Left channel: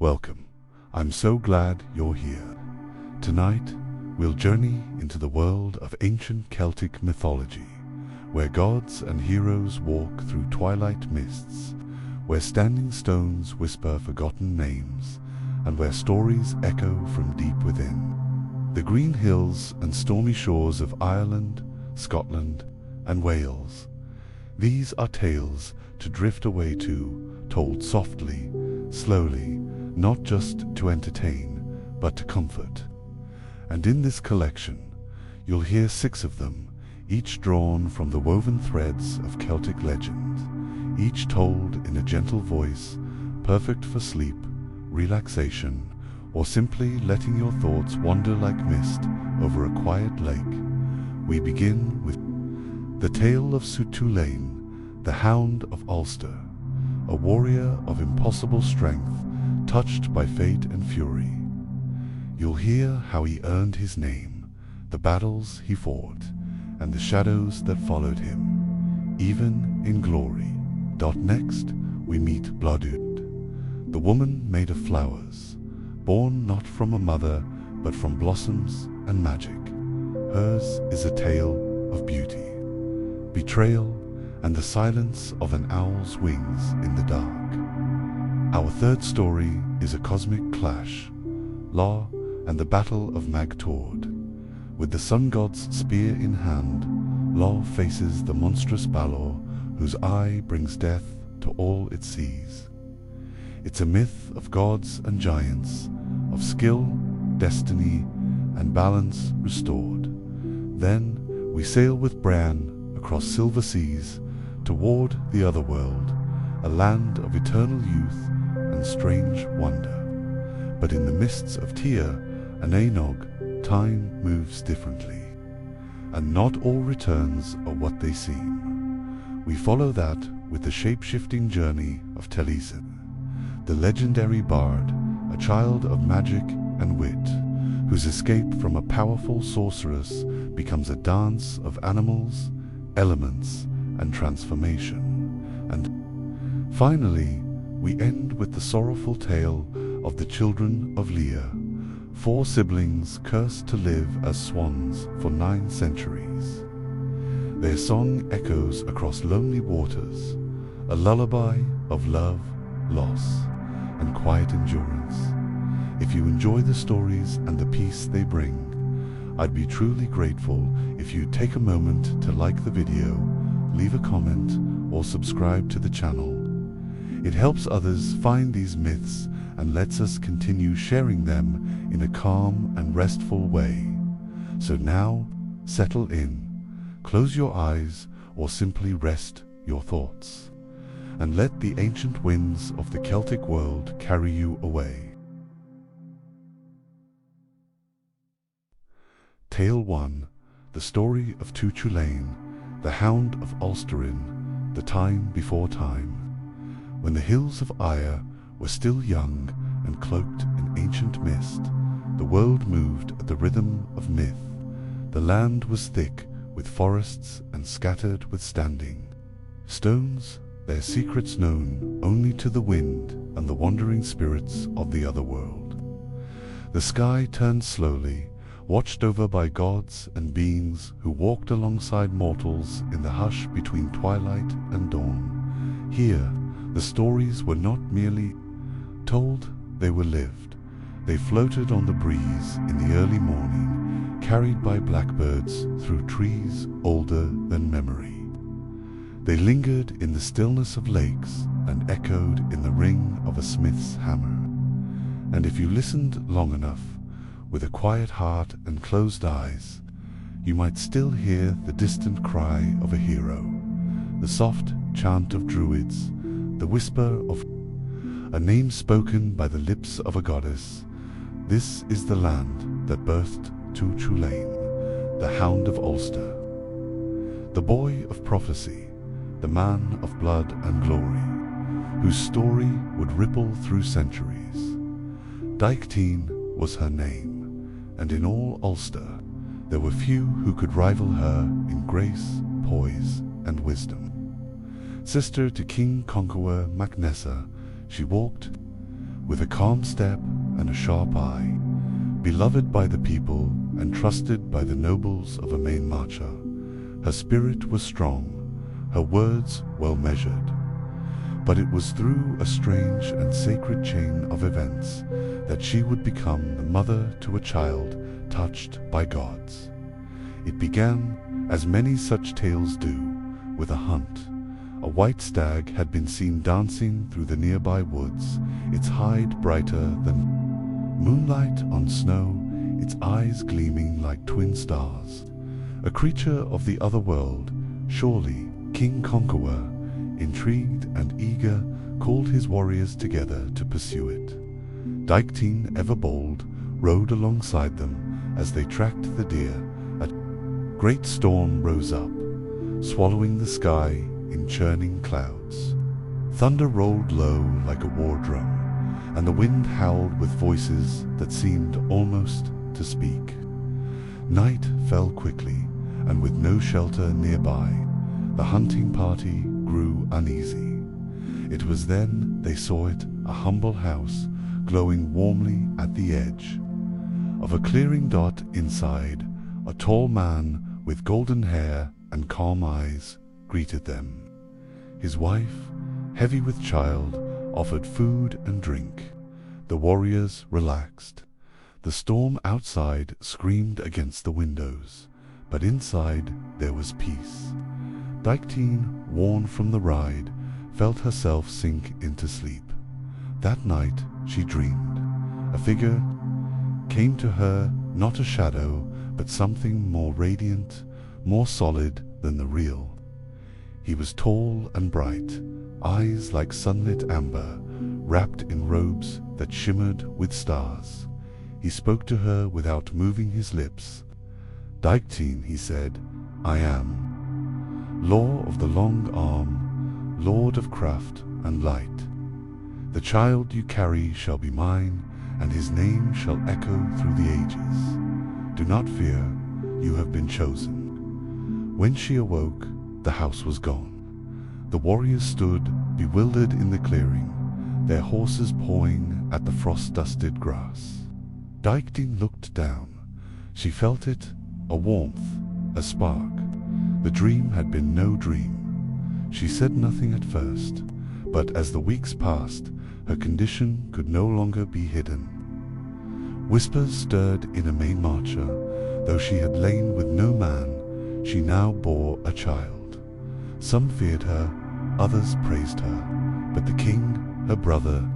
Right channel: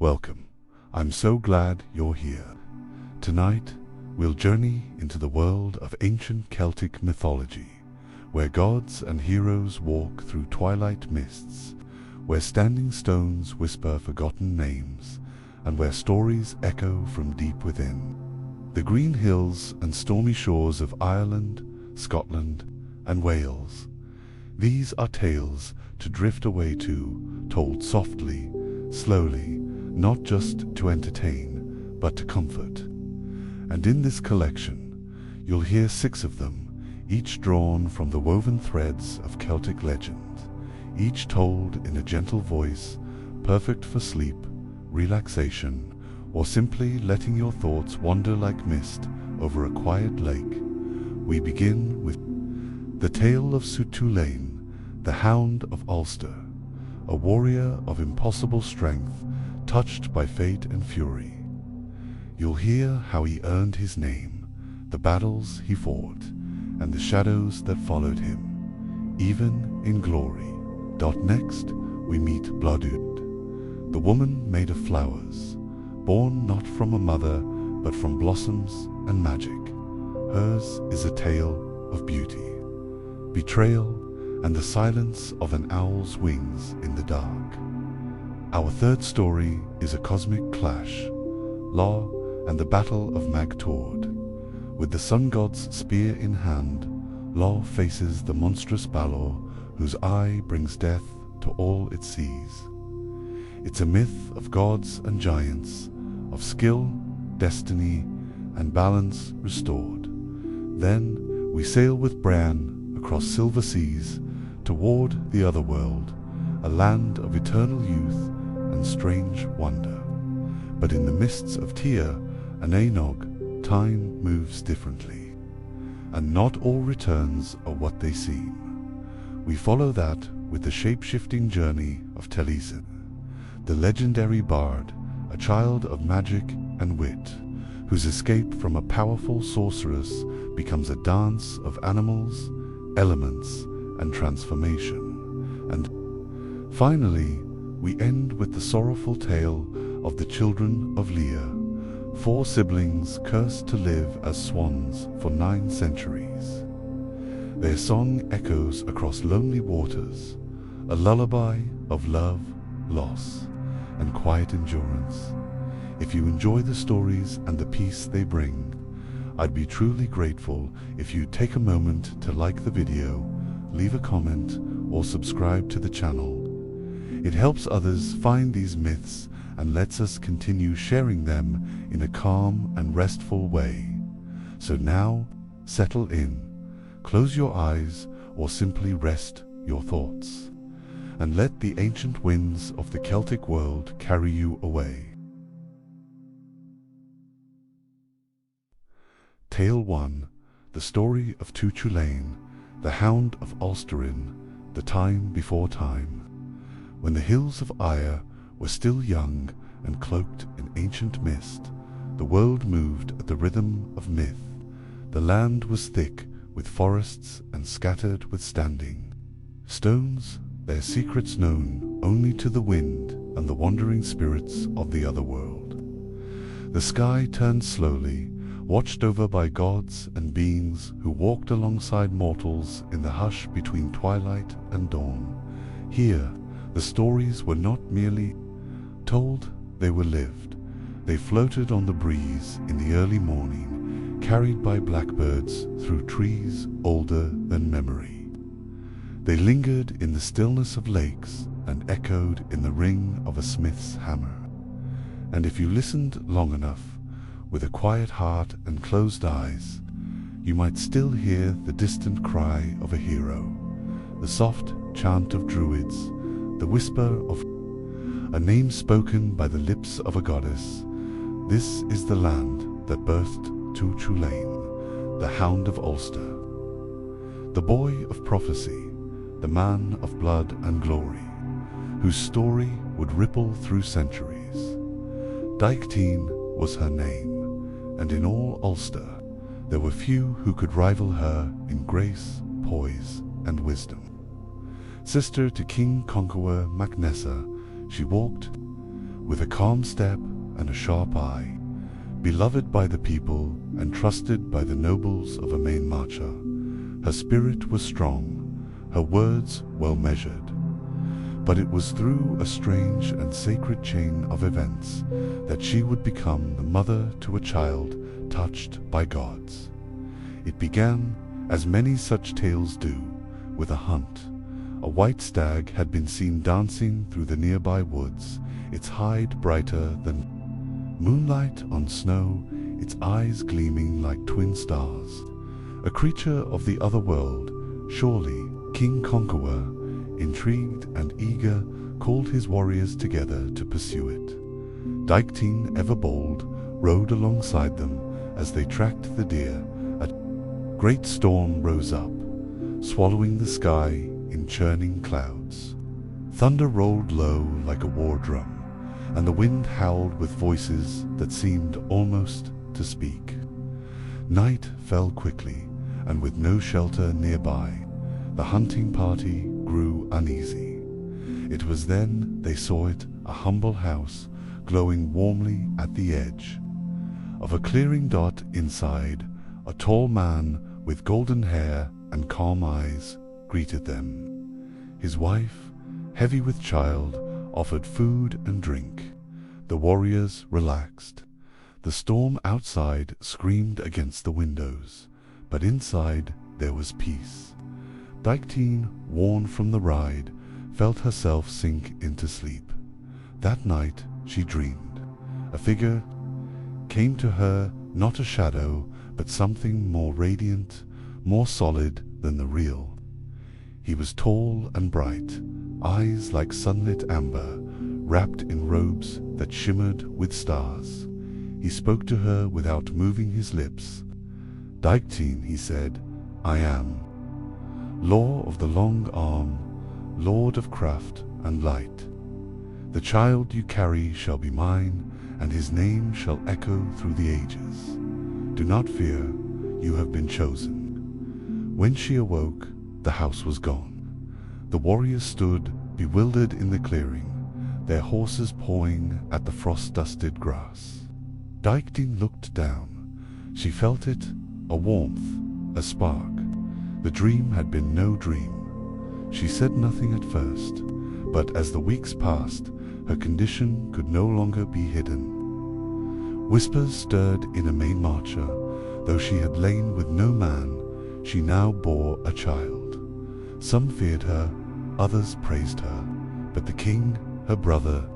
Welcome. I'm so glad you're here. Tonight, we'll journey into the world of ancient Celtic mythology, where gods and heroes walk through twilight mists, where standing stones whisper forgotten names, and where stories echo from deep within. The green hills and stormy shores of Ireland, Scotland, and Wales. These are tales to drift away to, told softly, slowly, not just to entertain, but to comfort. And in this collection, you'll hear 6 of them, each drawn from the woven threads of Celtic legend, each told in a gentle voice, perfect for sleep, relaxation, or simply letting your thoughts wander like mist over a quiet lake. We begin with the tale of Soothe, the Hound of Ulster, a warrior of impossible strength, touched by fate and fury. You'll hear how he earned his name, the battles he fought, and the shadows that followed him, even in glory. Next, we meet Bloodud, the woman made of flowers, born not from a mother, but from blossoms and magic. Hers is a tale of beauty, betrayal, and the silence of an owl's wings in the dark. Our third story is a cosmic clash, Law and the Battle of Mag Tord. With the sun god's spear in hand, Law faces the monstrous Balor, whose eye brings death to all it sees. It's a myth of gods and giants, of skill, destiny, and balance restored. Then we sail with Bran across silver seas toward the other world, a land of eternal youth and strange wonder. But in the mists of Éire and Alba, time moves differently, and not all returns are what they seem. We follow that with the shape-shifting journey of Taliesin, the legendary bard, a child of magic and wit, whose escape from a powerful sorceress becomes a dance of animals, elements, and transformation. And finally, we end with the sorrowful tale of the children of Éire, 4 siblings cursed to live as swans for 9 centuries. Their song echoes across lonely waters, a lullaby of love, loss, and quiet endurance. If you enjoy the stories and the peace they bring, I'd be truly grateful if you'd take a moment to like the video, leave a comment, or subscribe to the channel. It helps others find these myths and lets us continue sharing them in a calm and restful way. So now, settle in, close your eyes, or simply rest your thoughts, and let the ancient winds of the Celtic world carry you away. Tale 1, the story of Tuchulainn, the Hound of Ulsterin, the time before time. When the hills of Éire were still young and cloaked in ancient mist, the world moved at the rhythm of myth. The land was thick with forests and scattered with standing stones, their secrets known only to the wind and the wandering spirits of the other world. The sky turned slowly, watched over by gods and beings who walked alongside mortals in the hush between twilight and dawn. Here, the stories were not merely told, they were lived. They floated on the breeze in the early morning, carried by blackbirds through trees older than memory. They lingered in the stillness of lakes and echoed in the ring of a smith's hammer. And if you listened long enough, with a quiet heart and closed eyes, you might still hear the distant cry of a hero, the soft chant of druids, the whisper of a name spoken by the lips of a goddess. This is the land that birthed Tuchulainn, the Hound of Ulster, the boy of prophecy, the man of blood and glory, whose story would ripple through centuries. Deichtine was her name, and in all Ulster there were few who could rival her in grace, poise, and wisdom. Sister to King Conqueror Mac Nessa, she walked with a calm step and a sharp eye, beloved by the people and trusted by the nobles of a main marcher. Her spirit was strong, her words well measured. But it was through a strange and sacred chain of events that she would become the mother to a child touched by gods. It began, as many such tales do, with a hunt. A white stag had been seen dancing through the nearby woods, its hide brighter than moonlight on snow, its eyes gleaming like twin stars. A creature of the other world, surely King Conqueror, intrigued and eager, called his warriors together to pursue it. Dykteen, ever bold, rode alongside them as they tracked the deer. A great storm rose up, swallowing the sky in churning clouds. Thunder rolled low like a war drum, and the wind howled with voices that seemed almost to speak. Night fell quickly, and with no shelter nearby, the hunting party grew uneasy. It was then they saw it, a humble house, glowing warmly at the edge of a clearing. Dot inside, a tall man with golden hair and calm eyes, greeted them. His wife, heavy with child, offered food and drink. The warriors relaxed. The storm outside screamed against the windows, but inside there was peace. Dykteen, worn from the ride, felt herself sink into sleep. That night she dreamed. A figure came to her, not a shadow, but something more radiant, more solid than the real. He was tall and bright, eyes like sunlit amber, wrapped in robes that shimmered with stars. He spoke to her without moving his lips. "Dykteen," he said, "I am. Law of the long arm, lord of craft and light. The child you carry shall be mine, and his name shall echo through the ages. Do not fear, you have been chosen." When she awoke, the house was gone. The warriors stood, bewildered in the clearing, their horses pawing at the frost-dusted grass. Dykteen looked down. She felt it, a warmth, a spark. The dream had been no dream. She said nothing at first, but as the weeks passed, her condition could no longer be hidden. Whispers stirred in a main marcher. Though she had lain with no man, she now bore a child. Some feared her, others praised her, but the king, her brother,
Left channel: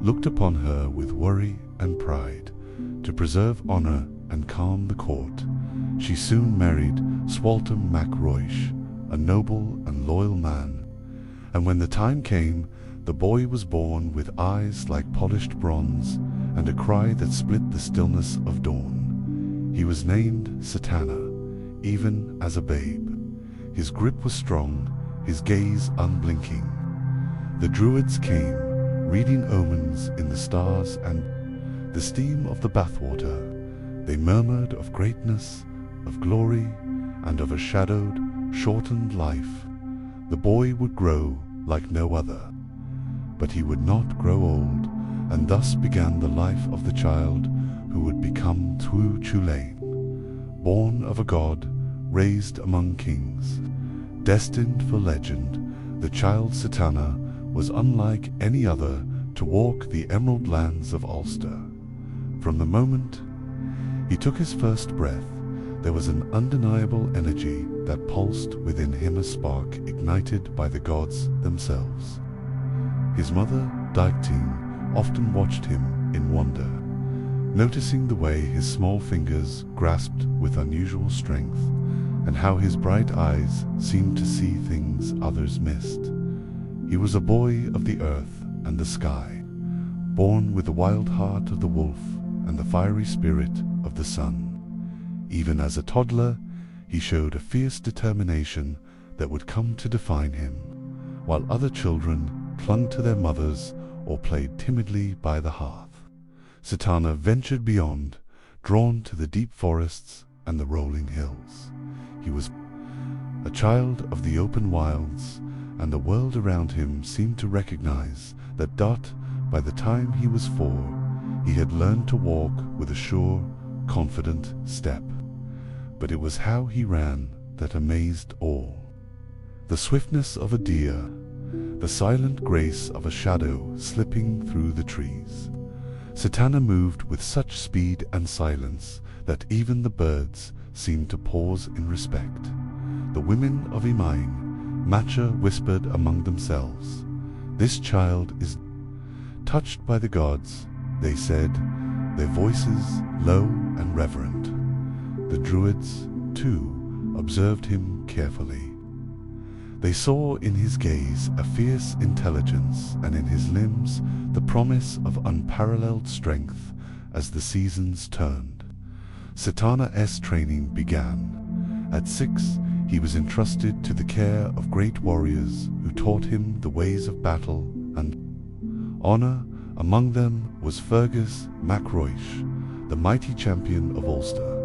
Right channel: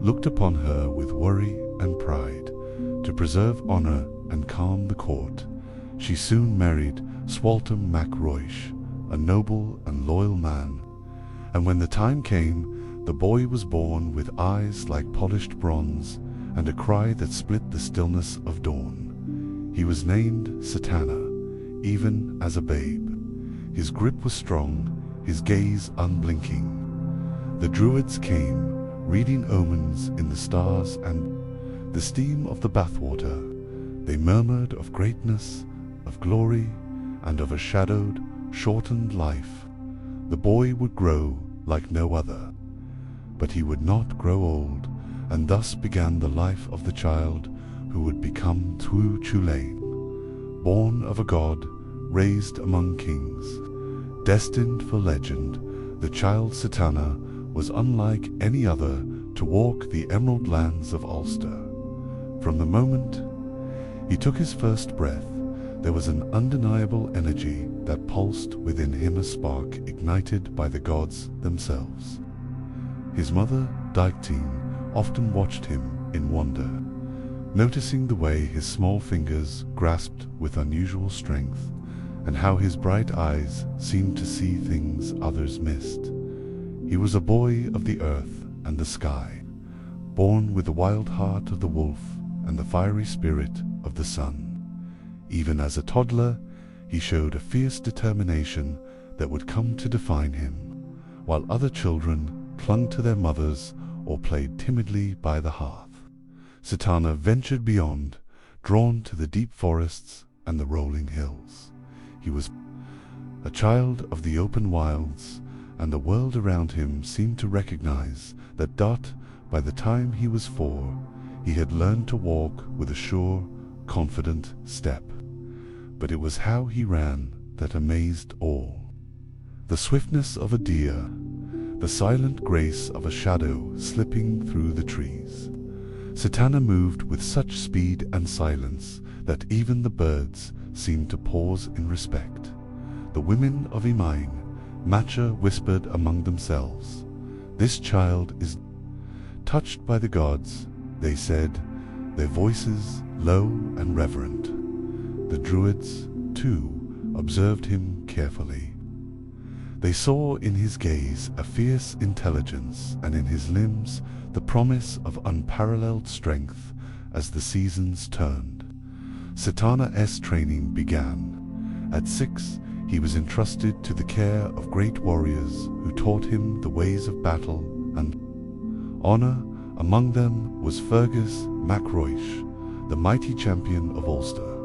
looked upon her with worry and pride. To preserve honor and calm the court, she soon married Swaltam mac Roish, a noble and loyal man. And when the time came, the boy was born with eyes like polished bronze and a cry that split the stillness of dawn. He was named Satana, even as a babe. His grip was strong, his gaze unblinking. The druids came, reading omens in the stars and the steam of the bathwater. They murmured of greatness, of glory, and of a shadowed, shortened life. The boy would grow like no other, but he would not grow old, and thus began the life of the child who would become Tu Chulainn. Born of a god, raised among kings, destined for legend, the child Satana was unlike any other to walk the emerald lands of Ulster. From the moment he took his first breath, there was an undeniable energy that pulsed within him, a spark ignited by the gods themselves. His mother, Dykteen, often watched him in wonder, noticing the way his small fingers grasped with unusual strength, and how his bright eyes seemed to see things others missed. He was a boy of the earth and the sky, born with the wild heart of the wolf and the fiery spirit of the sun. Even as a toddler, he showed a fierce determination that would come to define him, while other children clung to their mothers or played timidly by the hearth. Satana ventured beyond, drawn to the deep forests and the rolling hills. He was a child of the open wilds, and the world around him seemed to recognize that Dot by the time he was 4, he had learned to walk with a sure, confident step. But it was how he ran that amazed all. The swiftness of a deer, the silent grace of a shadow slipping through the trees. Setana moved with such speed and silence that even the birds seemed to pause in respect. The women of Imaing, Matcha whispered among themselves, "This child is touched by the gods," they said, their voices low and reverent. The druids, too, observed him carefully. They saw in his gaze a fierce intelligence, and in his limbs the promise of unparalleled strength as the seasons turned. Setana's training began. At 6, he was entrusted to the care of great warriors who taught him the ways of battle and honor. Among them was Fergus MacRoish, the mighty champion of Ulster,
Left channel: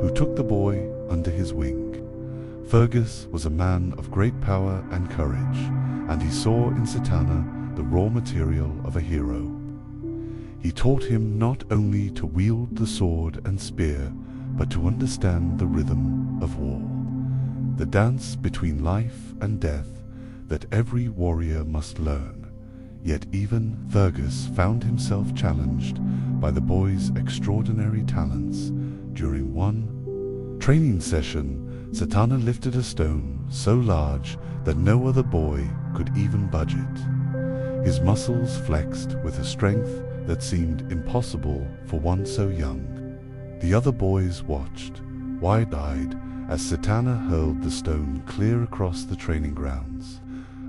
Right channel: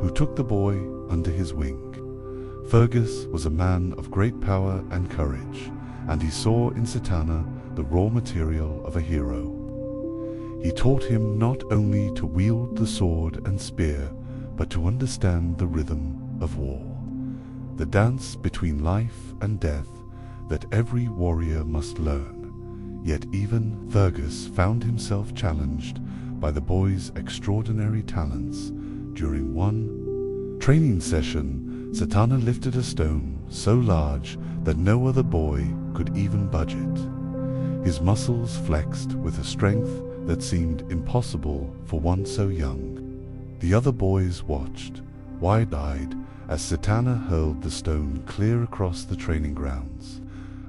who took the boy under his wing. Fergus was a man of great power and courage, and he saw in Setana the raw material of a hero. He taught him not only to wield the sword and spear, but to understand the rhythm of war, the dance between life and death that every warrior must learn. Yet even Fergus found himself challenged by the boy's extraordinary talents. During one training session, Setana lifted a stone so large that no other boy could even budge it. His muscles flexed with a strength that seemed impossible for one so young. The other boys watched, wide-eyed, as Setana hurled the stone clear across the training grounds,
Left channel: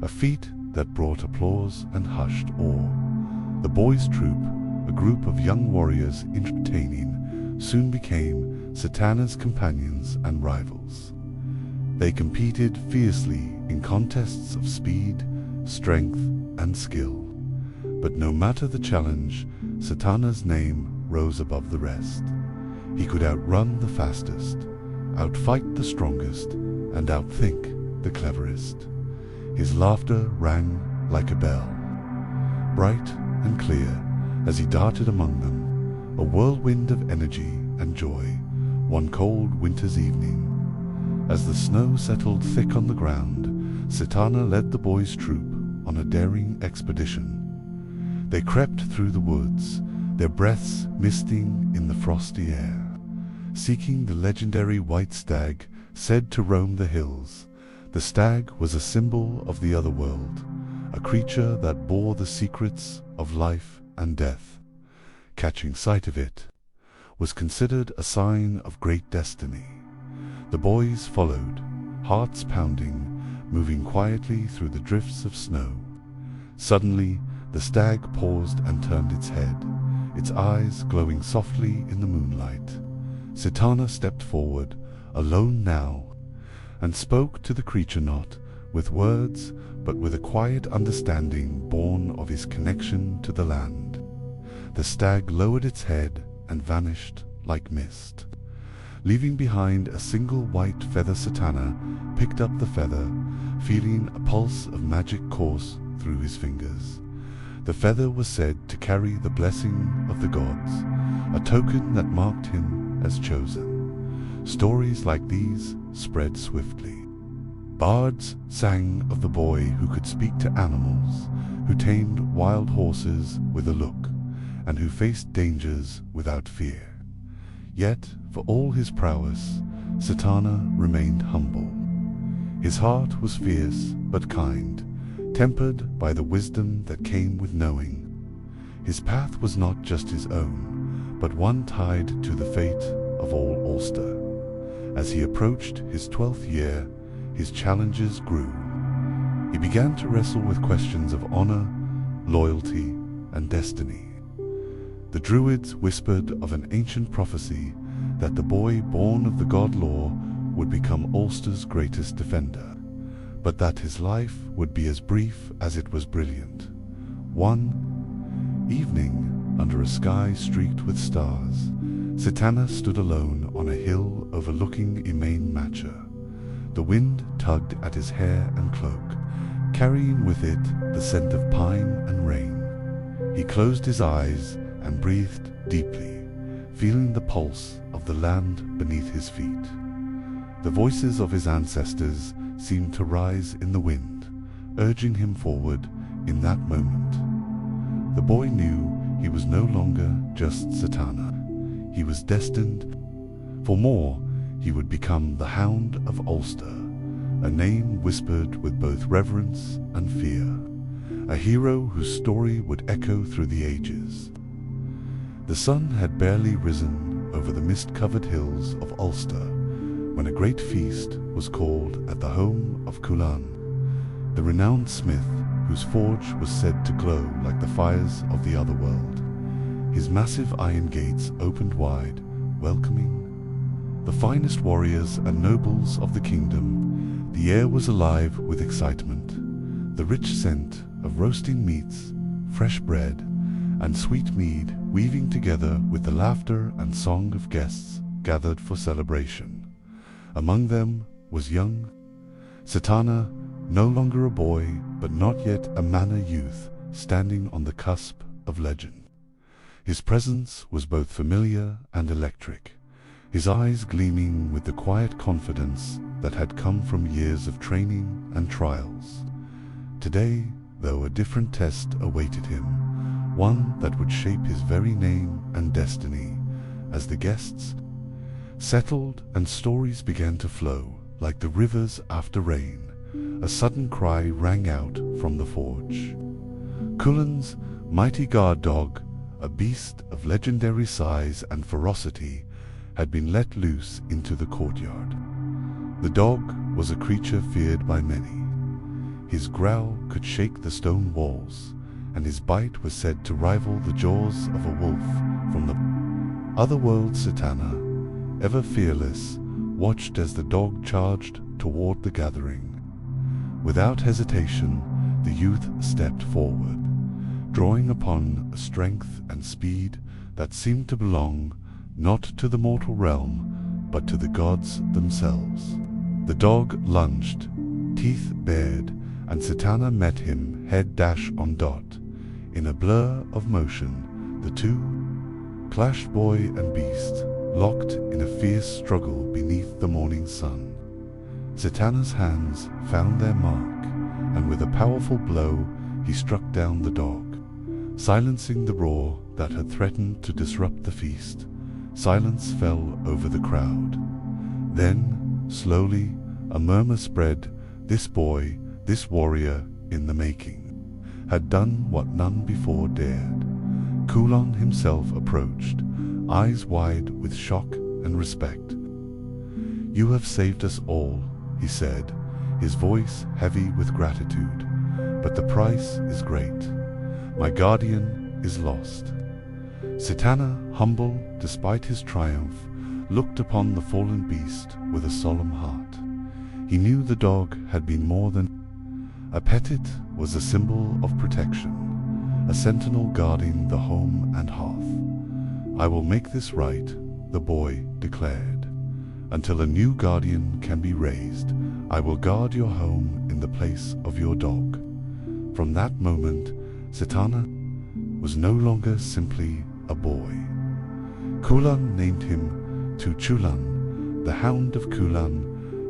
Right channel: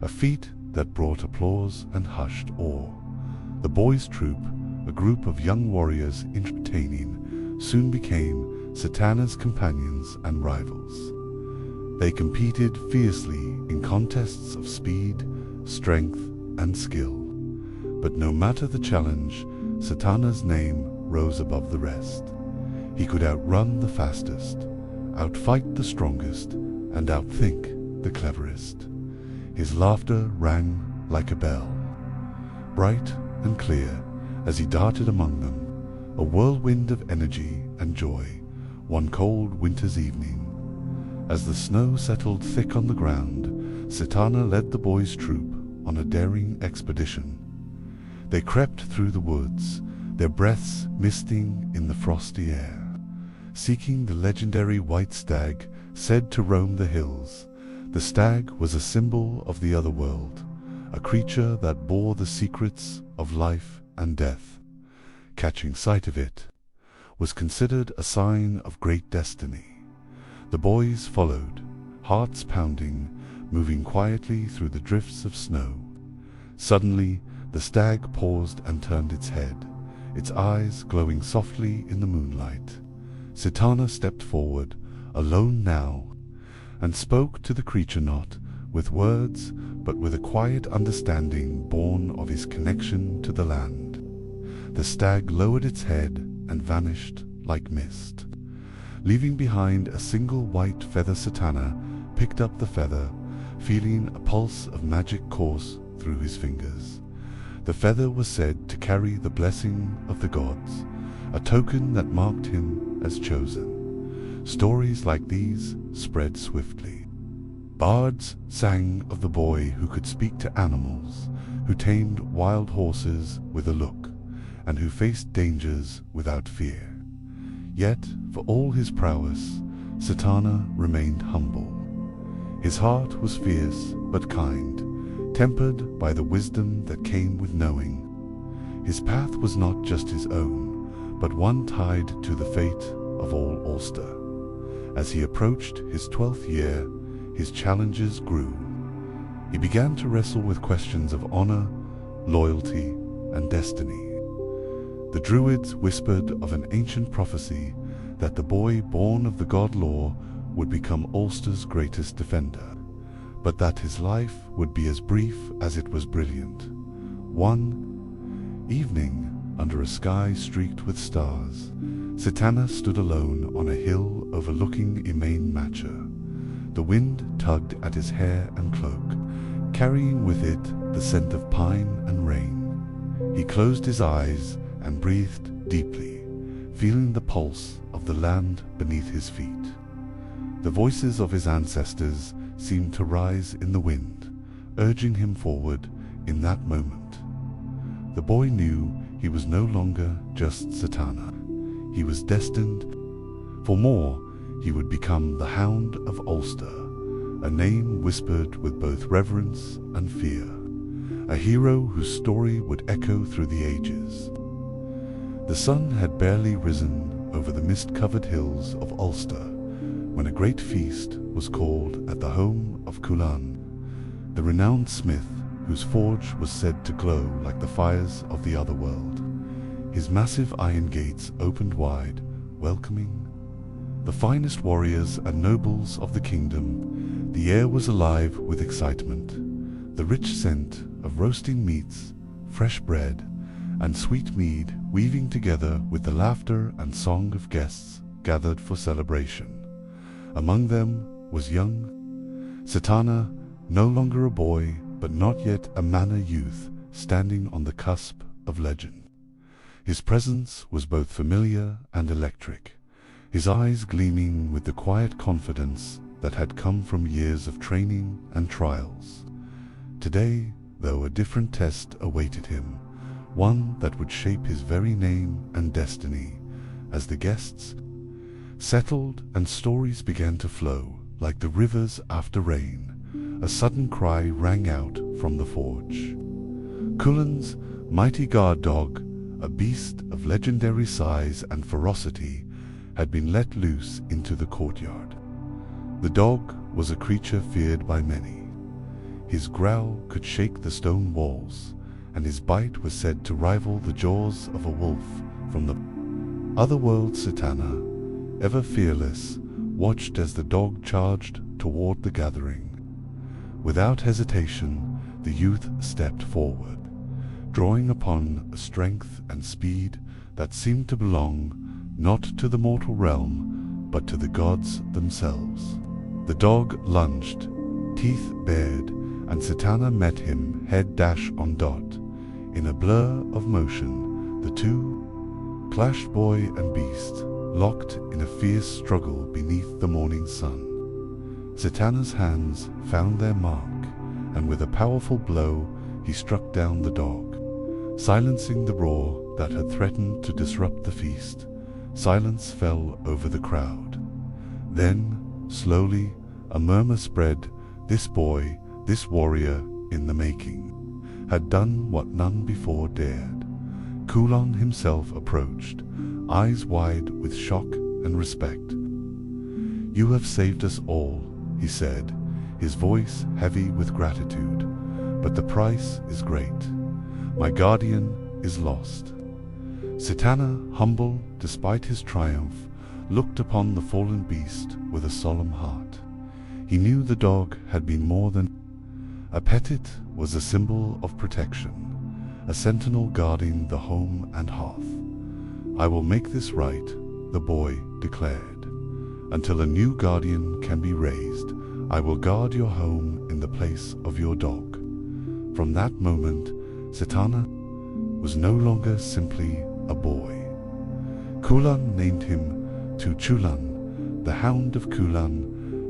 a feat that brought applause and hushed awe. The boys' troop, a group of young warriors entertaining, soon became Setana's companions and rivals. They competed fiercely in contests of speed, strength, and skill. But no matter the challenge, Setana's name rose above the rest. He could outrun the fastest, outfight the strongest, and outthink the cleverest. His laughter rang like a bell, bright and clear as he darted among them, a whirlwind of energy and joy. One cold winter's evening, as the snow settled thick on the ground, Setana led the boys' troop on a daring expedition. They crept through the woods, their breaths misting in the frosty air, seeking the legendary white stag said to roam the hills. The stag was a symbol of the other world, a creature that bore the secrets of life and death. Catching sight of it was considered a sign of great destiny. The boys followed, hearts pounding, moving quietly through the drifts of snow. Suddenly, the stag paused and turned its head, its eyes glowing softly in the moonlight. Setana stepped forward, alone now, and spoke to the creature not with words, but with a quiet understanding born of his connection to the land. The stag lowered its head and vanished like mist, leaving behind a single white feather. Setana picked up the feather, feeling a pulse of magic course through his fingers. The feather was said to carry the blessing of the gods, a token that marked him as chosen. Stories like these spread swiftly. Bards sang of the boy who could speak to animals, who tamed wild horses with a look, and who faced dangers without fear. Yet, for all his prowess, Setana remained humble. His heart was fierce but kind, tempered by the wisdom that came with knowing. His path was not just his own, but one tied to the fate of all Ulster. As he approached his 12th year, his challenges grew. He began to wrestle with questions of honor, loyalty, and destiny. The druids whispered of an ancient prophecy that the boy born of the god Law would become Ulster's greatest defender, but that his life would be as brief as it was brilliant. One evening, under a sky streaked with stars, Setana stood alone on a hill overlooking Éire and Alba. The wind tugged at his hair and cloak, carrying with it the scent of pine and rain. He closed his eyes and breathed deeply, feeling the pulse of the land beneath his feet. The voices of his ancestors seemed to rise in the wind, urging him forward in that moment. The boy knew he was no longer just Satana. He was destined for more. He would become the Hound of Ulster, a name whispered with both reverence and fear, a hero whose story would echo through the ages. The sun had barely risen over the mist-covered hills of Ulster when a great feast was called at the home of Culann, the renowned smith whose forge was said to glow like the fires of the other world. His massive iron gates opened wide, welcoming the finest warriors and nobles of the kingdom. The air was alive with excitement, the rich scent of roasting meats, fresh bread, and sweet mead weaving together with the laughter and song of guests gathered for celebration. Among them was young Satana, no longer a boy, but not yet a manor youth, standing on the cusp of legend. His presence was both familiar and electric, his eyes gleaming with the quiet confidence that had come from years of training and trials. Today, though, a different test awaited him, one that would shape his very name and destiny. As the guests settled and stories began to flow like the rivers after rain, a sudden cry rang out from the forge. Culann's mighty guard dog, a beast of legendary size and ferocity, had been let loose into the courtyard. The dog was a creature feared by many. His growl could shake the stone walls, and his bite was said to rival the jaws of a wolf from the otherworld. Satana, ever fearless, watched as the dog charged toward the gathering. Without hesitation, the youth stepped forward, drawing upon a strength and speed that seemed to belong not to the mortal realm, but to the gods themselves. The dog lunged, teeth bared, and Satana met him head dash on dot. In a blur of motion, the two clashed, boy and beast, locked in a fierce struggle beneath the morning sun. Satana's hands found their mark, and with a powerful blow he struck down the dog, silencing the roar that had threatened to disrupt the feast. Silence fell over the crowd. Then, slowly, a murmur spread. This boy, this warrior in the making, had done what none before dared. Culann himself approached, eyes wide with shock and respect. "You have saved us all," he said, his voice heavy with gratitude. "But the price is great. My guardian is lost." Satana, humble despite his triumph, looked upon the fallen beast with a solemn heart. He knew the dog had been more than a pet. It was a symbol of protection, a sentinel guarding the home and hearth. "I will make this right," the boy declared. "Until a new guardian can be raised, I will guard your home in the place of your dog." From that moment, Satana was no longer simply a boy. Culann named him Culann, the Hound of Culann,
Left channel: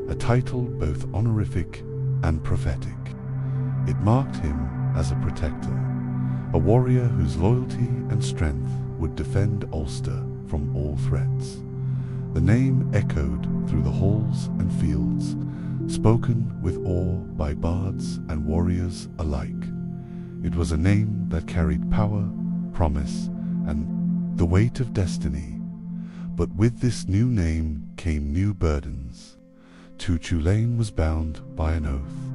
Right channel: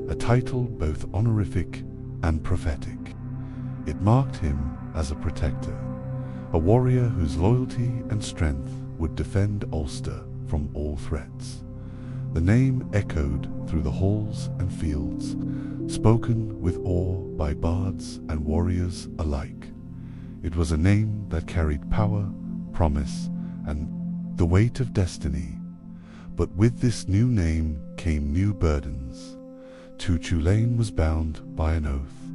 a title both honorific and prophetic. It marked him as a protector, a warrior whose loyalty and strength would defend Ulster from all threats. The name echoed through the halls and fields, spoken with awe by bards and warriors alike. It was a name that carried power, promise, and the weight of destiny. But with this new name came new burdens. Culann was bound by an oath,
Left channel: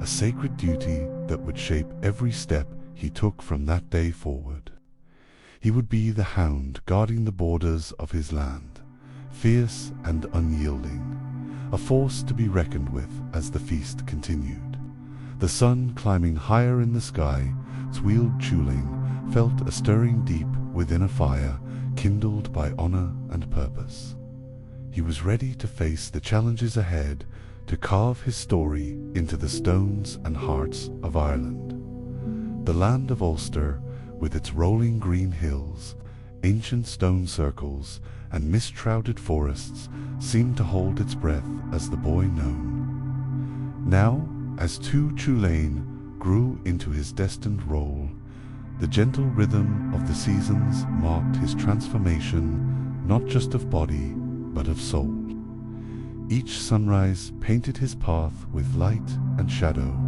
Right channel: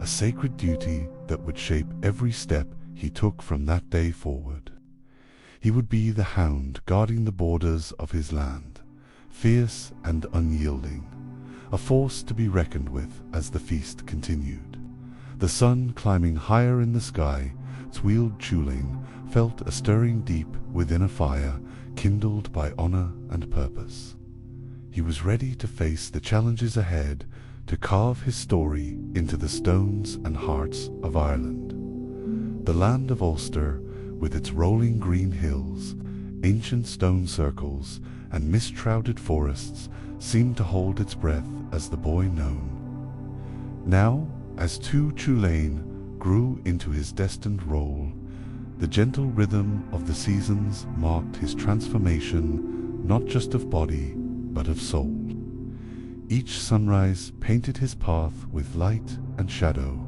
a sacred duty that would shape every step he took from that day forward. He would be the hound guarding the borders of his land, fierce and unyielding, a force to be reckoned with as the feast continued. The sun climbing higher in the sky, Culann felt a stirring deep within, a fire kindled by honor and purpose. He was ready to face the challenges ahead, to carve his story into the stones and hearts of Ireland. The land of Ulster with its rolling green hills, ancient stone circles, and mist-shrouded forests, seemed to hold its breath as the boy known. Now, as Tulane grew into his destined role, the gentle rhythm of the seasons marked his transformation, not just of body, but of soul. Each sunrise painted his path with light and shadow,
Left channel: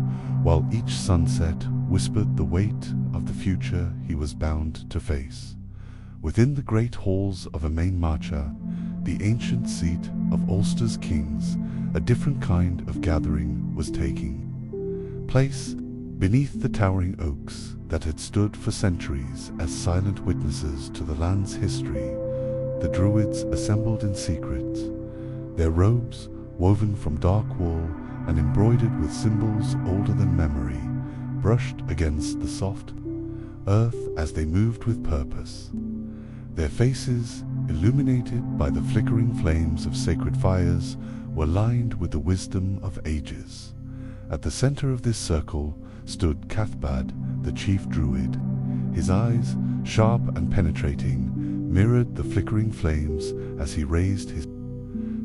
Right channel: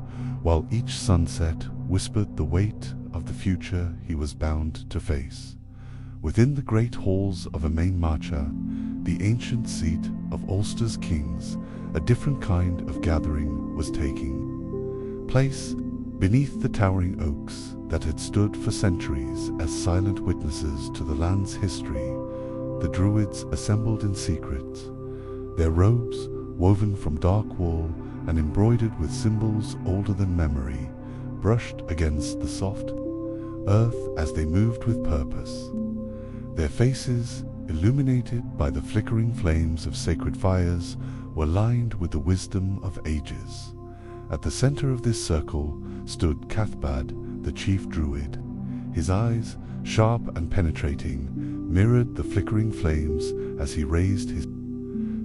while each sunset whispered the weight of the future he was bound to face. Within the great halls of Macha, the ancient seat of Ulster's kings, a different kind of gathering was taking place. Beneath the towering oaks that had stood for centuries as silent witnesses to the land's history, the druids assembled in secret, their robes woven from dark wool and embroidered with symbols older than memory, brushed against the soft earth as they moved with purpose. Their faces, illuminated by the flickering flames of sacred fires, were lined with the wisdom of ages. At the center of this circle stood Cathbad, the chief druid. His eyes, sharp and penetrating, mirrored the flickering flames as he raised his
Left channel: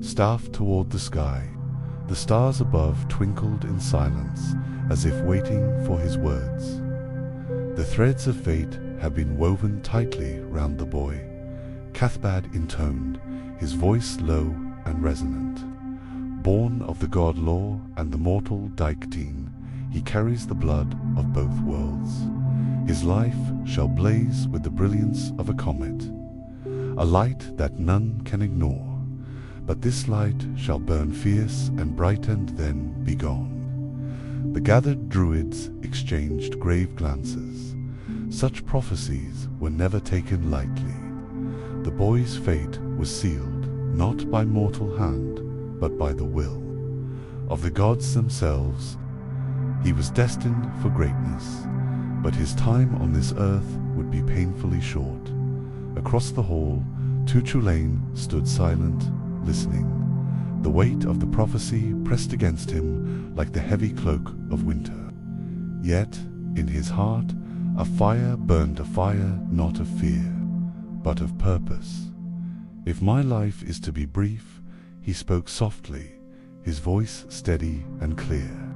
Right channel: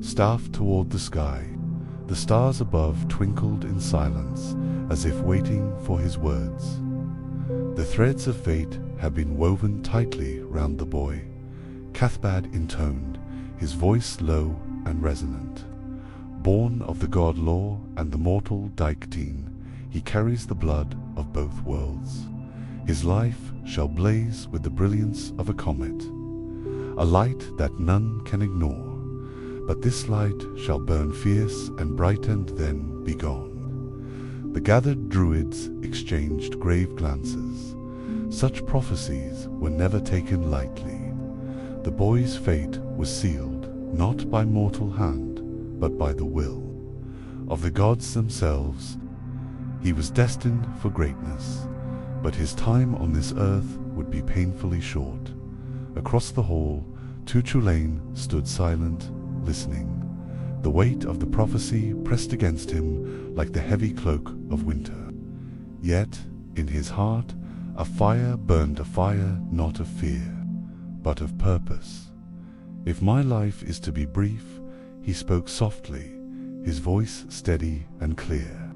staff toward the sky. The stars above twinkled in silence, as if waiting for his words. The threads of fate had been woven tightly round the boy. Cathbad intoned, his voice low and resonant. Born of the god Law and the mortal Daiktine, he carries the blood of both worlds. His life shall blaze with the brilliance of a comet, a light that none can ignore. But this light shall burn fierce and bright and then be gone. The gathered druids exchanged grave glances. Such prophecies were never taken lightly. The boy's fate was sealed, not by mortal hand, but by the will of the gods themselves. He was destined for greatness, but his time on this earth would be painfully short. Across the hall, Tulane stood silent, listening. The weight of the prophecy pressed against him like the heavy cloak of winter. Yet, in his heart, a fire burned, a fire not of fear, but of purpose. If my life is to be brief, he spoke softly, his voice steady and clear,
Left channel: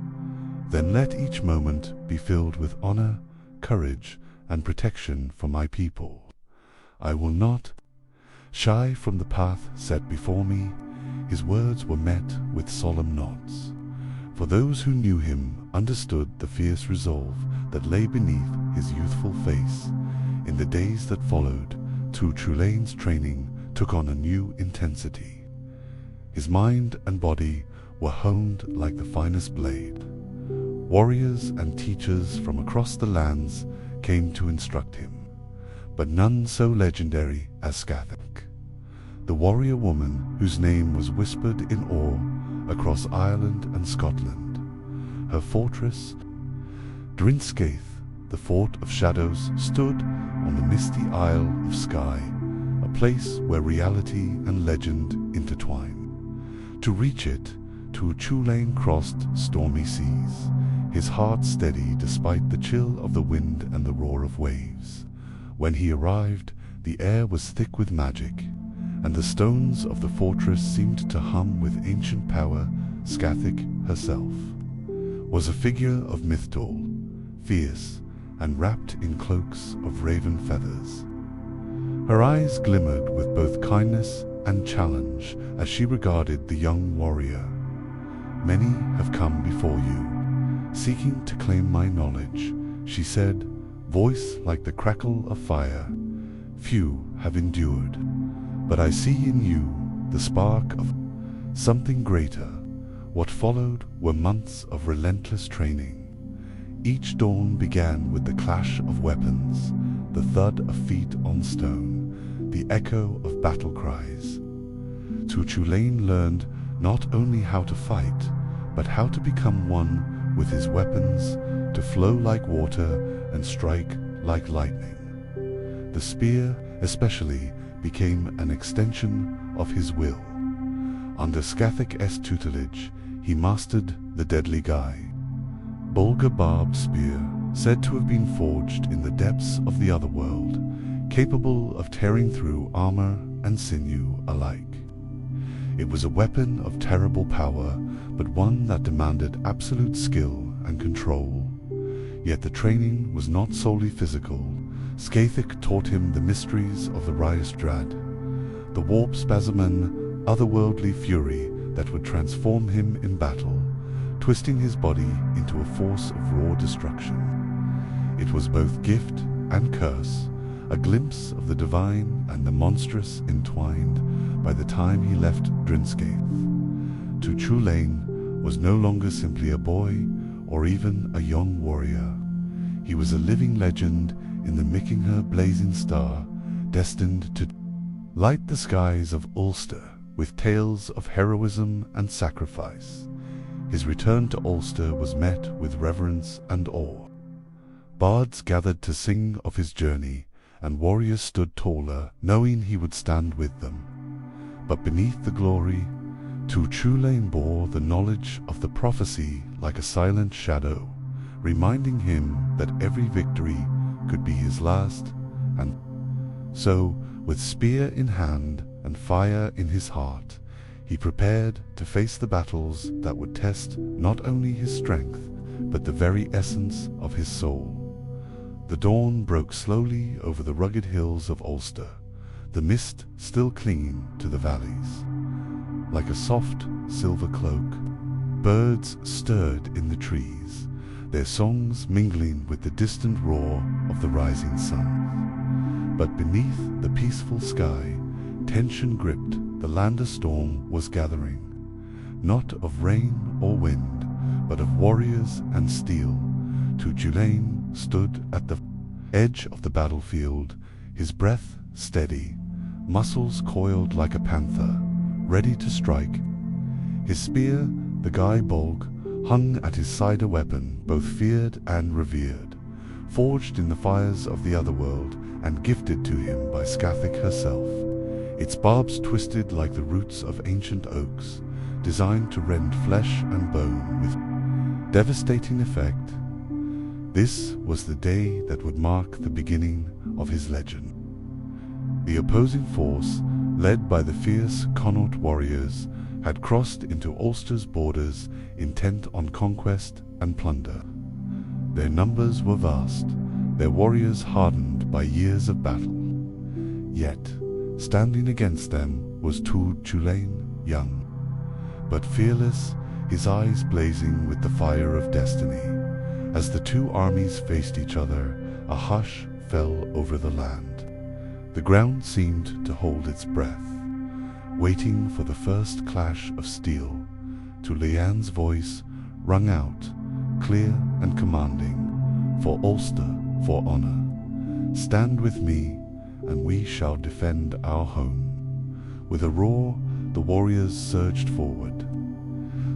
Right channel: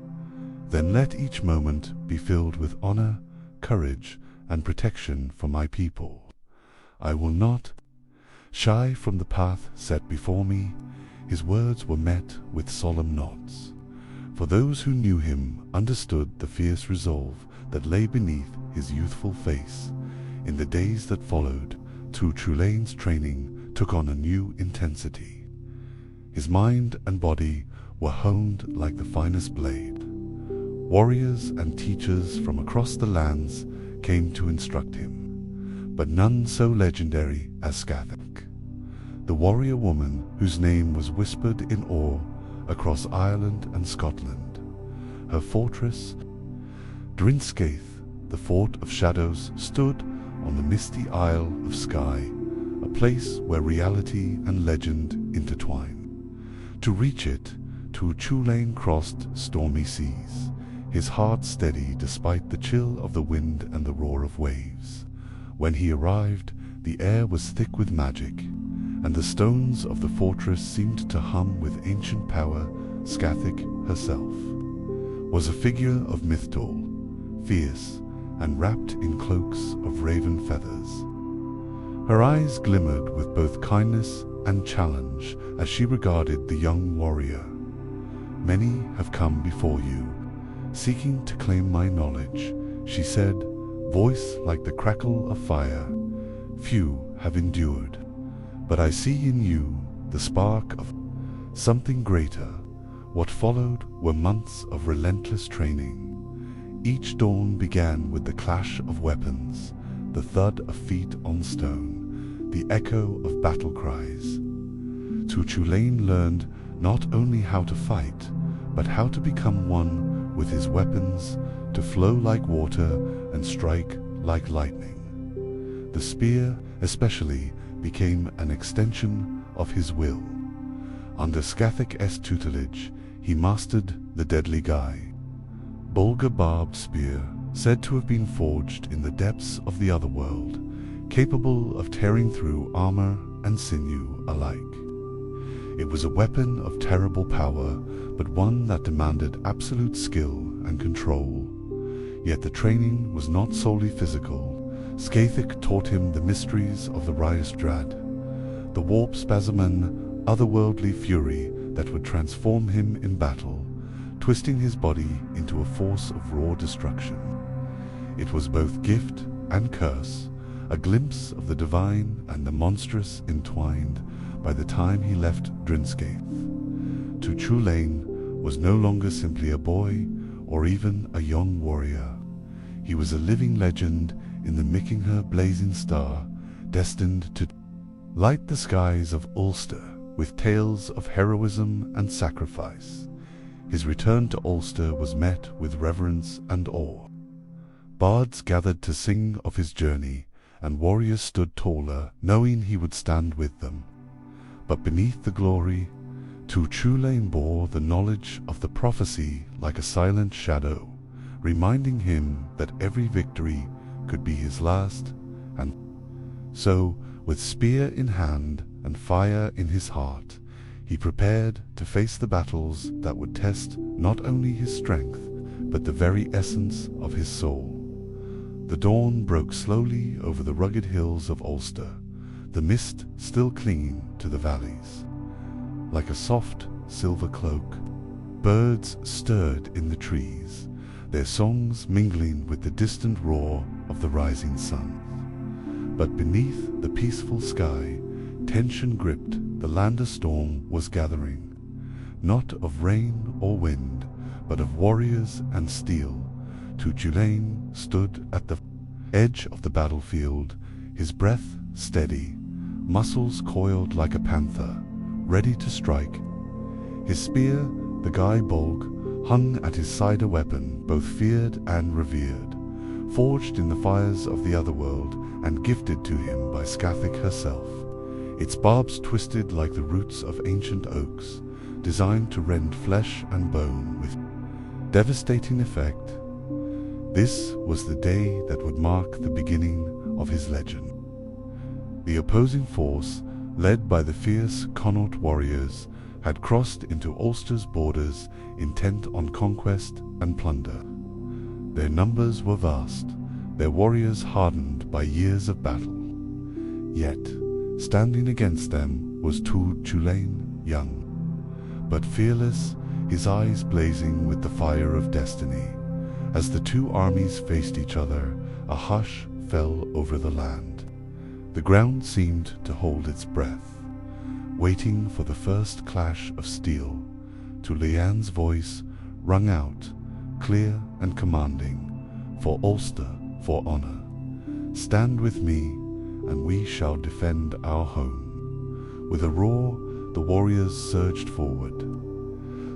then let each moment be filled with honor, courage, and protection for my people. I will not shy from the path set before me. His words were met with solemn nods, for those who knew him understood the fierce resolve that lay beneath his youthful face. In the days that followed, Tulane's training took on a new intensity. His mind and body were honed like the finest blade. Warriors and teachers from across the lands came to instruct him, but none so legendary as Celtic, the warrior woman whose name was whispered in awe across Ireland and Scotland. Her fortress, Drinskaith, the Fort of Shadows, stood on the misty Isle of Skye, a place where reality and legend intertwine. To reach it, Tulane crossed stormy seas, his heart steady despite the chill of the wind and the roar of waves. When he arrived, the air was thick with magic, and the stones of the fortress seemed to hum with ancient power. Celtic herself was a figure of mythol, fierce and wrapped in cloaks of raven feathers. Her eyes glimmered with both kindness and challenge as she regarded the young warrior. Many have come before you, seeking to claim my knowledge, she said, voice like the crackle of fire. Few have endured, but I see in you the spark of something greater. What followed were months of relentless training. Each dawn began with the clash of weapons, the thud of feet on stone, the echo of battle cries. Tulane learned not only how to fight, but how to become one with his weapons, to flow like water and strike like lightning. The spear, especially, became an extension of his will. Under Celtic's tutelage, he mastered the deadly guy, Bulga barbed spear, said to have been forged in the depths of the otherworld, capable of tearing through armor and sinew alike. It was a weapon of terrible power, but one that demanded absolute skill and control. Yet the training was not solely physical. Celtic taught him the mysteries of the Ryestrad, the warp spasm and otherworldly fury that would transform him in battle, twisting his body into a force of raw destruction. It was both gift and curse, a glimpse of the divine and the monstrous entwined by the time he left Drinskaith. Tu Chulainn was no longer simply a boy or even a young warrior. He was a living legend in the Mickingher blazing star, destined to light the skies of Ulster with tales of heroism and sacrifice. His return to Ulster was met with reverence and awe. Bards gathered to sing of his journey, and warriors stood taller, knowing he would stand with them. But beneath the glory, Tu Chulainn bore the knowledge of the prophecy like a silent shadow, reminding him that every victory could be his last, and so, with spear in hand and fire in his heart, he prepared to face the battles that would test not only his strength, but the very essence of his soul. The dawn broke slowly over the rugged hills of Ulster, the mist still clinging to the valleys. Like a soft silver cloak, birds stirred in the trees, their songs mingling with the distant roar of the rising sun. But beneath the peaceful sky, tension gripped. The land a storm was gathering, not of rain or wind, but of warriors and steel. Tu Chulainn stood at the edge of the battlefield, his breath steady, muscles coiled like a panther, ready to strike. His spear, the Guy Bolg, hung at his side, a weapon both feared and revered, forged in the fires of the otherworld and gifted to him by Celtic herself. Its barbs twisted like the roots of ancient oaks, designed to rend flesh and bone with devastating effect. This was the day that would mark the beginning of his legend. The opposing force, led by the fierce Connaught warriors, had crossed into Ulster's borders, intent on conquest and plunder. Their numbers were vast, their warriors hardened by years of battle. Yet, standing against them was Tu Chulainn, young, but fearless, his eyes blazing with the fire of destiny. As the two armies faced each other, a hush fell over the land. The ground seemed to hold its breath, waiting for the first clash of steel. Tu Chulainn's voice rung out, clear and commanding, "For Ulster, for honor. Stand with me, and we shall defend our home." With a roar, the warriors surged forward,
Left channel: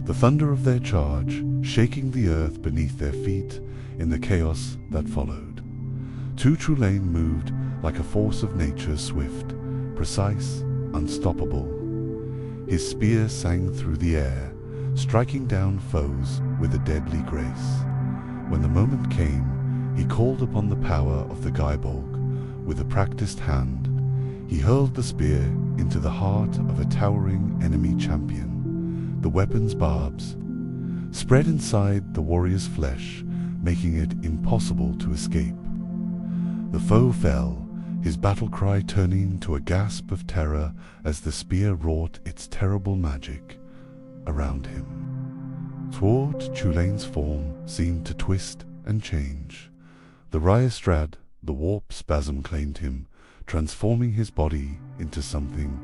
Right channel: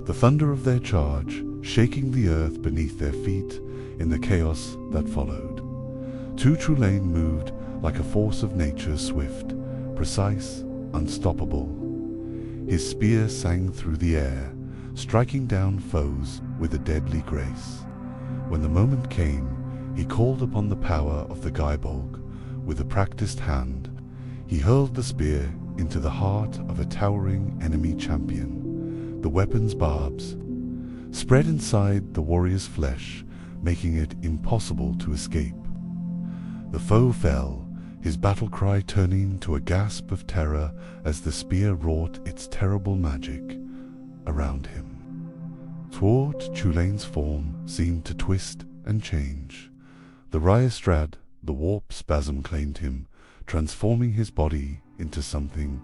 the thunder of their charge shaking the earth beneath their feet in the chaos that followed. Tu Chulainn moved like a force of nature, swift, precise, unstoppable. His spear sang through the air, striking down foes with a deadly grace. When the moment came, he called upon the power of the Gaibolg. With a practiced hand, he hurled the spear into the heart of a towering enemy champion. The weapon's barbs spread inside the warrior's flesh, making it impossible to escape. The foe fell, his battle cry turning to a gasp of terror as the spear wrought its terrible magic around him. Thwart Chulainn's form seemed to twist and change. The Ryestrad, the warp spasm, claimed him, transforming his body into something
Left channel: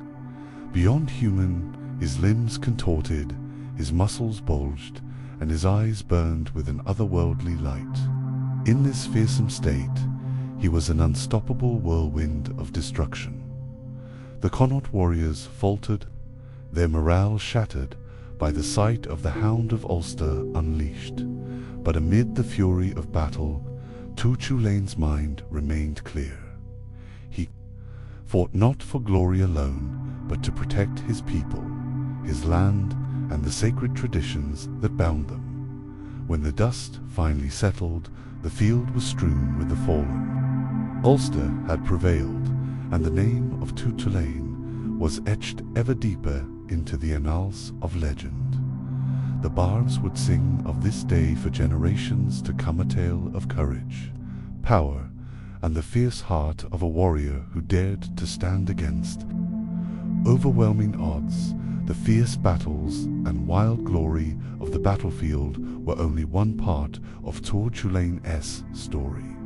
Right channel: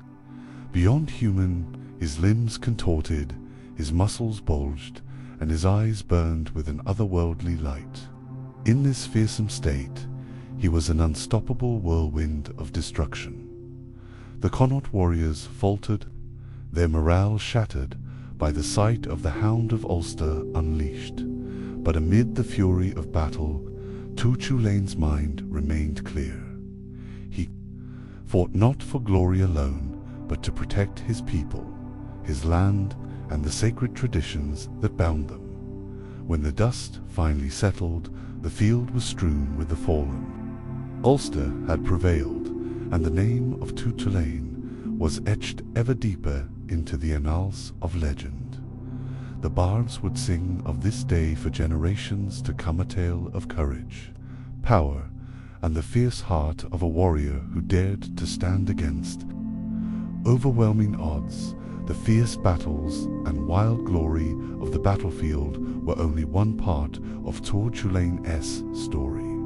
beyond human. His limbs contorted, his muscles bulged, and his eyes burned with an otherworldly light. In this fearsome state, he was an unstoppable whirlwind of destruction. The Connaught warriors faltered, their morale shattered by the sight of the Hound of Ulster unleashed. But amid the fury of battle, Tu Chulainn's mind remained clear. He fought not for glory alone, but to protect his people, his land, and the sacred traditions that bound them. When the dust finally settled, the field was strewn with the fallen. Ulster had prevailed, and the name of Tu Chulainn was etched ever deeper into the annals of legend. The bards would sing of this day for generations to come, a tale of courage, power, and the fierce heart of a warrior who dared to stand against overwhelming odds. The fierce battles and wild glory of the battlefield were only one part of Tu Chulainn's story.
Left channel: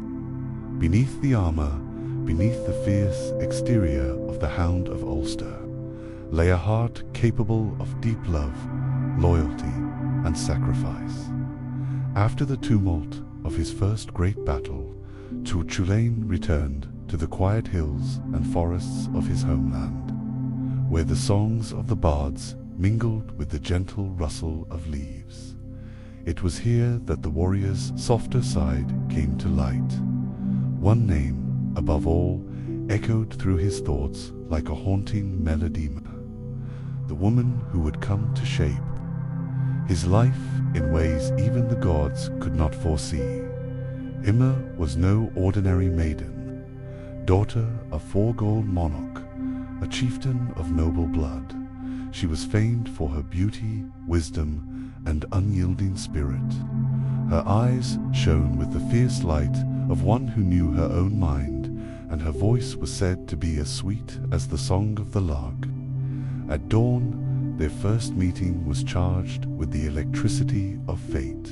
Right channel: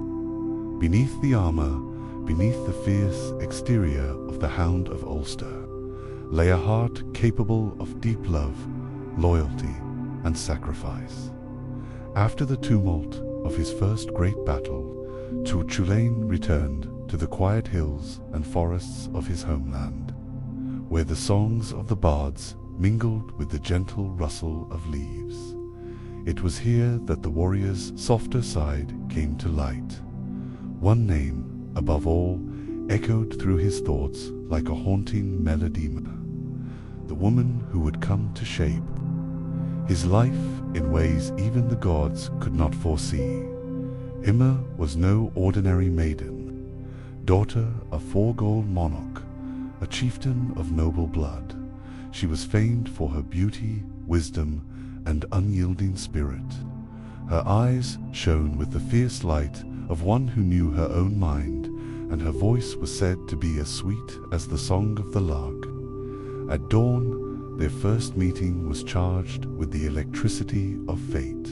Beneath the armor, beneath the fierce exterior of the Hound of Ulster, lay a heart capable of deep love, loyalty, and sacrifice. After the tumult of his first great battle, Tu Chulainn returned to the quiet hills and forests of his homeland, where the songs of the bards mingled with the gentle rustle of leaves. It was here that the warrior's softer side came to light. One name, above all, echoed through his thoughts like a haunting melody, the woman who would come to shape his life in ways even the gods could not foresee. Éire was no ordinary maiden, daughter of Folklore monarch, a chieftain of noble blood. She was famed for her beauty, wisdom, and unyielding spirit. Her eyes shone with the fierce light of one who knew her own mind, and her voice was said to be as sweet as the song of the lark. At dawn, their first meeting was charged with the electricity of fate.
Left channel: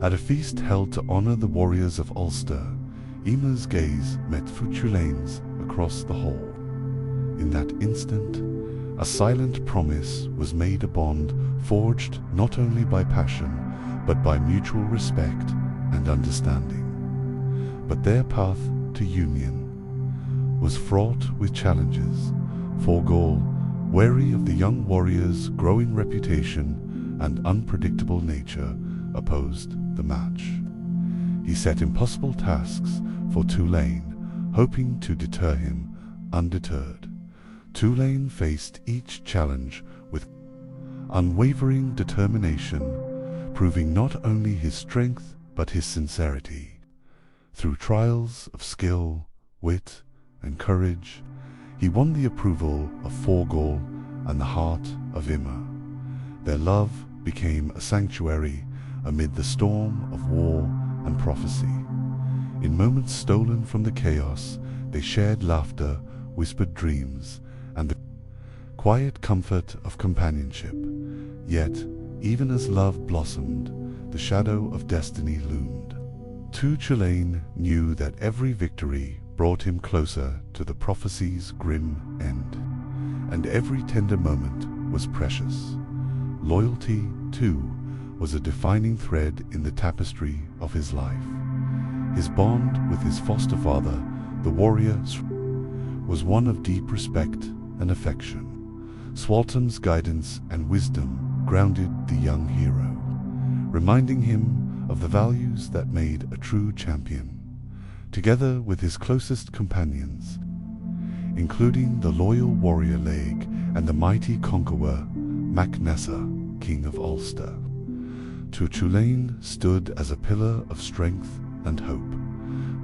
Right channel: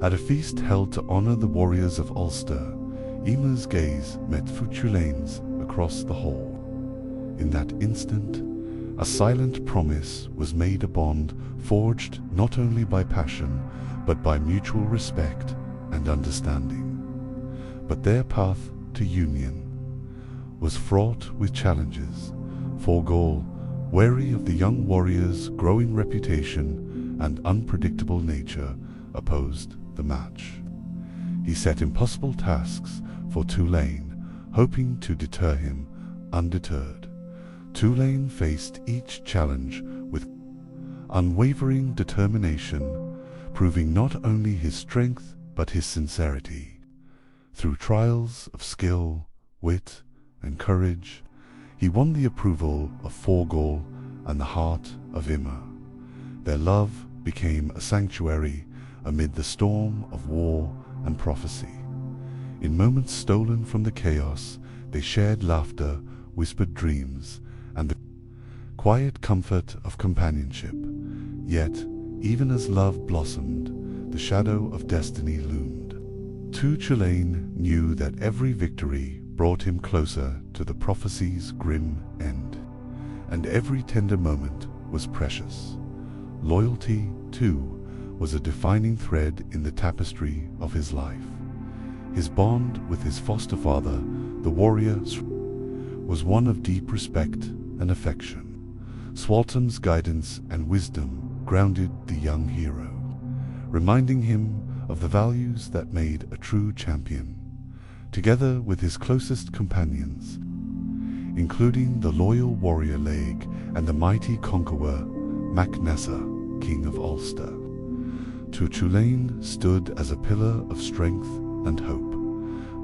At a feast held to honor the warriors of Ulster, Éire's gaze met Tu Chulainn's across the hall. In that instant, a silent promise was made, a bond forged not only by passion, but by mutual respect and understanding. But their path to union was fraught with challenges. Folklore, wary of the young warrior's growing reputation and unpredictable nature, opposed the match. He set impossible tasks for Chulainn, hoping to deter him undeterred. Chulainn faced each challenge with unwavering determination, proving not only his strength but his sincerity. Through trials of skill, wit, and courage, he won the approval of Folklore and the heart of Éire. Their love became a sanctuary amid the storm of war and prophecy. In moments stolen from the chaos, they shared laughter, whispered dreams, and the quiet comfort of companionship. Yet, even as love blossomed, the shadow of destiny loomed. Tu Chulainn knew that every victory brought him closer to the prophecy's grim end, and every tender moment was precious. Loyalty, too, was a defining thread in the tapestry of his life. His bond with his foster father, the warrior, was one of deep respect and affection. Swaltam's guidance and wisdom grounded the young hero, reminding him of the values that made a true champion. Together with his closest companions, including the loyal warrior Laig and the mighty conqueror Mac-Nessa, King of Ulster, Tu Chulainn stood as a pillar of strength and hope.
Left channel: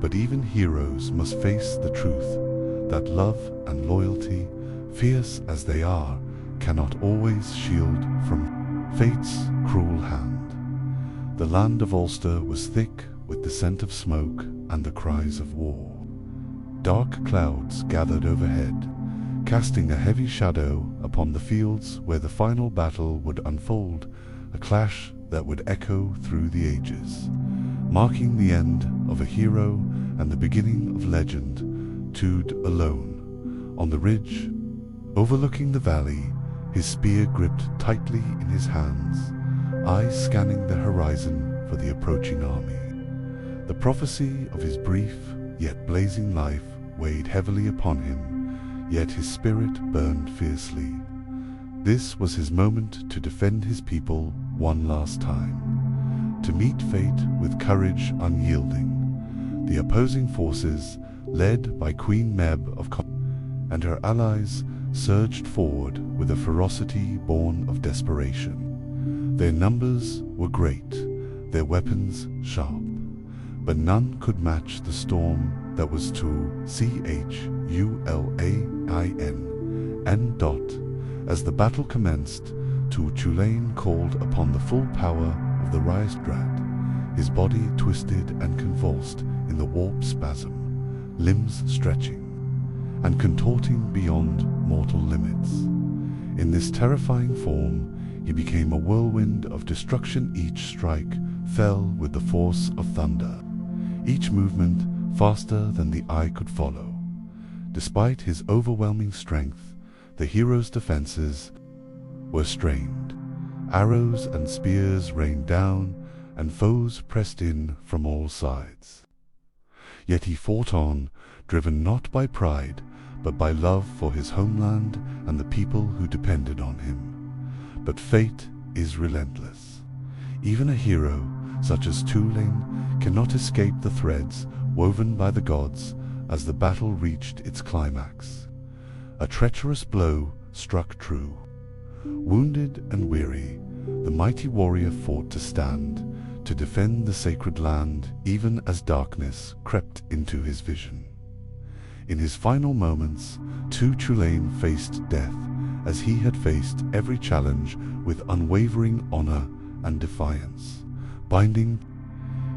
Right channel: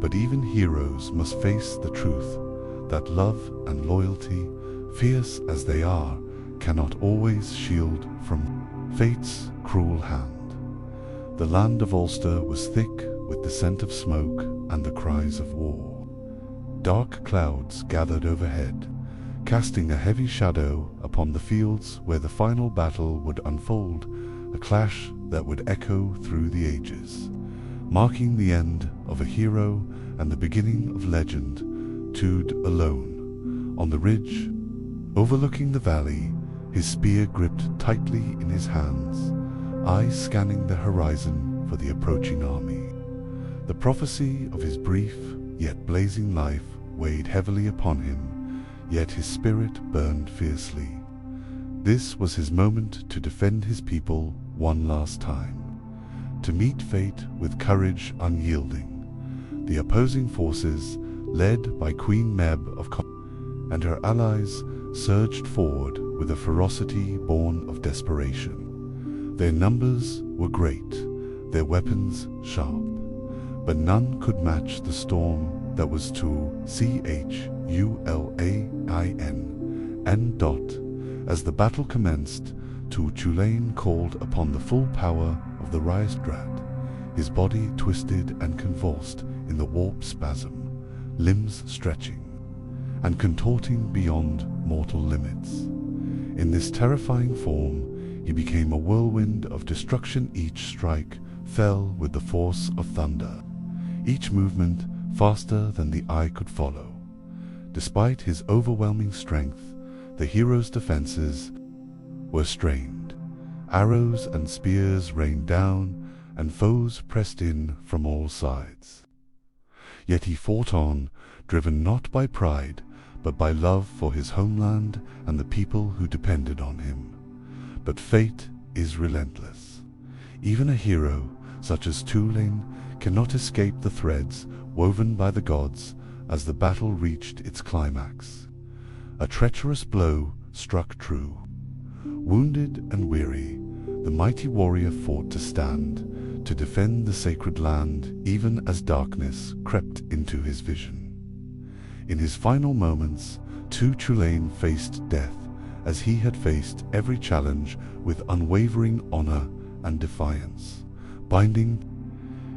But even heroes must face the truth that love and loyalty, fierce as they are, cannot always shield from fate's cruel hand. The land of Ulster was thick with the scent of smoke and the cries of war. Dark clouds gathered overhead, casting a heavy shadow upon the fields where the final battle would unfold, a clash that would echo through the ages, marking the end of a hero and the beginning of legend. Tude alone, on the ridge, overlooking the valley, his spear gripped tightly in his hands, eyes scanning the horizon for the approaching army. The prophecy of his brief yet blazing life weighed heavily upon him, yet his spirit burned fiercely. This was his moment to defend his people one last time, to meet fate with courage unyielding. The opposing forces, led by Queen Meb of and her allies, surged forward with a ferocity born of desperation. Their numbers were great, their weapons sharp, but none could match the storm that was to Chulain, and as the battle commenced, Chulain called upon the full power of the Rhysdrad. His body twisted and convulsed in the warp spasm, limbs stretching and contorting beyond mortal limits. In this terrifying form, he became a whirlwind of destruction. Each strike fell with the force of thunder, each movement faster than the eye could follow. Despite his overwhelming strength, the hero's defenses were strained. Arrows and spears rained down, and foes pressed in from all sides. Yet he fought on, driven not by pride, but by love for his homeland and the people who depended on him. But fate is relentless. Even a hero such as Chulain cannot escape the threads woven by the gods as the battle reached its climax. A treacherous blow struck true. Wounded and weary, the mighty warrior fought to stand, to defend the sacred land, even as darkness crept into his vision. In his final moments, Chulain faced death, as he had faced every challenge with unwavering honor and defiance, binding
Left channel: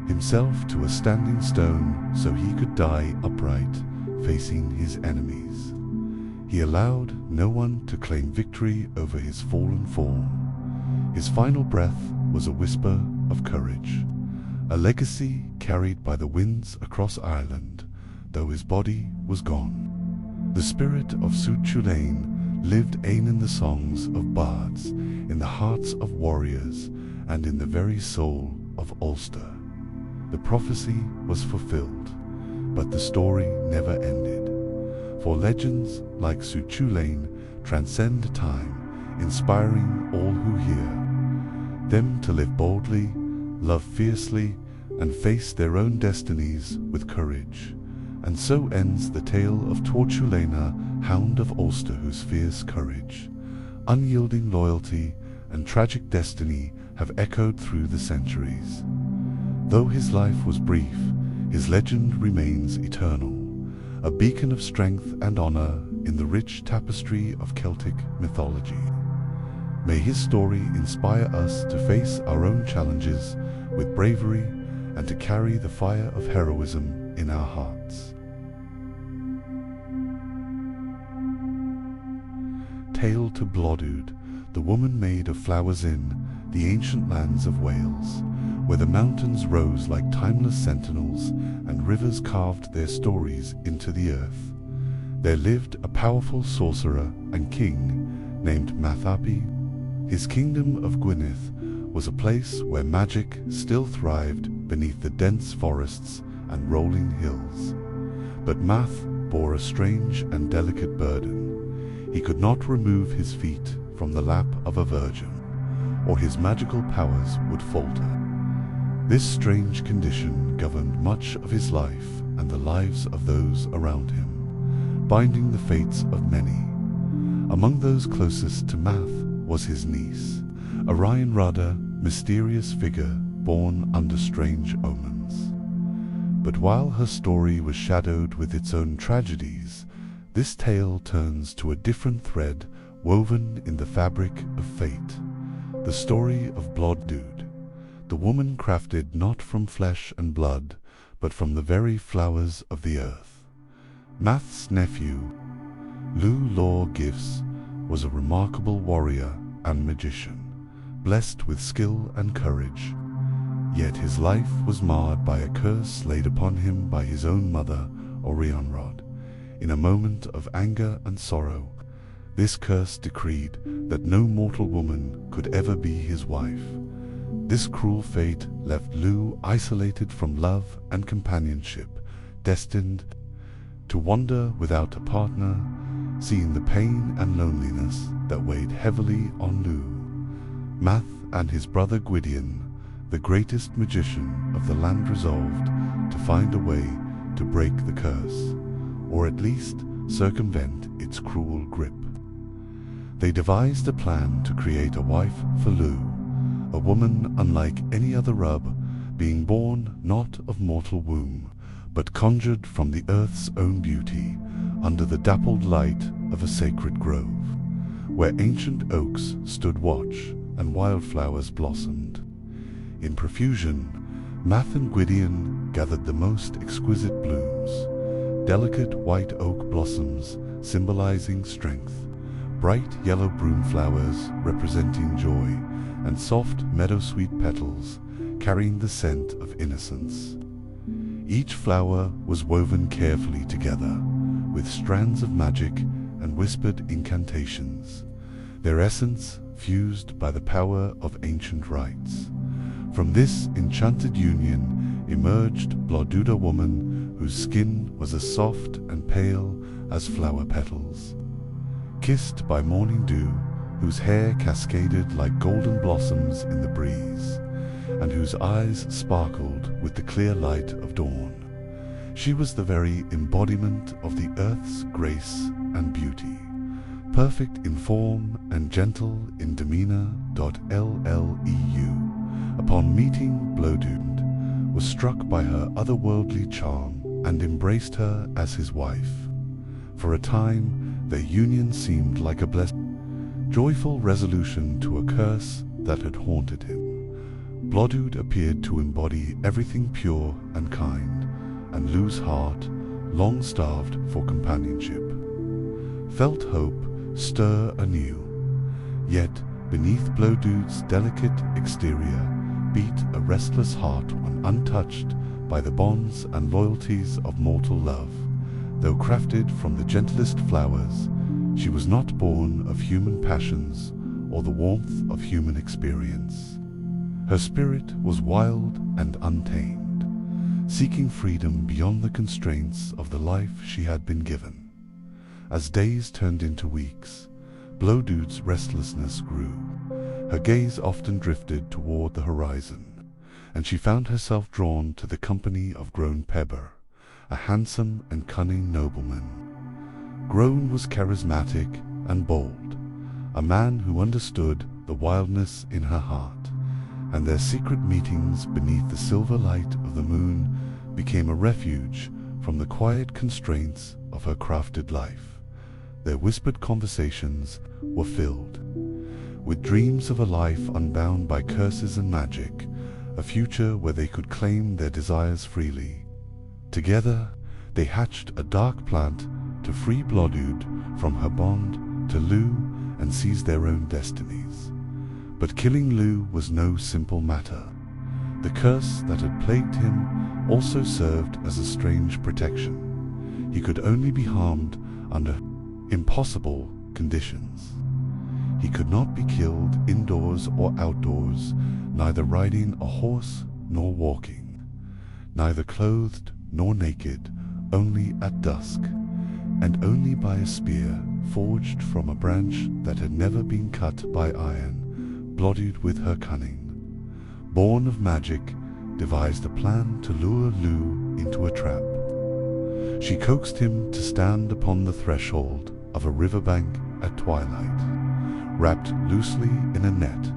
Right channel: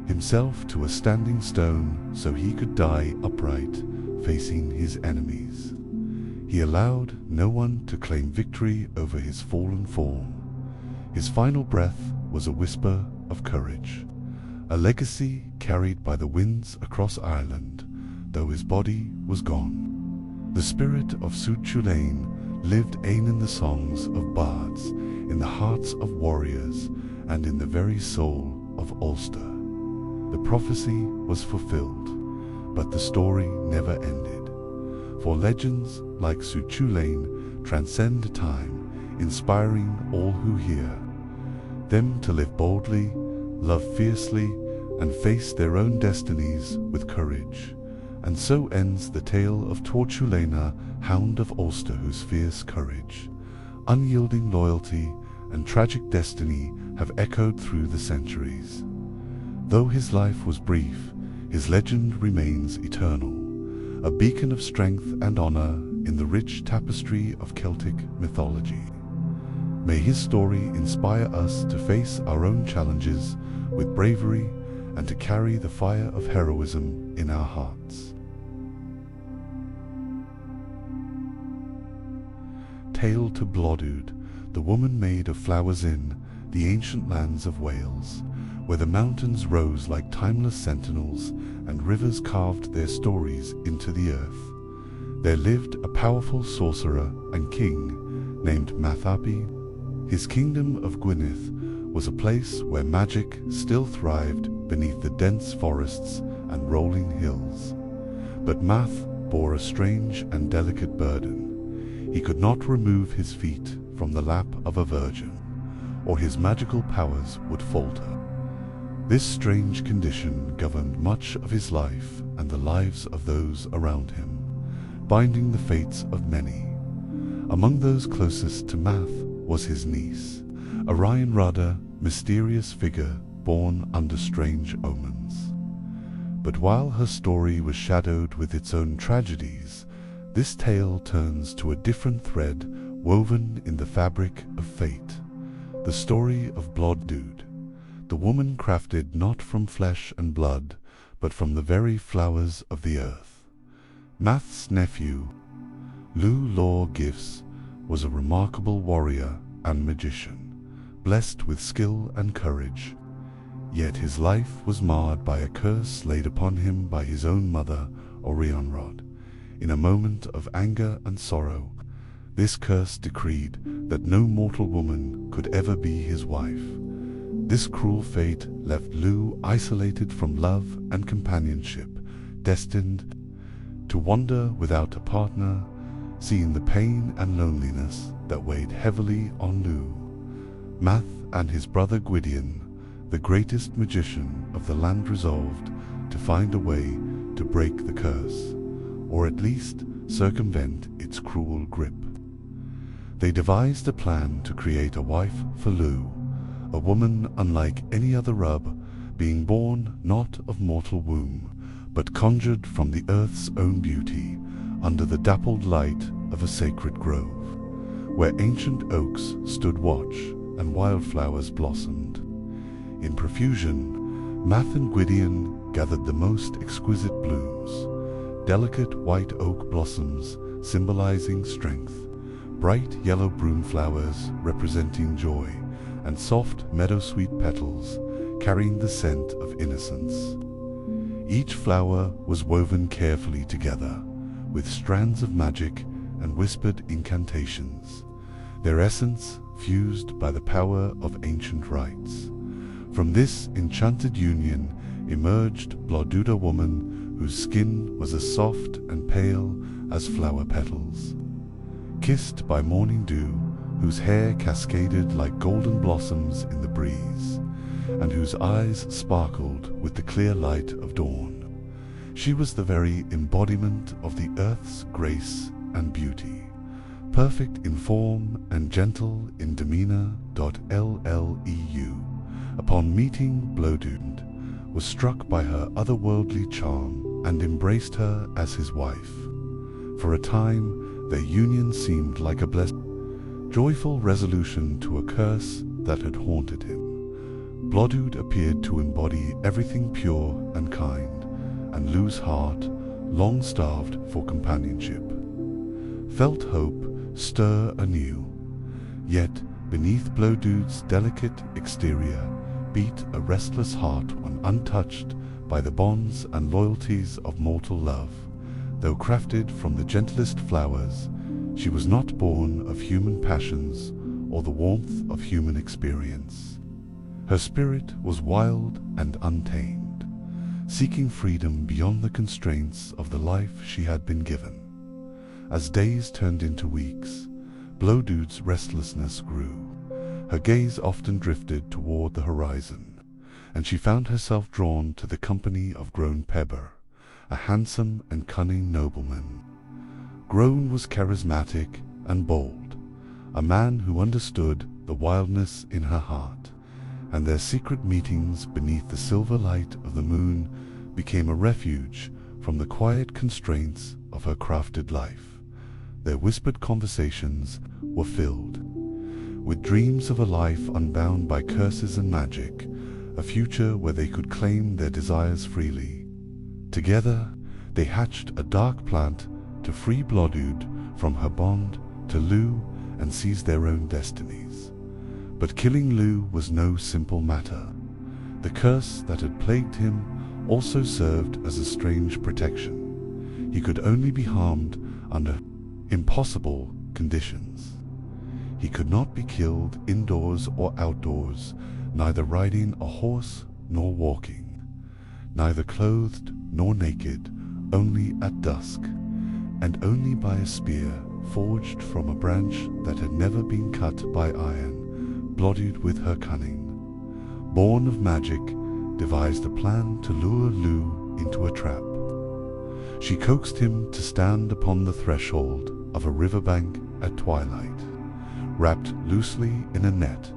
himself to a standing stone so he could die upright, facing his enemies. He allowed no one to claim victory over his fallen form. His final breath was a whisper of courage, a legacy carried by the winds across Ireland, though his body was gone. The spirit of Chulain lived in the songs of bards, in the hearts of warriors, and in the very soul of Ulster. The prophecy was fulfilled, but the story never ended. For legends like Chulain transcend time, inspiring all who hear them to live boldly, love fiercely, and face their own destinies with courage. And so ends the tale of Chulain, hound of Ulster, whose fierce courage, unyielding loyalty, and tragic destiny have echoed through the centuries. Though his life was brief, his legend remains eternal, a beacon of strength and honor in the rich tapestry of Celtic mythology. May his story inspire us to face our own challenges with bravery and to carry the fire of heroism in our hearts. Tale to Blodud, the woman made of flowers in the ancient lands of Wales, where the mountains rose like timeless sentinels and rivers carved their stories into the earth. There lived a powerful sorcerer and king named Mathapi. His kingdom of Gwynedd was a place where magic still thrived beneath the dense forests and rolling hills. But Math bore a strange and delicate burden. He could not remove his feet from the lap of a virgin, or his magical powers would falter. This strange condition governed much of his life and the lives of those around him, binding the fates of many. Among those closest to Math was his niece, a Rada, mysterious figure born under strange omens. But while her story was shadowed with its own tragedies, this tale turns to a different thread woven in the fabric of fate, the story of Blodud, the woman crafted not from flesh and blood, but from the very flowers of the earth. Math's nephew, Lugh Law Gifts, was a remarkable warrior and magician, blessed with skill and courage. Yet his life was marred by a curse laid upon him by his own mother, Orianrod. In a moment of anger and sorrow, this curse decreed that no mortal woman could ever be his wife. This cruel fate left Lugh isolated from love and companionship, destined to wander without a partner, seeing the pain and loneliness that weighed heavily on Lugh. Math and his brother Gwydion, the greatest magician of the land, resolved to find a way to break the curse, or at least circumvent its cruel grip. They devised a plan to create a wife for Lugh, a woman unlike any other rub, being born not of mortal womb, but conjured from the earth's own beauty, under the dappled light of a sacred grove, where ancient oaks stood watch and wildflowers blossomed. In profusion, Math and Gwydion gathered the most exquisite blooms, delicate white oak blossoms symbolizing strength, bright yellow broom flowers representing joy, and soft meadowsweet petals carrying the scent of innocence. Each flower was woven carefully together, with strands of magic and whispered incantations, their essence fused by the power of ancient rites. From this enchanted union emerged Bloduda woman, whose skin was as soft and pale as flower petals, kissed by morning dew, whose hair cascaded like golden blossoms in the breeze, and whose eyes sparkled with the clear light of dawn. She was the very embodiment of the earth's grace and beauty, perfect in form and gentle in demeanor. Lleu, upon meeting Blodund, was struck by her otherworldly charm and embraced her as his wife. For a time, their union seemed like a joyful resolution to a curse that had haunted him. Blodud appeared to embody everything pure and kind, and Lu's heart, long starved for companionship, felt hope stir anew. Yet, beneath Blodud's delicate exterior beat a restless heart, one untouched by the bonds and loyalties of mortal love. Though crafted from the gentlest flowers, she was not born of human passions or the warmth of human experience. Her spirit was wild and untamed, seeking freedom beyond the constraints of the life she had been given. As days turned into weeks, Blodud's restlessness grew. Her gaze often drifted toward the horizon, and she found herself drawn to the company of Groan Pebber, a handsome and cunning nobleman. Groan was charismatic and bold, a man who understood the wildness in her heart, and their secret meetings beneath the silver light of the moon became a refuge from the quiet constraints of her crafted life. Their whispered conversations were filled with dreams of a life unbound by curses and magic, a future where they could claim their desires freely. Together, they hatched a dark plant to free Blodud from her bond to Lu and seize their own destinies. But killing Lu was no simple matter. The curse that had plagued him also served as a strange protection. He could only be harmed under impossible conditions. He could not be killed indoors or outdoors, neither riding a horse nor walking, neither clothed nor naked, only at dusk, and only by a spear forged from a branch that had never been cut by iron. Blodud, with her cunning, born of magic, devised a plan to lure Lu into a trap. She coaxed him to stand upon the threshold of a riverbank at twilight, wrapped loosely in a net,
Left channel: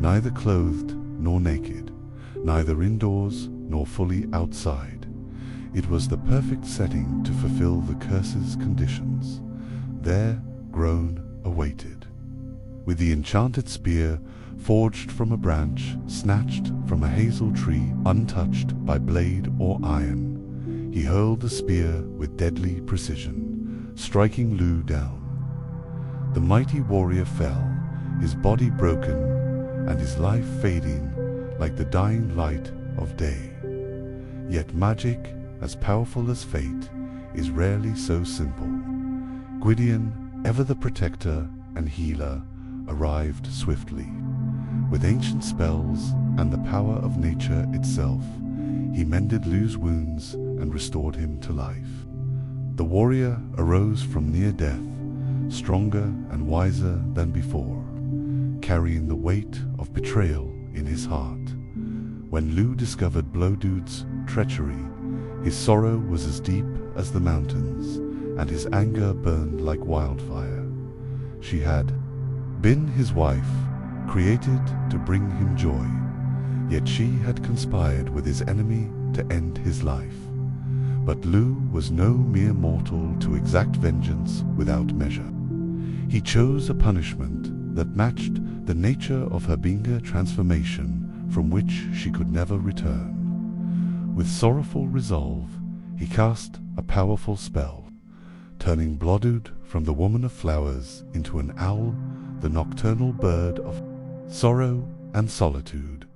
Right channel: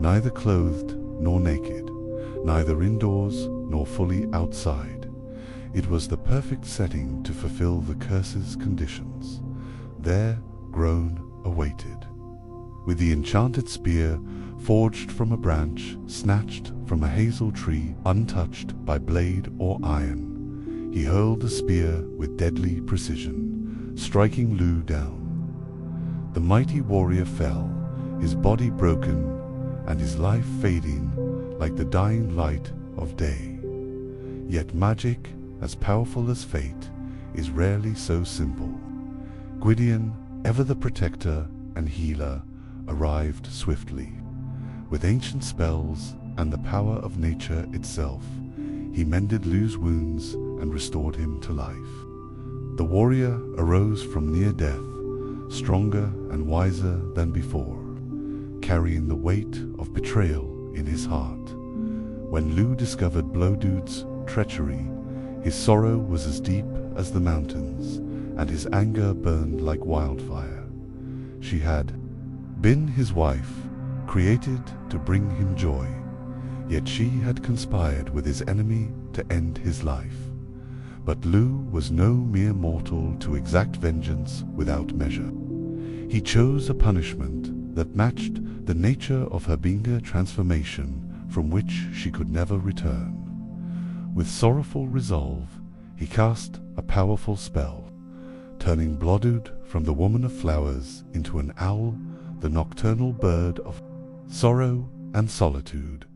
neither clothed nor naked, neither indoors nor fully outside. It was the perfect setting to fulfill the curse's conditions. There Groan awaited, with the enchanted spear forged from a branch snatched from a hazel tree, untouched by blade or iron. He hurled the spear with deadly precision, striking Lu down. The mighty warrior fell, his body broken, and his life fading like the dying light of day. Yet magic, as powerful as fate, is rarely so simple. Gwydion, ever the protector and healer, arrived swiftly. With ancient spells and the power of nature itself, he mended Lu's wounds and restored him to life. The warrior arose from near death, stronger and wiser than before, carrying the weight of betrayal in his heart. When Lu discovered Blodud's treachery, his sorrow was as deep as the mountains, and his anger burned like wildfire. She had been his wife, created to bring him joy, Yet she had conspired with his enemy to end his life. But Lu was no mere mortal to exact vengeance without measure. He chose a punishment that matched the nature of her Binga transformation, from which she could never return. With sorrowful resolve, he cast a powerful spell, turning Blodud from the woman of flowers into an owl, the nocturnal bird of sorrow and solitude.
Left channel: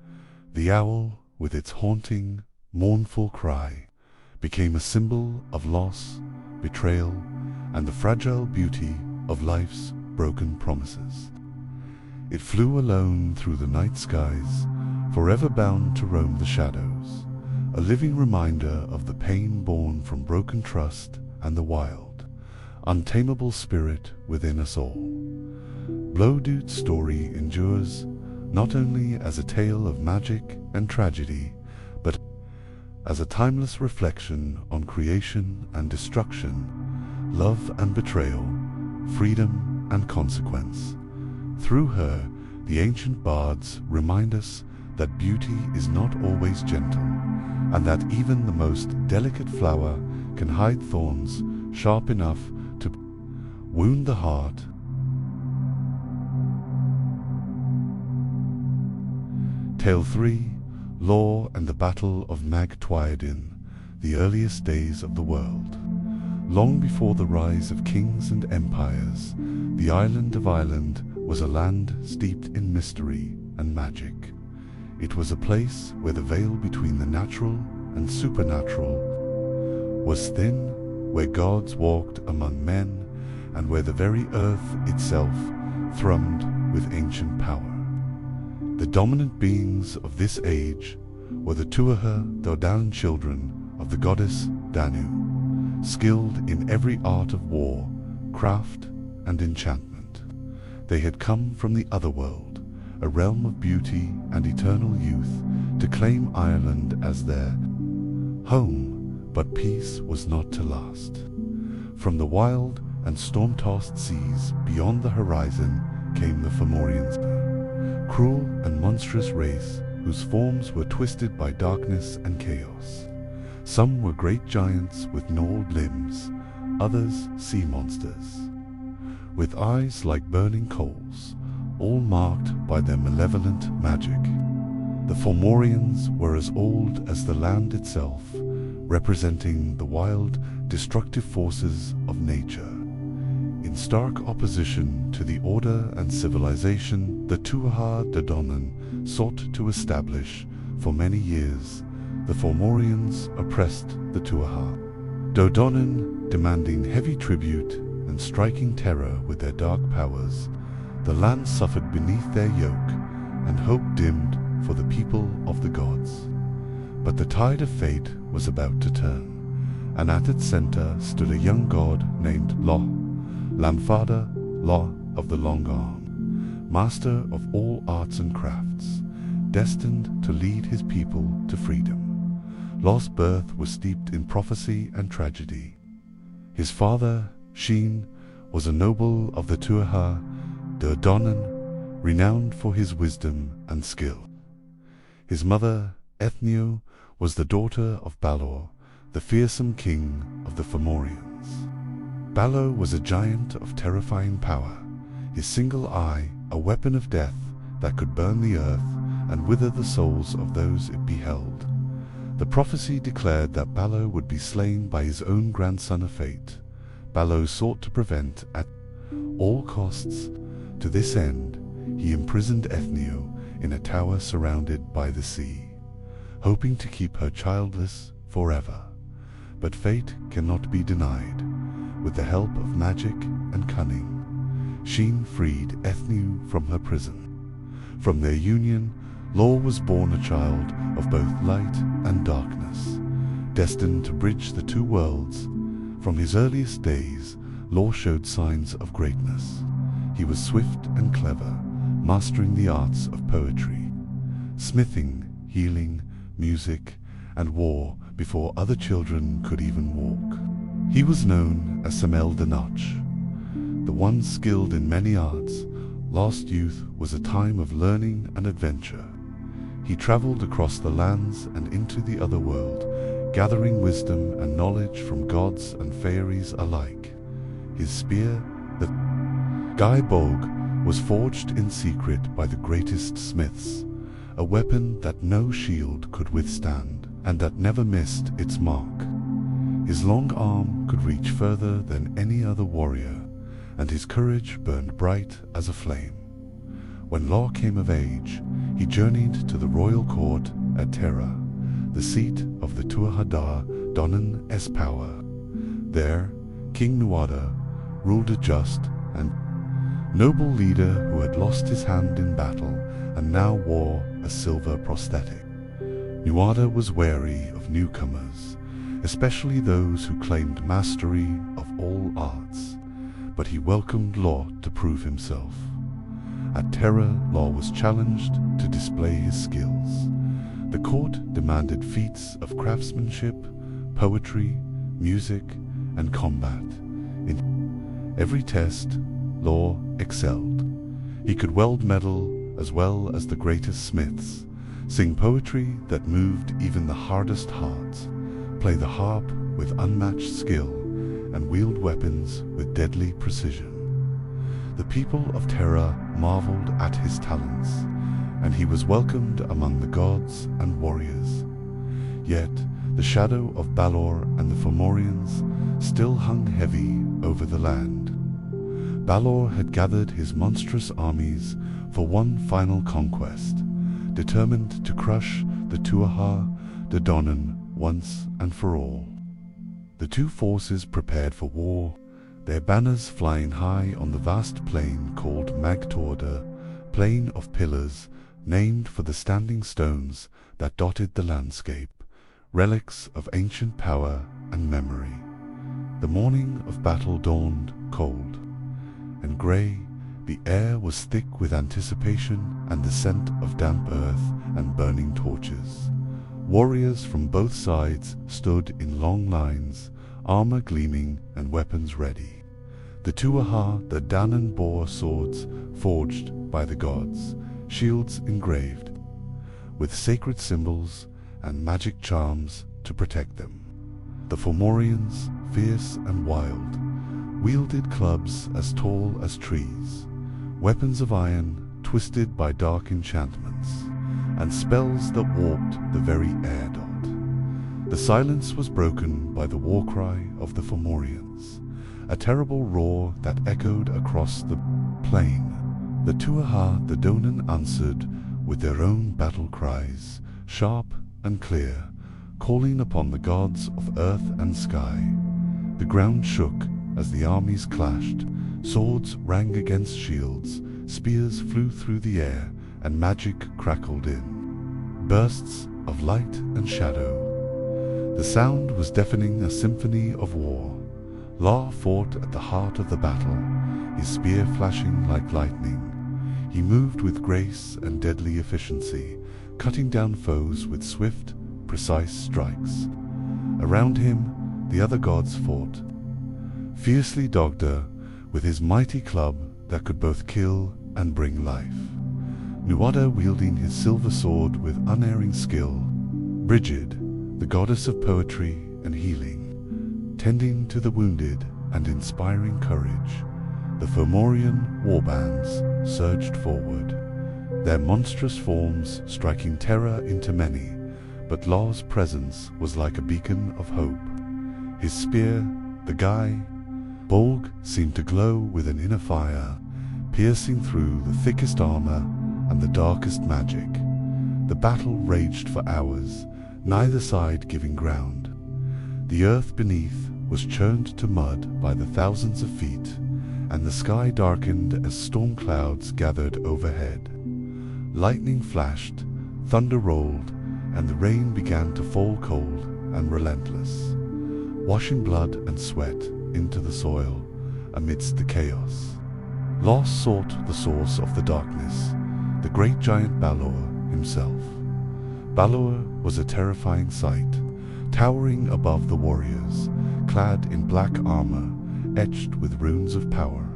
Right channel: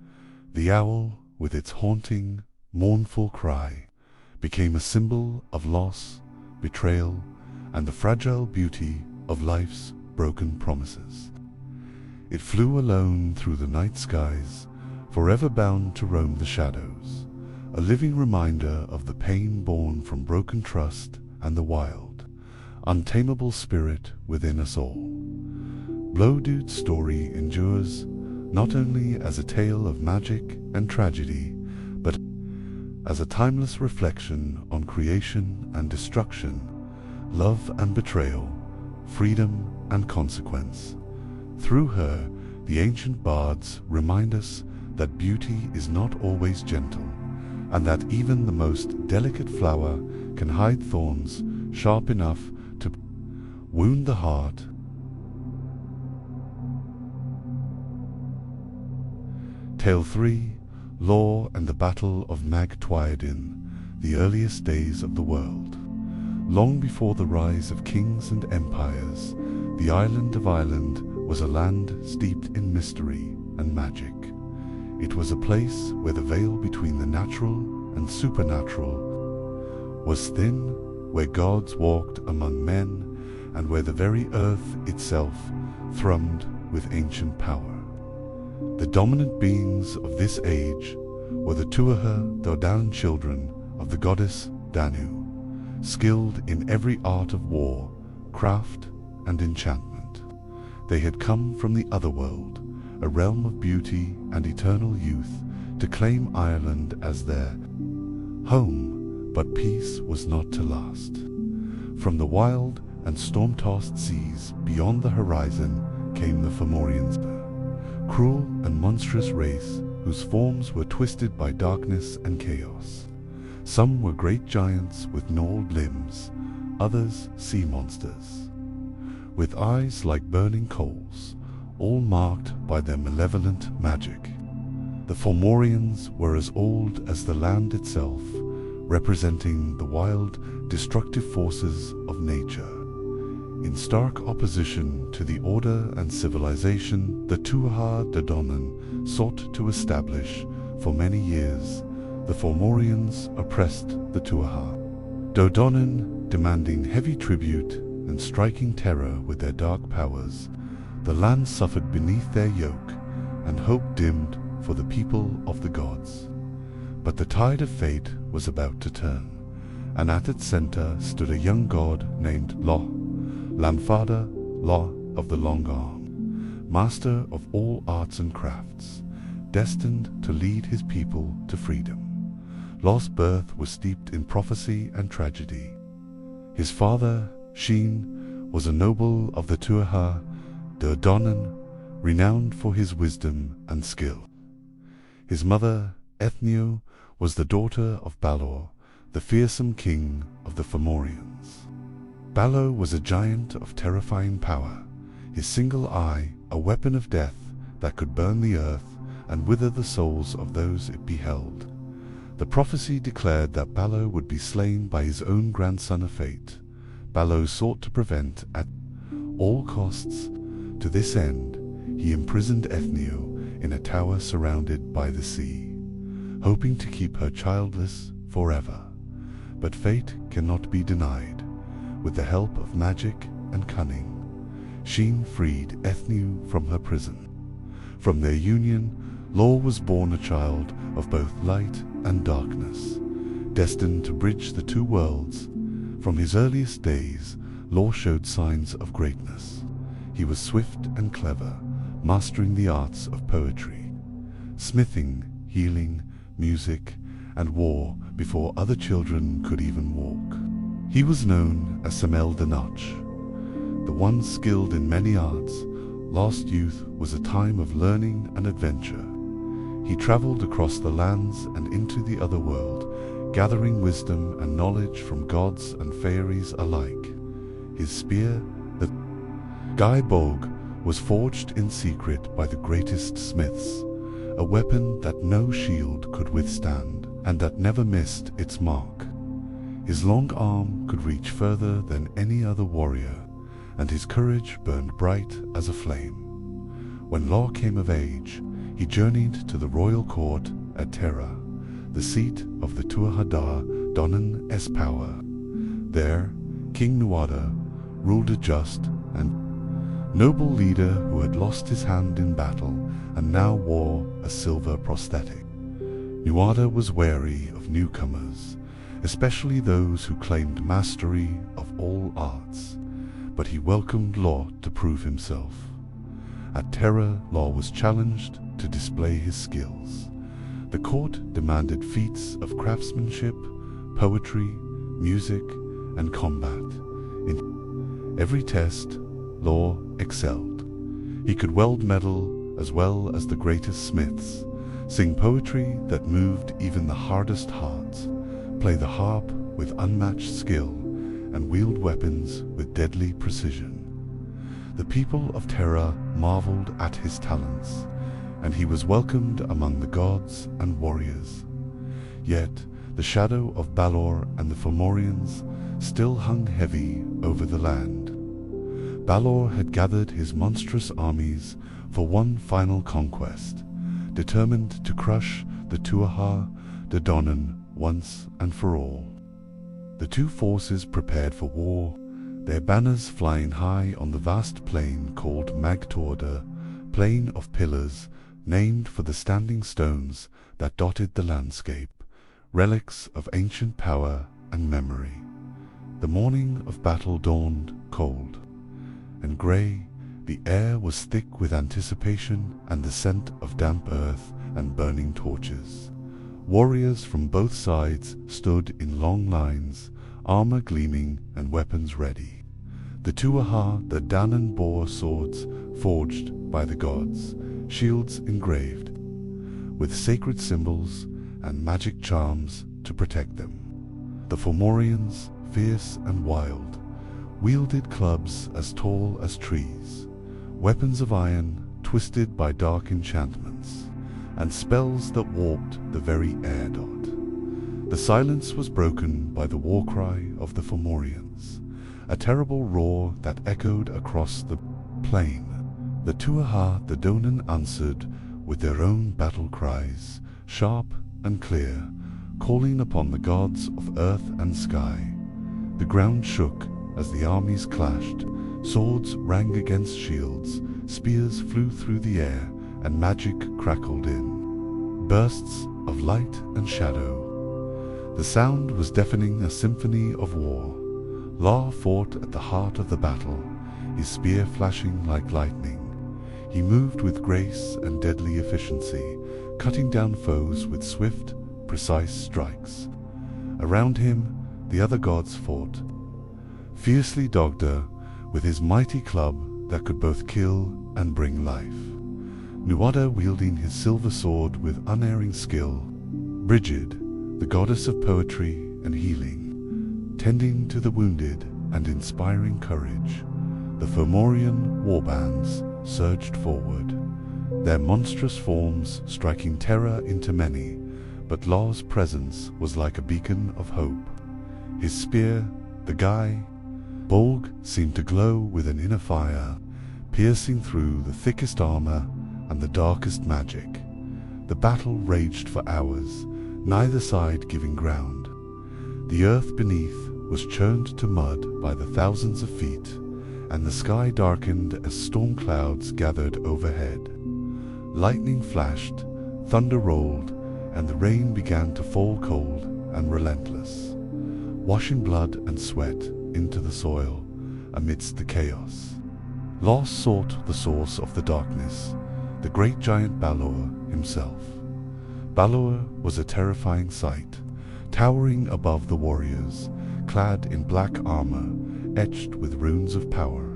The owl, with its haunting, mournful cry, became a symbol of loss, betrayal, and the fragile beauty of life's broken promises. It flew alone through the night skies, forever bound to roam the shadows, a living reminder of the pain born from broken trust and the wild, untamable spirit within us all. Blodud's story endures not only as a tale of magic and tragedy, but as a timeless reflection on creation and destruction, love and betrayal, freedom and consequence. Through her, the ancient bards remind us that beauty is not always gentle, and that even the most delicate flower can hide thorns sharp enough to wound the heart. Tale 3, Law and the Battle of Mag Twyedin, the earliest days of the world. Long before the rise of kings and empires, the island of Ireland was a land steeped in mystery and magic. It was a place where the veil between the natural and supernatural was thin, where gods walked among men, and where the very earth itself thrummed with ancient power. The dominant beings of this age were the Tuatha De Danann, children of the goddess Danu, skilled in every art of war, craft, and enchantment. They had come from the otherworld, a realm of beauty and eternal youth, to claim Ireland as their home, but peace was not to last. From the wild and storm-tossed seas beyond the horizon came the Fomorians, cruel and monstrous race whose forms were twisted by darkness and chaos. Some were great giants with gnawed limbs, others sea monsters, with eyes like burning coals, all marked by their malevolent magic. The Fomorians were as old as the land itself, representing the wild, destructive forces of nature. In stark opposition to the order and civilization the Tuatha De Danann sought to establish, for many years, the Fomorians oppressed the Tuatha De Danann, demanding heavy tribute and striking terror with their dark powers. The land suffered beneath their yoke, and hope dimmed for the people of the gods. But the tide of fate was about to turn, and at its center stood a young god named Lo, Lanfada Lo of the Long Arm, master of all arts and crafts, destined to lead his people to freedom. Lo's birth was steeped in prophecy and tragedy. His father, Sheen, was a noble of the Tuatha De Danann, renowned for his wisdom and skill. His mother, Ethnio, was the daughter of Balor, the fearsome king of the Fomorians. Balor was a giant of terrifying power, his single eye a weapon of death that could burn the earth and wither the souls of those it beheld. The prophecy declared that Balor would be slain by his own grandson of fate. Balor sought to prevent at all costs. To this end, he imprisoned Ethnio in a tower surrounded by the sea, hoping to keep her childless forever. But fate cannot be denied. With the help of magic and cunning, Sheen freed Ethnio from her prison. From their union, Lo was born a child of both light and darkness, destined to bridge the two worlds. From his earliest days, Lo showed signs of greatness. He was swift and clever, mastering the arts of poetry, smithing, healing, music, and war before other children could even walk. He was known as Samel de Noch, the one skilled in many arts. Lost youth was a time of learning and adventure. he traveled across the lands and into the other world, gathering wisdom and knowledge from gods and fairies alike. His spear, the Guy Bog, was forged in secret by the greatest smiths, a weapon that no shield could withstand, and that never missed its mark. His long arm could reach further than any other warrior, and his courage burned bright as a flame. When Law came of age, he journeyed to the royal court at Tara, the seat of the Tuatha Danann Power. There, King Nuada ruled a just and noble leader who had lost his hand in battle and now wore a silver prosthetic. Nuada was wary of newcomers, especially those who claimed mastery of all arts, but he welcomed Law to prove himself. At Tara, Law was challenged to display his skills. The court demanded feats of craftsmanship, poetry, music, and combat. In every test, Law excelled. He could weld metal as well as the greatest smiths, sing poetry that moved even the hardest hearts, play the harp with unmatched skill, and wield weapons with deadly precision. The people of Tara marveled at his talents, and he was welcomed among the gods and warriors. Yet the shadow of Balor and the Fomorians still hung heavy over the land. Balor had gathered his monstrous armies for one final conquest, determined to crush the Tuatha De Danann once and for all. The two forces prepared for war, their banners flying high on the vast plain called Magtorda, plain of pillars, named for the standing stones that dotted the landscape, relics of ancient power and memory. The morning of battle dawned cold and grey. The air was thick with anticipation and the scent of damp earth and burning torches. Warriors from both sides stood in long lines, armor gleaming and weapons ready. The Tuatha De Danann bore swords forged by the gods, shields engraved, with sacred symbols and magic charms to protect them. The Fomorians, fierce and wild, wielded clubs as tall as trees, weapons of iron twisted by dark enchantments, and spells that warped the very air dot. The silence was broken by the war cry of the Fomorians, a terrible roar that echoed across the plain. The Tuatha De Danann answered with their own battle cries, sharp and clear, calling upon the gods of earth and sky. The ground shook as the armies clashed, swords rang against shields, spears flew through the air, and magic crackled in bursts of light and shadow. The sound was deafening, a symphony of war. Law fought at the heart of the battle, his spear flashing like lightning. He moved with grace and deadly efficiency, cutting down foes with swift, precise strikes. Around him, the other gods fought. Fiercely Dogda, with his mighty club that could both kill and bring life. Nuada wielding his silver sword with unerring skill. Brigid, the goddess of poetry and healing, tending to the wounded and inspiring courage. The Fomorian warbands surged forward, their monstrous forms striking terror into many, but Law's presence was like a beacon of hope. His spear, the Guy Bolg, seemed to glow with an inner fire, piercing through the thickest armor and the darkest magic. The battle raged for hours, neither side giving ground. The earth beneath was churned to mud by the thousands of feet, and the sky darkened as storm clouds gathered overhead. Lightning flashed, thunder rolled, and the rain began to fall cold and relentless, washing blood and sweat into the soil amidst the chaos. Law sought the source of the darkness, the great giant Balor himself. Balor was a terrifying sight, towering above the warriors, clad in black armor etched with runes of power,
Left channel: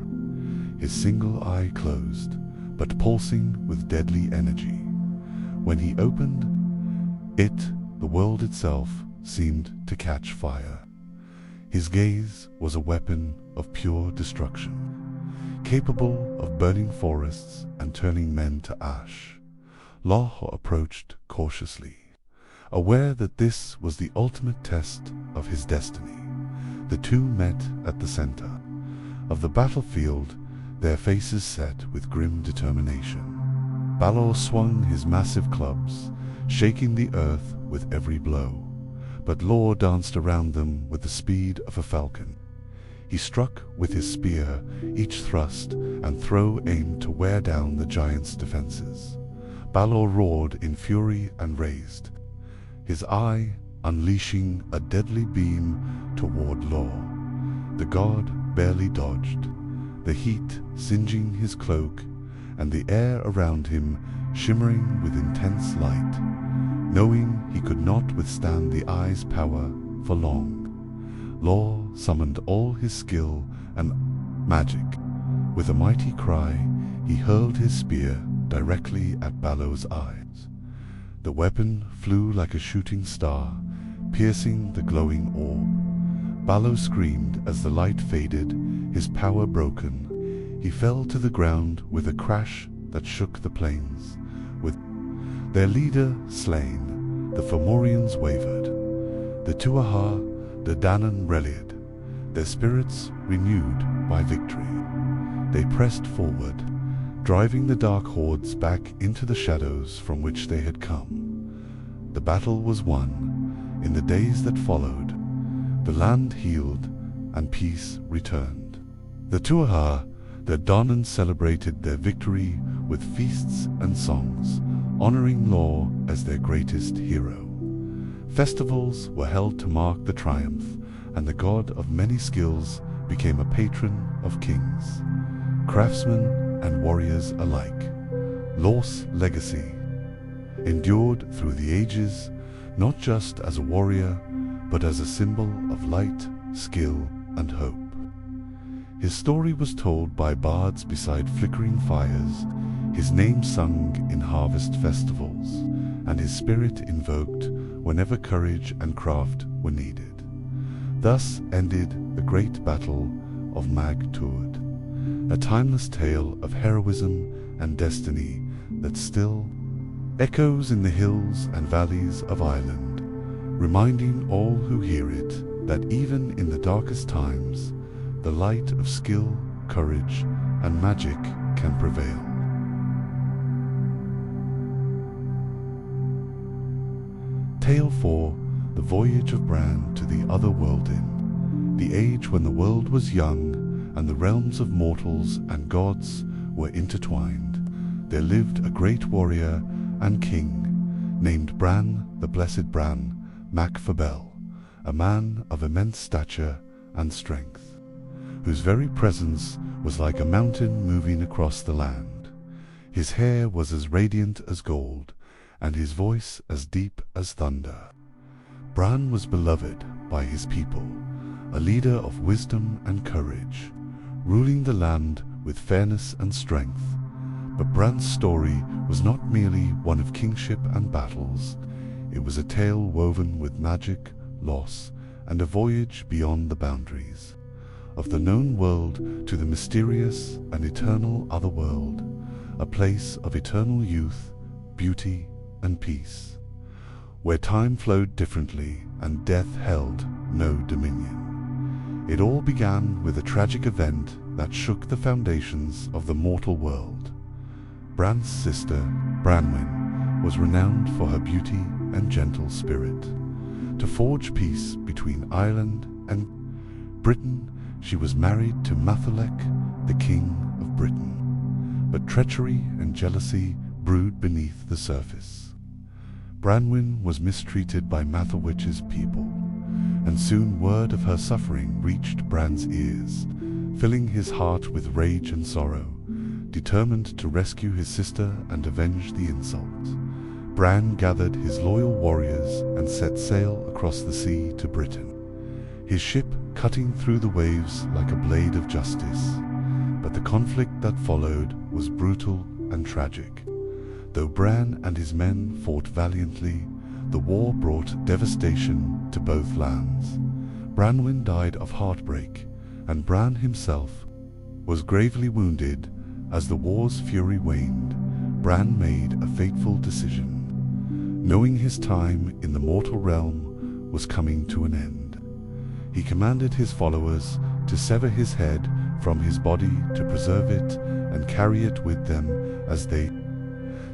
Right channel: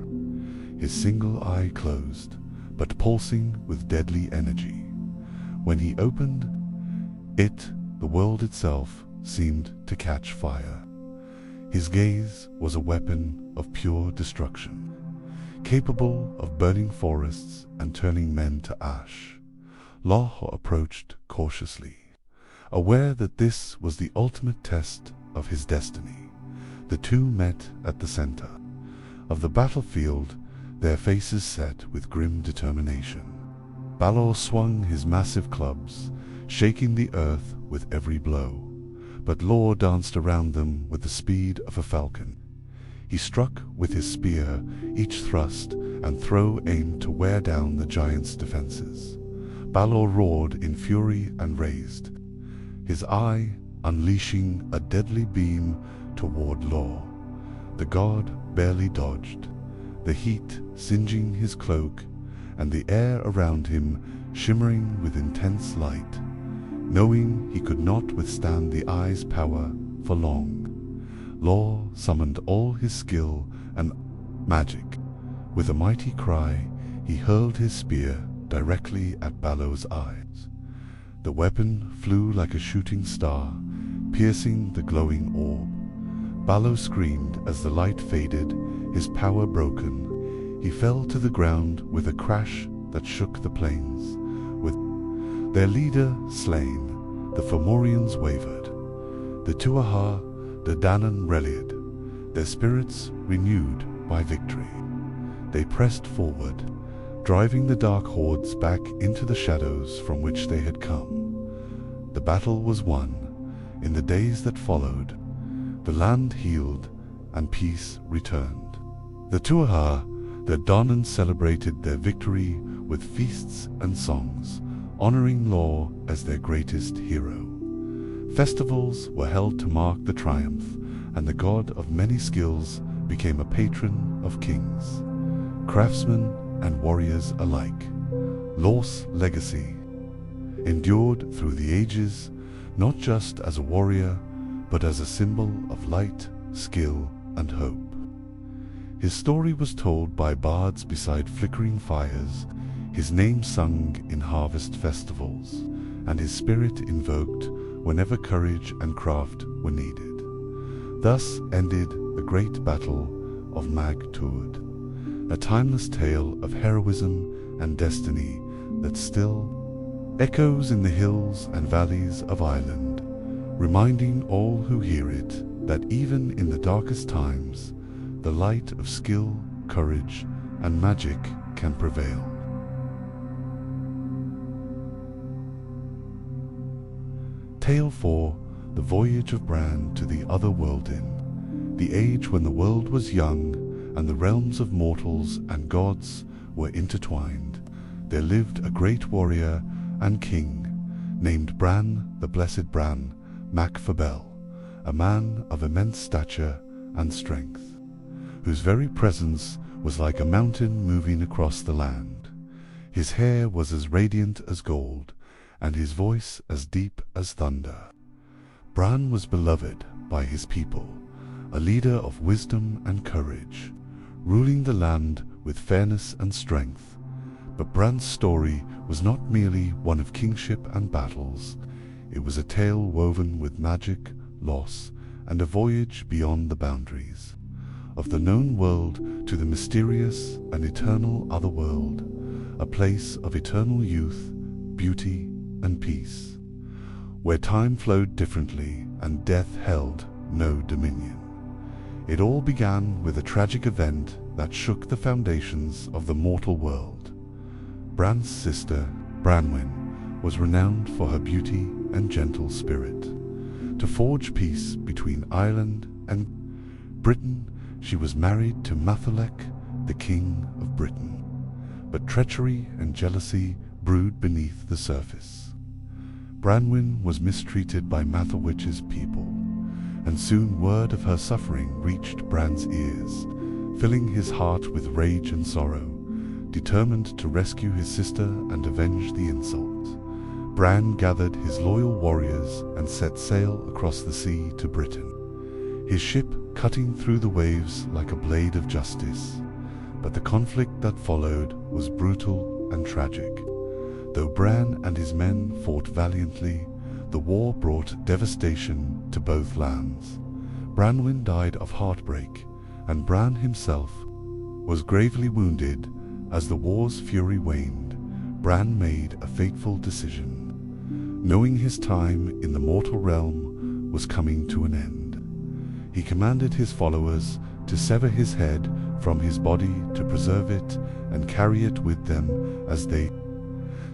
his single eye closed, but pulsing with deadly energy. When he opened it, the world itself seemed to catch fire. His gaze was a weapon of pure destruction, capable of burning forests and turning men to ash. Law approached cautiously, aware that this was the ultimate test of his destiny. The two met at the center of the battlefield, their faces set with grim determination. Balor swung his massive clubs, shaking the earth with every blow, but Law danced around them with the speed of a falcon. He struck with his spear, each thrust and throw aimed to wear down the giant's defenses. Balor roared in fury and raised his eye, unleashing a deadly beam toward Law. The god barely dodged, the heat singeing his cloak and the air around him shimmering with intense light. Knowing he could not withstand the eye's power for long, Law summoned all his skill and magic. With a mighty cry, he hurled his spear directly at Balor's eyes. The weapon flew like a shooting star, piercing the glowing orb. Balor screamed as the light faded, his power broken. He fell to the ground with a crash that shook the plains. With their leader slain, the Fomorians wavered. The Tuatha De Danann rallied, their spirits renewed by victory. They pressed forward, driving the dark hordes back into the shadows from which they had come. The battle was won. In the days that followed, the land healed and peace returned. The Tuatha De Danann celebrated their victory with feasts and songs, honoring Law as their greatest hero. Festivals were held to mark the triumph, and the god of many skills became a patron of kings, craftsmen and warriors alike. Law's legacy endured through the ages, not just as a warrior, but as a symbol of light, skill, and hope. His story was told by bards beside flickering fires, his name sung in harvest festivals, and his spirit invoked whenever courage and craft were needed. Thus ended the great battle of Mag Tuatha, a timeless tale of heroism and destiny that still echoes in the hills and valleys of Ireland, reminding all who hear it that even in the darkest times, the light of skill, courage, and magic can prevail. Tale 4: The Voyage of Bran to the Other World. In the age when the world was young and the realms of mortals and gods were intertwined, there lived a great warrior and king named Bran, the Blessed Bran Mac Fabel, a man of immense stature and strength, whose very presence was like a mountain moving across the land. His hair was as radiant as gold, and his voice as deep as thunder. Bran was beloved by his people, a leader of wisdom and courage, ruling the land with fairness and strength. But Bran's story was not merely one of kingship and battles. It was a tale woven with magic, loss, and a voyage beyond the boundaries of the known world to the mysterious and eternal otherworld, a place of eternal youth, beauty, and peace, where time flowed differently and death held no dominion. It all began with a tragic event that shook the foundations of the mortal world. Bran's sister, Branwen, was renowned for her beauty and gentle spirit. To forge peace between Ireland and Britain, she was married to Matholech, the king of Britain. But treachery and jealousy brewed beneath the surface. Branwen was mistreated by Matholwech's people, and soon word of her suffering reached Bran's ears, filling his heart with rage and sorrow. Determined to rescue his sister and avenge the insult, Bran gathered his loyal warriors and set sail across the sea to Britain, his ship cutting through the waves like a blade of justice. But the conflict that followed was brutal and tragic. Though Bran and his men fought valiantly, the war brought devastation to both lands. Branwen died of heartbreak, and Bran himself was gravely wounded. As the war's fury waned, Bran made a fateful decision. Knowing his time in the mortal realm was coming to an end, he commanded his followers to sever his head from his body to preserve it and carry it with them as they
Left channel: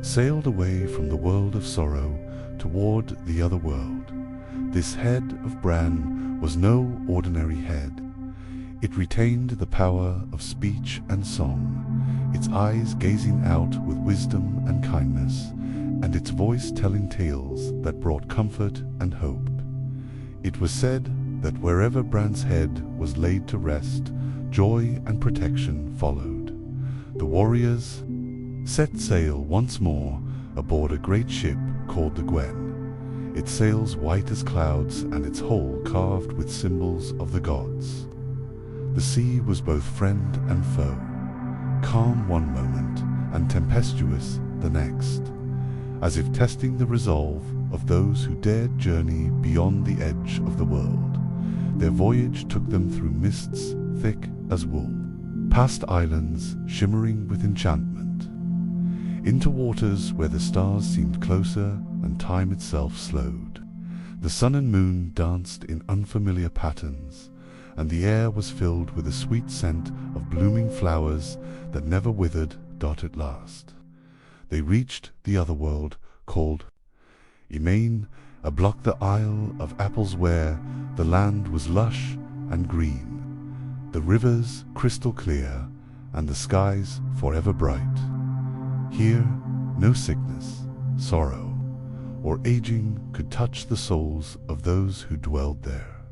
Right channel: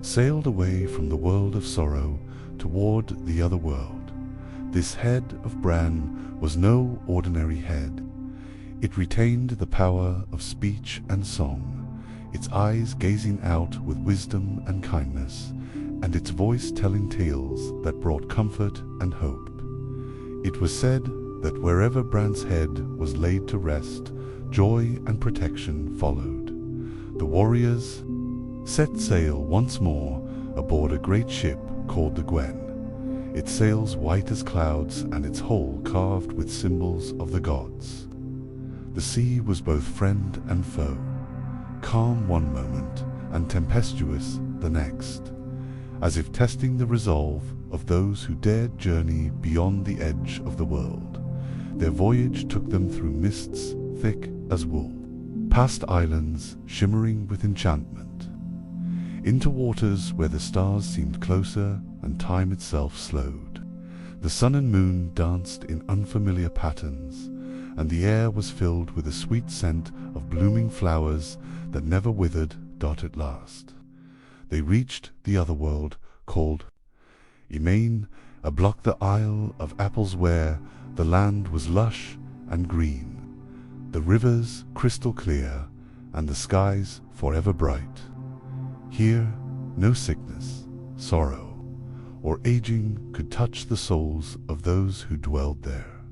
sailed away from the world of sorrow toward the other world. This head of Bran was no ordinary head. It retained the power of speech and song, its eyes gazing out with wisdom and kindness, and its voice telling tales that brought comfort and hope. It was said that wherever Bran's head was laid to rest, joy and protection followed. The warriors set sail once more aboard a great ship called the Gwen, its sails white as clouds and its hull carved with symbols of the gods. The sea was both friend and foe, calm one moment and tempestuous the next, as if testing the resolve of those who dared journey beyond the edge of the world. Their voyage took them through mists thick as wool, past islands shimmering with enchantment, into waters where the stars seemed closer and time itself slowed. The sun and moon danced in unfamiliar patterns, and the air was filled with the sweet scent of blooming flowers that never withered. At last they reached the other world called Emain, a block the Isle of Apples where the land was lush and green, the rivers crystal clear, and the skies forever bright. Here no sickness, sorrow, or aging could touch the souls of those who dwelled there.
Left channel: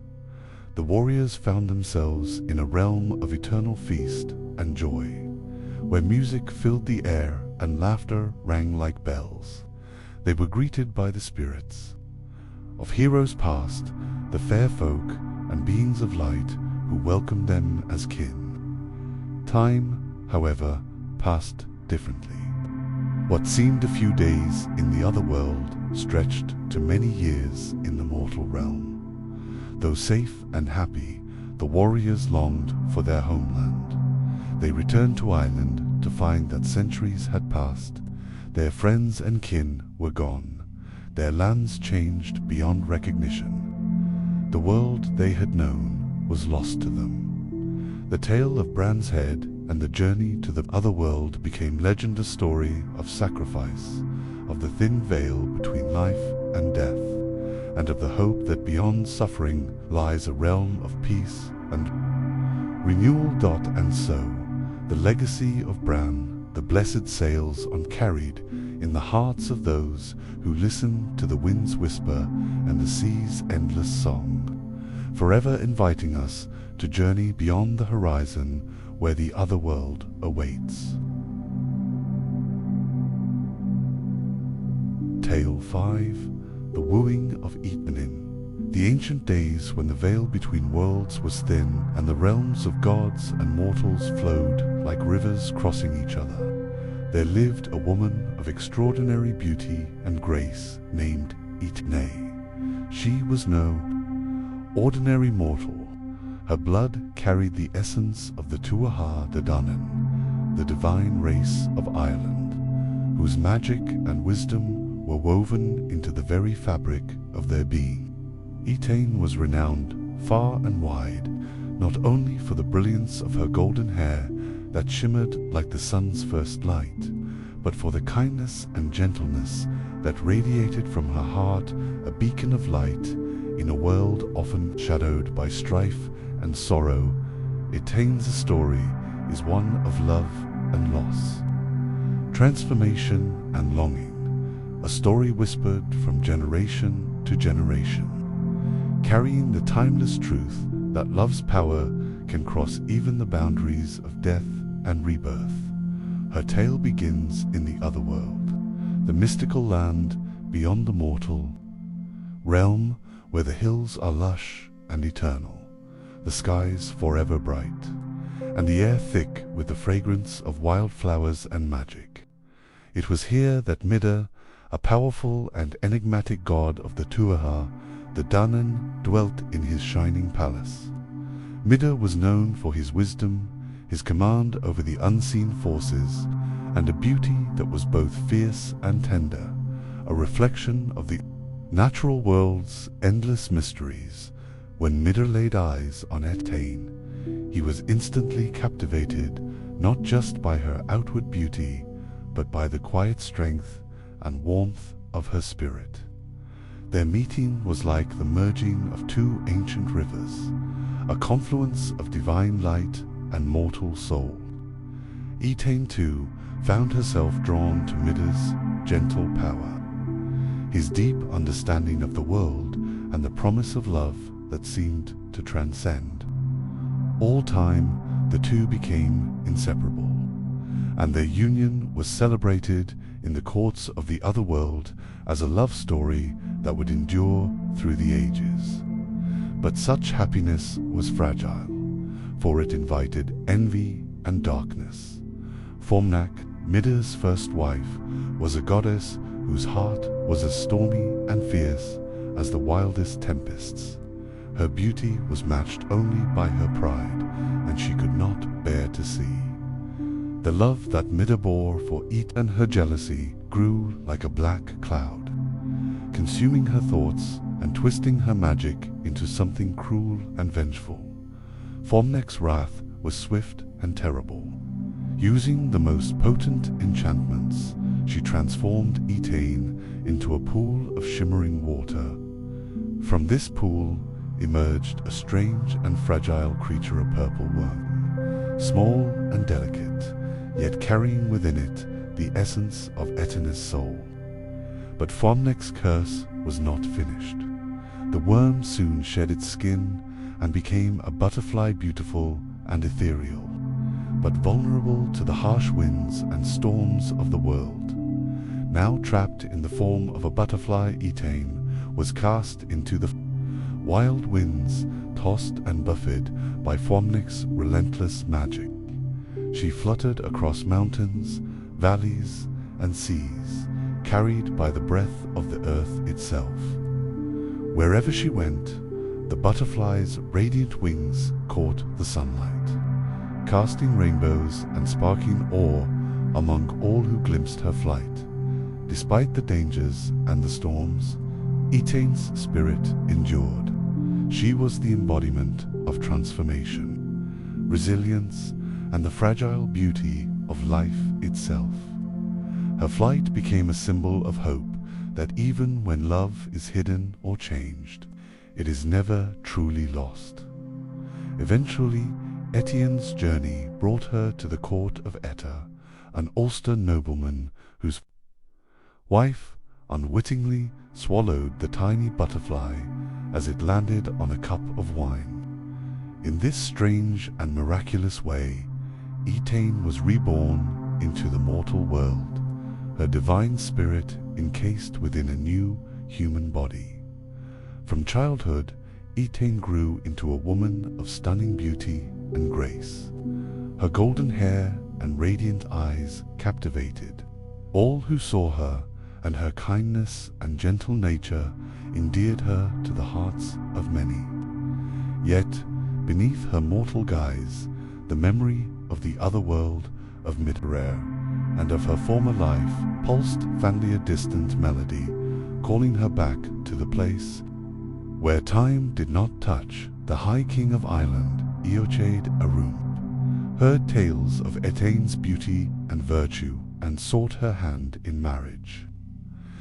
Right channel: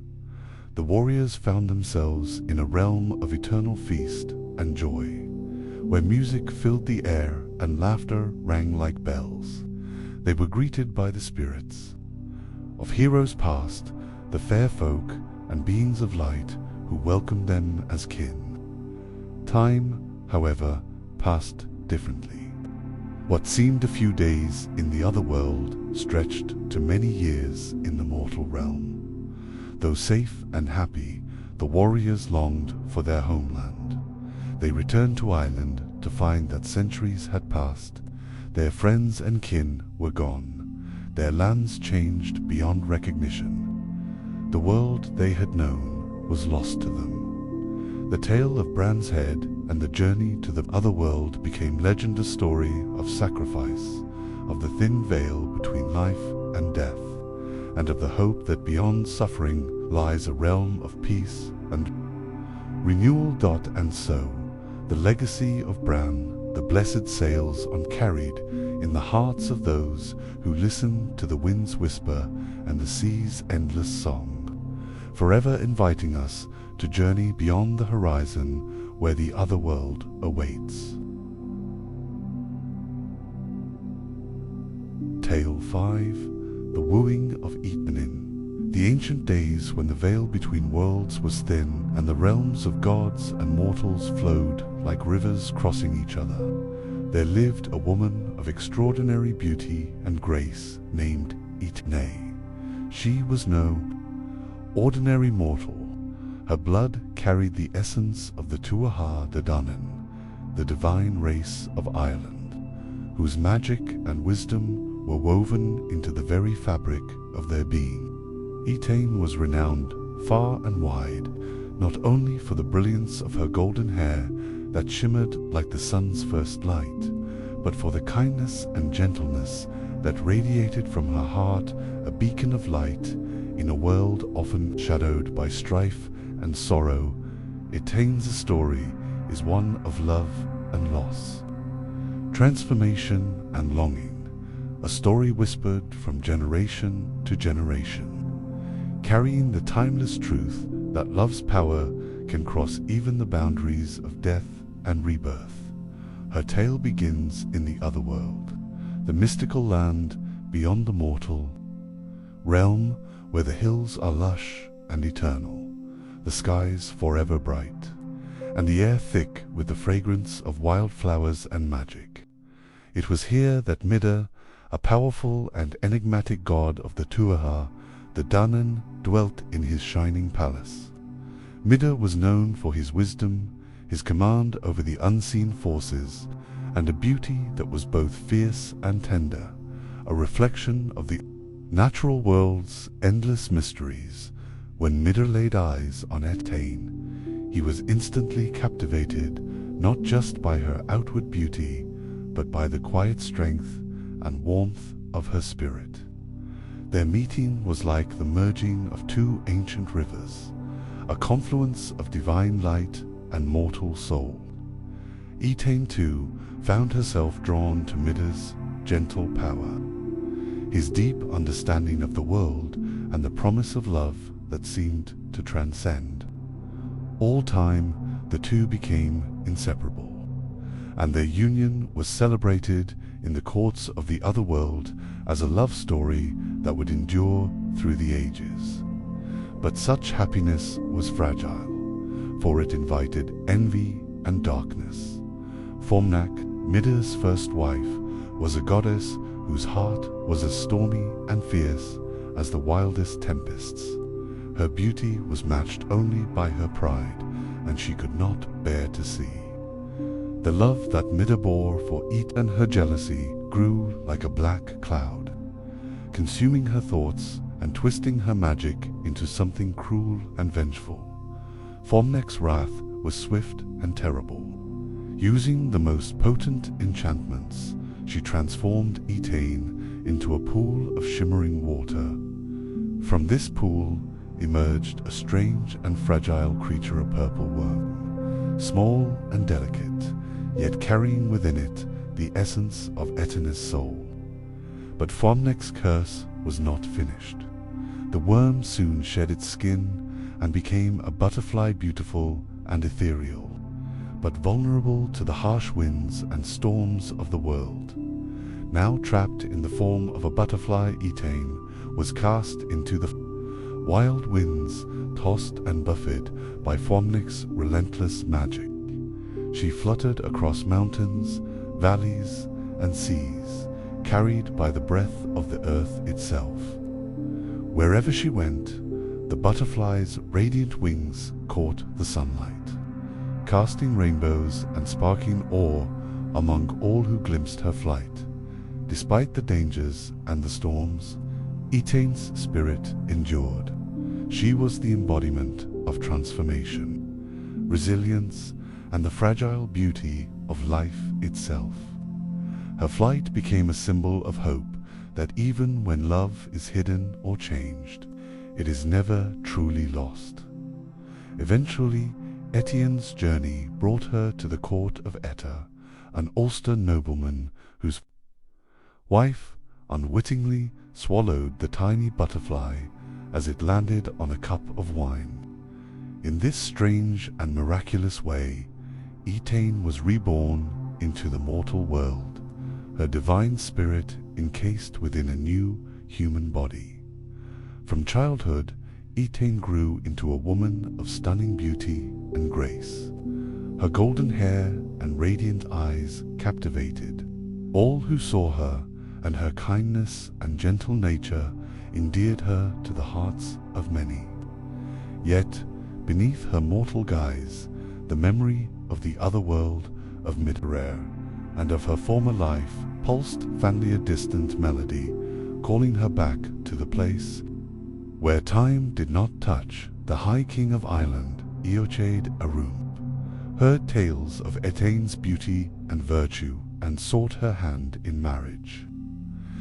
The warriors found themselves in a realm of eternal feast and joy, where music filled the air and laughter rang like bells. They were greeted by the spirits of heroes past, the fair folk and beings of light who welcomed them as kin. Time, however, passed differently. What seemed a few days in the other world stretched to many years in the mortal realm. Though safe and happy, the warriors longed for their homeland. They returned to Ireland to find that centuries had passed. Their friends and kin were gone. Their lands changed beyond recognition. The world they had known was lost to them. The tale of Bran's head and the journey to the other world became legend, a story of sacrifice, of the thin veil between life and death, and of the hope that beyond suffering lies a realm of peace and renewal. And so, the legacy of Bran, the blessed sails on carried in the hearts of those who listen to the wind's whisper and the sea's endless song, forever inviting us to journey beyond the horizon where the other world awaits. Tale 5. The Wooing of Eatanin. The ancient days when the veil between worlds was thin and the realms of gods and mortals flowed like rivers crossing each other, there lived a woman of extraordinary beauty and grace named Eatanin. She was no ordinary mortal. Her blood carried the essence of the Tuatha De Danann, the divine race of Ireland, whose magic and wisdom were woven into the very fabric of their being. Eatanin was renowned far and wide, not only for the brilliance of her golden hair that shimmered like the sun's first light, but for the kindness and gentleness that radiated from her heart, a beacon of light in a world often shadowed by strife and sorrow. Eatanin's story is one of love and loss, transformation and longing, a story whispered from generation to generation, carrying the timeless truth that love's power can cross even the boundaries of death and rebirth. Her tale begins in the other world, the mystical land beyond the mortal realm, where the hills are lush and eternal, the skies forever bright, and the air thick with the fragrance of wildflowers and magic. It was here that Mida, a powerful and enigmatic god of the Tuatha, the Danann, dwelt in his shining palace. Mida was known for his wisdom, his command over the unseen forces, and a beauty that was both fierce and tender, a reflection of the natural world's endless mysteries. When Mida laid eyes on Etain, he was instantly captivated, not just by her outward beauty, but by the quiet strength and warmth of her spirit. Their meeting was like the merging of two ancient rivers, a confluence of divine light and mortal soul. Etain, too, found herself drawn to Mida's gentle power, his deep understanding of the world and the promise of love that seemed to transcend all time. The two became inseparable, and their union was celebrated in the courts of the other world as a love story that would endure through the ages. But such happiness was fragile, for it invited envy and darkness. Formnak, Mida's first wife, was a goddess whose heart was as stormy and fierce as the wildest tempests. Her beauty was matched only by her pride, and she could not bear to see. The love that Mida bore for Etain and her jealousy grew like a black cloud, consuming her thoughts and twisting her magic into something cruel and vengeful. Formnak's wrath was swift and terrible. Using the most potent enchantments, she transformed Etain into a pool of shimmering water. From this pool emerged a strange and fragile creature, a purple worm, small and delicate, yet carrying within it the essence of Etain's soul. But Formnak's curse was not finished. The worm soon shed its skin and became a butterfly, beautiful and ethereal, but vulnerable to the harsh winds and storms of the world. Now trapped in the form of a butterfly, Etain was cast into the wild winds, tossed and buffeted by Formnak's relentless magic. She fluttered across mountains, valleys, and seas, carried by the breath of the earth itself. Wherever she went, the butterfly's radiant wings caught the sunlight, casting rainbows and sparking awe among all who glimpsed her flight. Despite the dangers and the storms, Etain's spirit endured. She was the embodiment of transformation, resilience, and the fragile beauty of life itself. Her flight became a symbol of hope that even when love is hidden or changed, it is never truly lost. Eventually, Etienne's journey brought her to the court of Éire, an Ulster nobleman whose wife unwittingly swallowed the tiny butterfly as it landed on a cup of wine. In this strange and miraculous way, Etain was reborn into the mortal world, her divine spirit encased within a new human body. From childhood, Etain grew into a woman of stunning beauty and grace. Her golden hair and radiant eyes captivated all who saw her, and her kindness and gentle nature endeared her to the hearts of many. Yet, beneath her mortal guise, the memory of the other world of Éire and of her former life pulsed faintly, a distant melody, calling her back to the place where time did not touch. The High King of Ireland, Eochaid Arun, heard tales of Etain's beauty and virtue and sought her hand in marriage.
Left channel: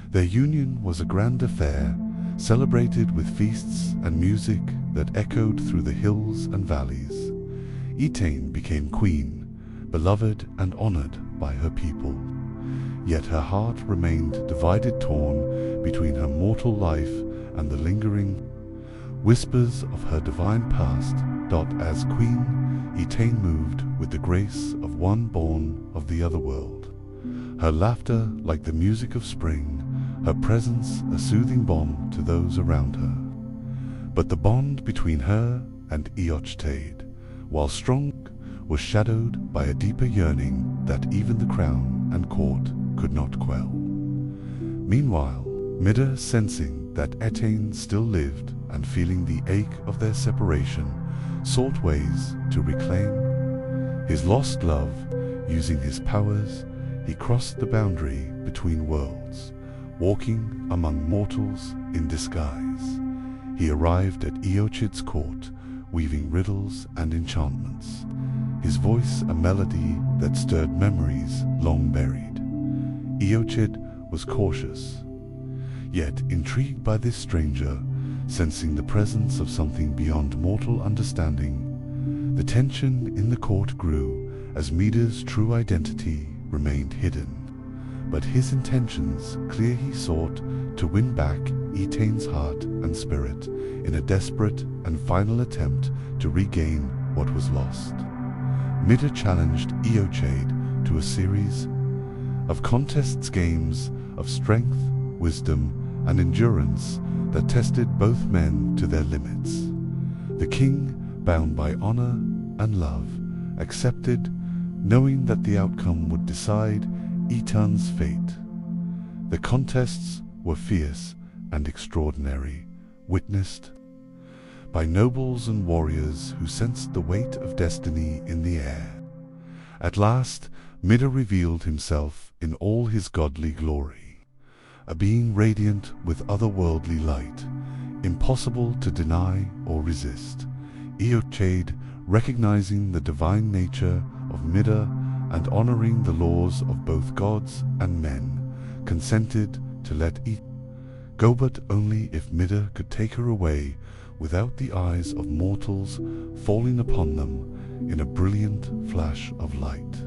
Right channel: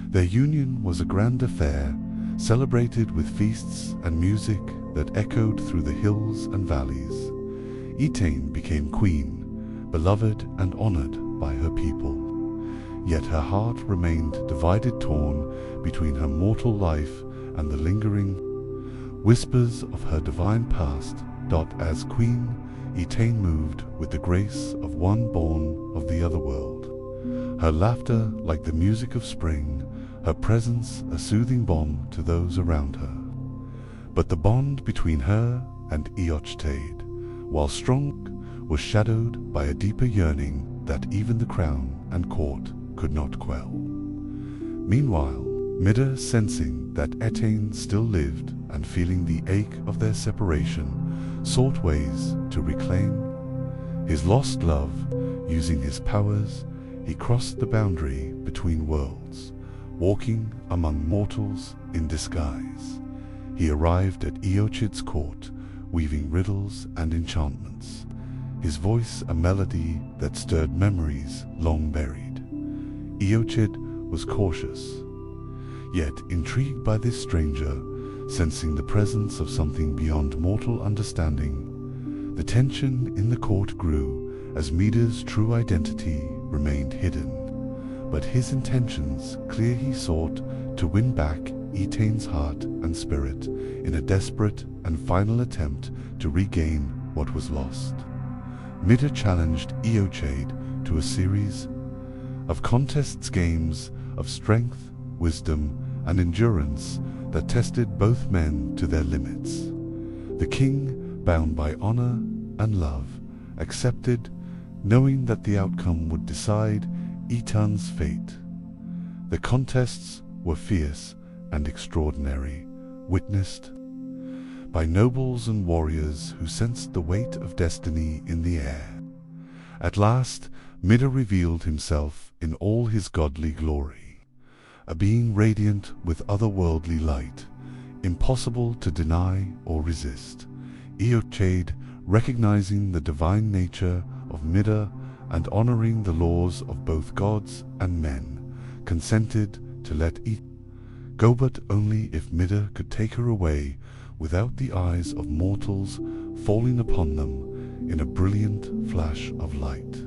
Their union was a grand affair, celebrated with feasts and music that echoed through the hills and valleys. Etain became queen, beloved and honored by her people. Yet her heart remained divided, torn between her mortal life and the lingering whispers of her divine past. As queen, Etain moved with the grace of one born of the other world. Her laughter like the music of spring, her presence a soothing balm to those around her. But the bond between her and Eochaid, while strong, was shadowed by a deeper yearning that even the crown and court could not quell. Meanwhile, Mida, sensing that Etain still lived and feeling the ache of their separation, sought ways to reclaim his lost love. Using his powers, he crossed the boundary between worlds, walking among mortals in disguise. He arrived at Eochid's court, weaving riddles and enchantments, his voice a melody that stirred memories long buried. Eochid was cautious, yet intrigued by this stranger, sensing the presence of something beyond mortal understanding. The tension in the court grew as Mida's true identity remained hidden, but his intentions clear. He sought to win back Etain's heart and spirit in a desperate and final attempt to regain what was lost. Mida challenged Eochid to a series of contests, games of strength, wisdom, and endurance that tested both men to their limits. The king, bound by honor and love, accepted, knowing that the outcome would decide Etain's fate. The contests were fierce and extraordinary, witnessed by nobles and warriors who sensed the weight of destiny in the air. At last, Mida revealed himself in all his godly glory, a being radiant with otherworldly light, impossible to deny or resist. Eochid, recognizing the divine nature of Mida and honoring the laws of both gods and men, consented to let Etain go, but only if Mida could take her away without the eyes of mortals falling upon them in a brilliant flash of light.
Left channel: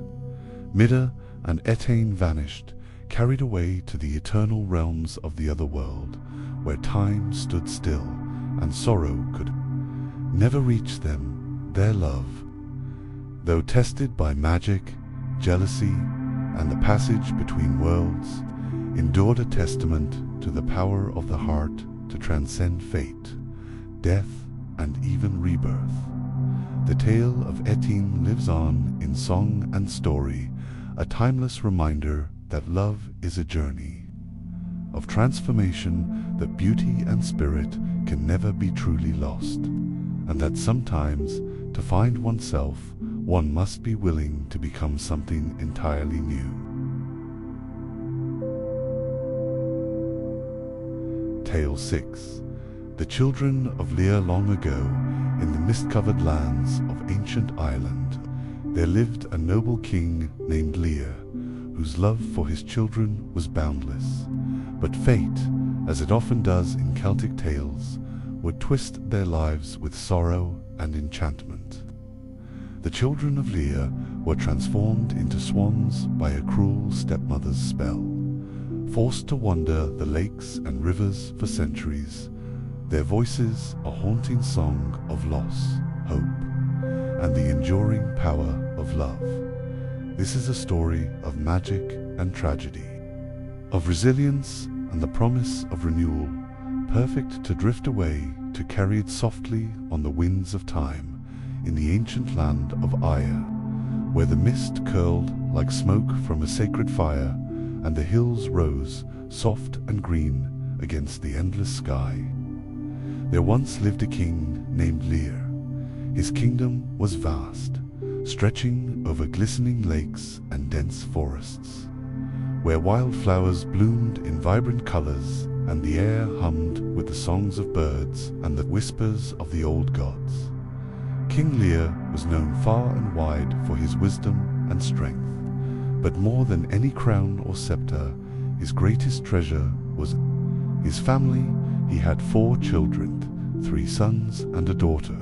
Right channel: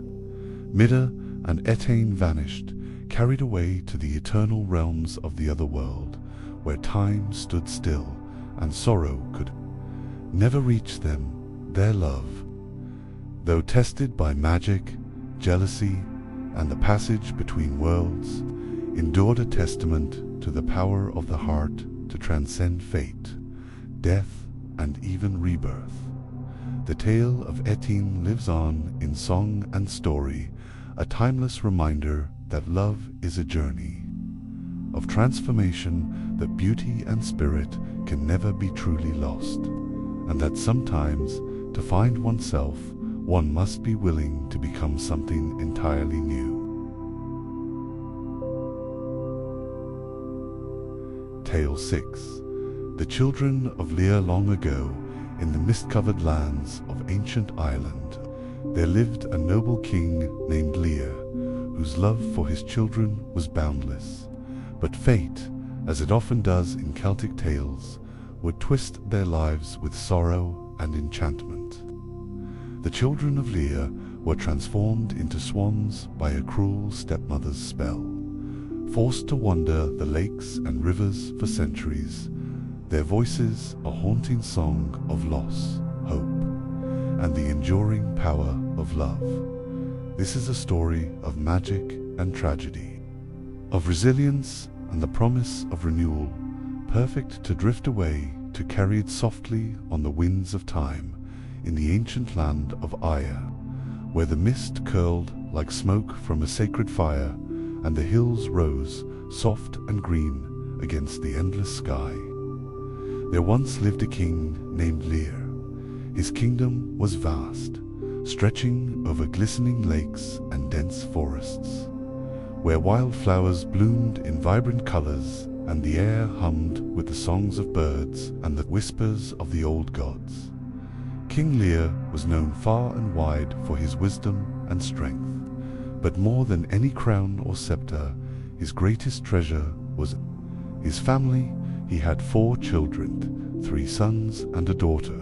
Mida and Etain vanished, carried away to the eternal realms of the other world, where time stood still and sorrow could never reach them. Their love, though tested by magic, jealousy, and the passage between worlds, endured, a testament to the power of the heart to transcend fate, death, and even rebirth. The tale of Etain lives on in song and story, a timeless reminder that love is a journey of transformation, that beauty and spirit can never be truly lost, and that sometimes, to find oneself, one must be willing to become something entirely new. Tale 6. The children of Éire. Long ago, in the mist-covered lands of ancient Ireland, there lived a noble king named Éire, whose love for his children was boundless. But fate, as it often does in Celtic tales, would twist their lives with sorrow and enchantment. The children of Éire were transformed into swans by a cruel stepmother's spell. Forced to wander the lakes and rivers for centuries, their voices a haunting song of loss, hope, and the enduring power of love. This is a story of magic and tragedy, of resilience and the promise of renewal, perfect to drift away, to carry it softly on the winds of time, in the ancient land of Éire, where the mist curled like smoke from a sacred fire, and the hills rose, soft and green, against the endless sky. There once lived a king named Éire. His kingdom was vast, stretching over glistening lakes and dense forests, where wildflowers bloomed in vibrant colors, and the air hummed with the songs of birds and the whispers of the old gods. King Éire was known far and wide for his wisdom and strength, but more than any crown or scepter, his greatest treasure was his family. He had 4 children, 3 sons and a daughter,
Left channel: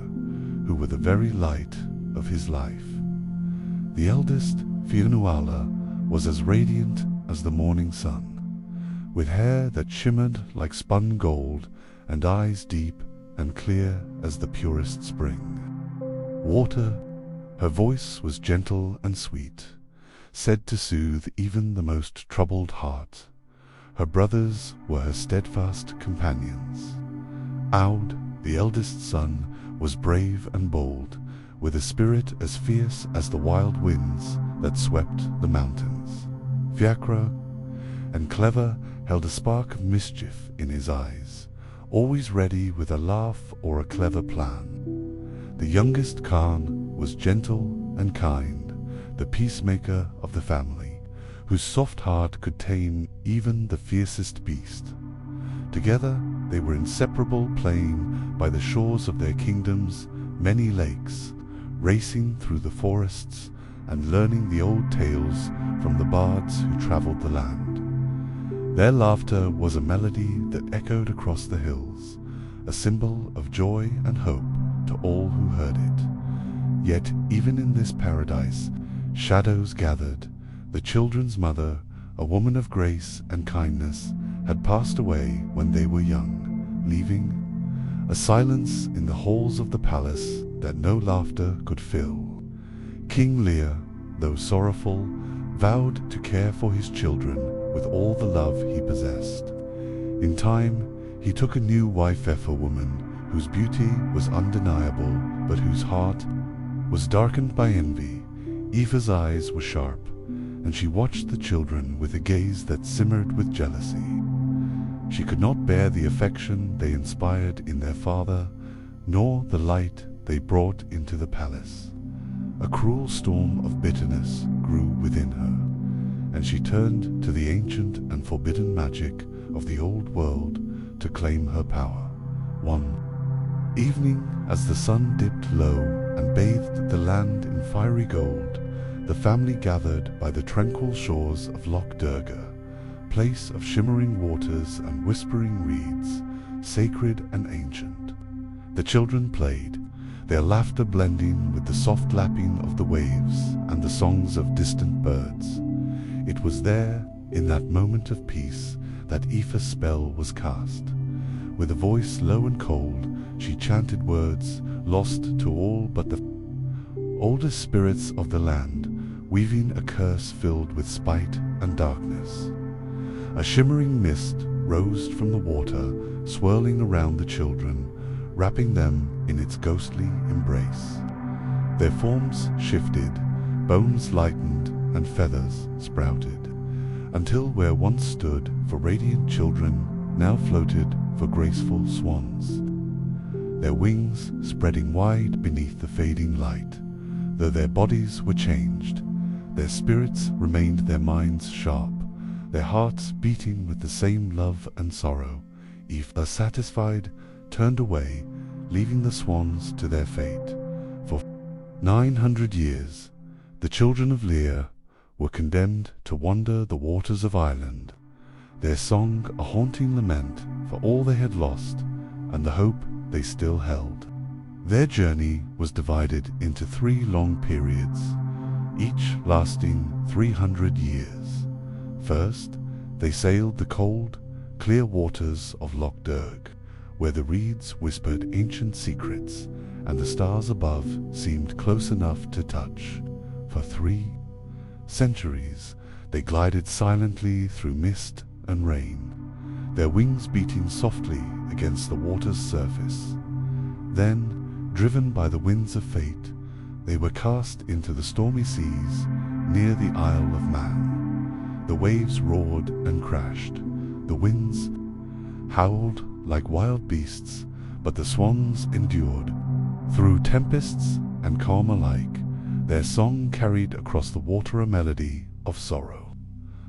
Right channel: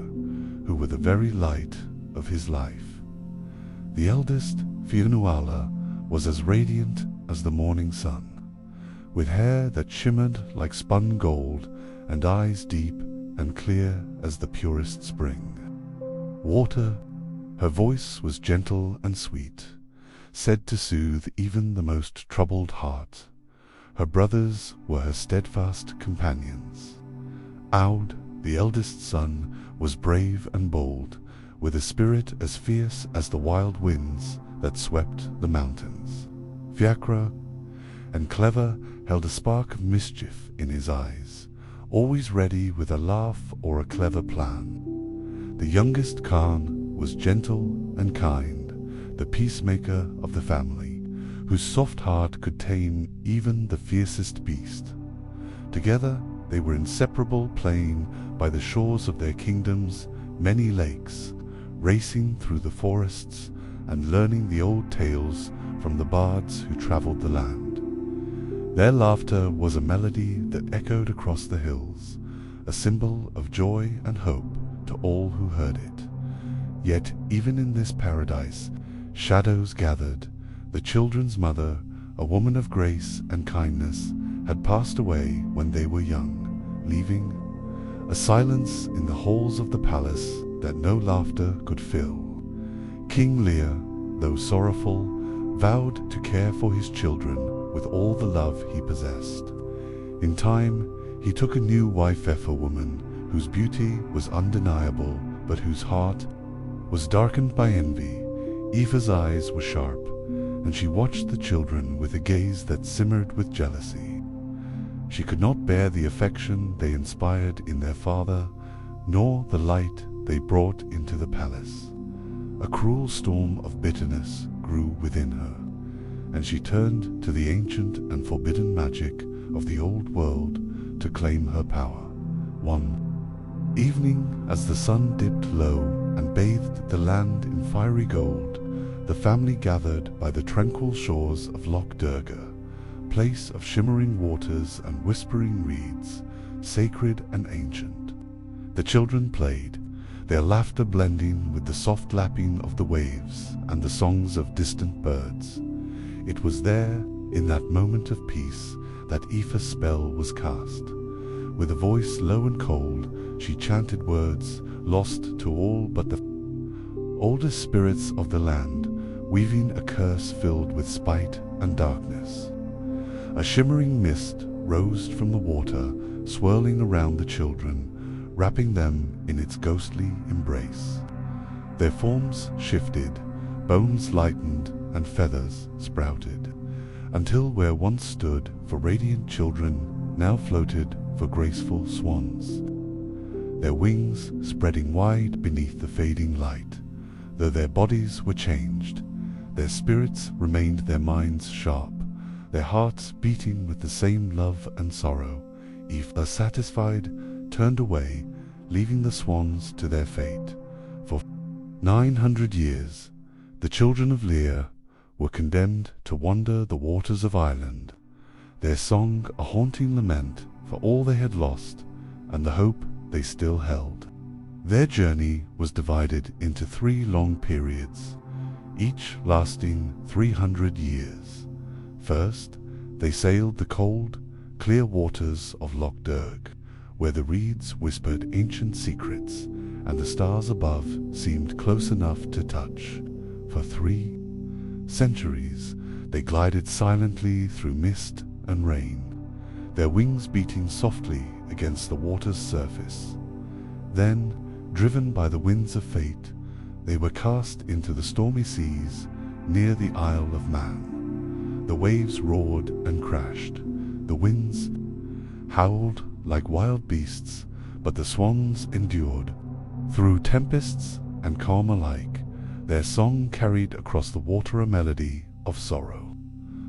who were the very light of his life. The eldest, Fiannuala, was as radiant as the morning sun, with hair that shimmered like spun gold and eyes deep and clear as the purest spring water. Her voice was gentle and sweet, said to soothe even the most troubled heart. Her brothers were her steadfast companions. Aud, the eldest son, was brave and bold, with a spirit as fierce as the wild winds that swept the mountains. Fiachra, and Clever held a spark of mischief in his eyes, always ready with a laugh or a clever plan. The youngest Khan was gentle and kind, the peacemaker of the family, whose soft heart could tame even the fiercest beast. Together they were inseparable, playing by the shores of their kingdom's many lakes, racing through the forests and learning the old tales from the bards who traveled the land. Their laughter was a melody that echoed across the hills, a symbol of joy and hope to all who heard it. Yet even in this paradise, shadows gathered. The children's mother, a woman of grace and kindness, had passed away when they were young, leaving a silence in the halls of the palace that no laughter could fill. King Lear, though sorrowful, vowed to care for his children with all the love he possessed. In time, he took a new wife, a woman whose beauty was undeniable, but whose heart was darkened by envy. Aoife's eyes were sharp, and she watched the children with a gaze that simmered with jealousy. She could not bear the affection they inspired in their father, nor the light they brought into the palace. A cruel storm of bitterness grew within her, and she turned to the ancient and forbidden magic of the old world to claim her power. One evening, as the sun dipped low and bathed the land in fiery gold, the family gathered by the tranquil shores of Loch Durga, place of shimmering waters and whispering reeds, sacred and ancient. The children played, their laughter blending with the soft lapping of the waves and the songs of distant birds. It was there, in that moment of peace, that Aoife's spell was cast. With a voice low and cold, she chanted words lost to all but the oldest spirits of the land, weaving a curse filled with spite and darkness. A shimmering mist rose from the water, swirling around the children, wrapping them in its ghostly embrace. Their forms shifted, bones lightened, and feathers sprouted, until where once stood for radiant children now floated for graceful swans, their wings spreading wide beneath the fading light. Though their bodies were changed, their spirits remained, their minds sharp, their hearts beating with the same love and sorrow. Aoife, satisfied, turned away, leaving the swans to their fate. For 900 years, the children of Lear were condemned to wander the waters of Ireland, their song a haunting lament for all they had lost and the hope they still held. Their journey was divided into 3 long periods, each lasting 300 years. First, they sailed the cold, clear waters of Loch Durg, where the reeds whispered ancient secrets and the stars above seemed close enough to touch. For 3 centuries, they glided silently through mist and rain, their wings beating softly against the water's surface. Then, driven by the winds of fate, they were cast into the stormy seas near the Isle of Man. The waves roared and crashed, the winds howled like wild beasts, but the swans endured. Through tempests and calm alike, their song carried across the water a melody of sorrow,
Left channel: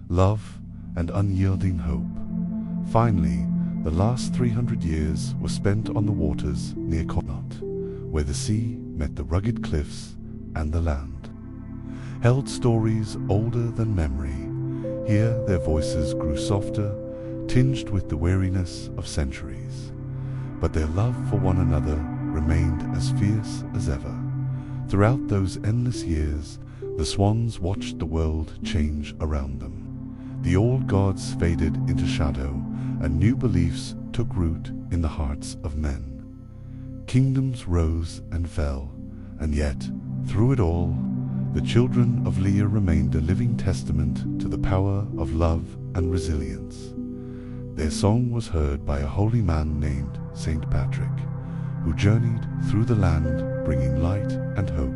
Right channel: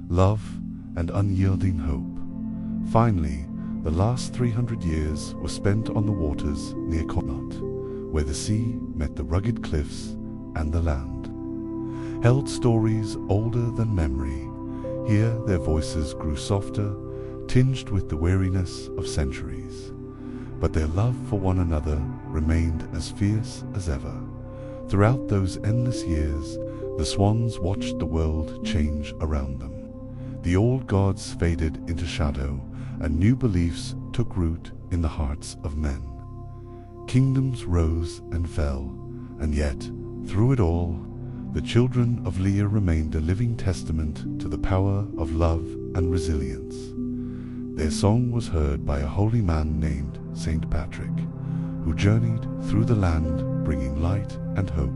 love, and unyielding hope. Finally, the last 300 years were spent on the waters near Connaught, where the sea met the rugged cliffs and the land held stories older than memory. Here their voices grew softer, tinged with the weariness of centuries, but their love for one another remained as fierce as ever. Throughout those endless years, the swans watched the world change around them. The old gods faded into shadow, and new beliefs took root in the hearts of men. Kingdoms rose and fell, and yet, through it all, the children of Lear remained a living testament to the power of love and resilience. Their song was heard by a holy man named Saint Patrick, who journeyed through the land bringing light and hope.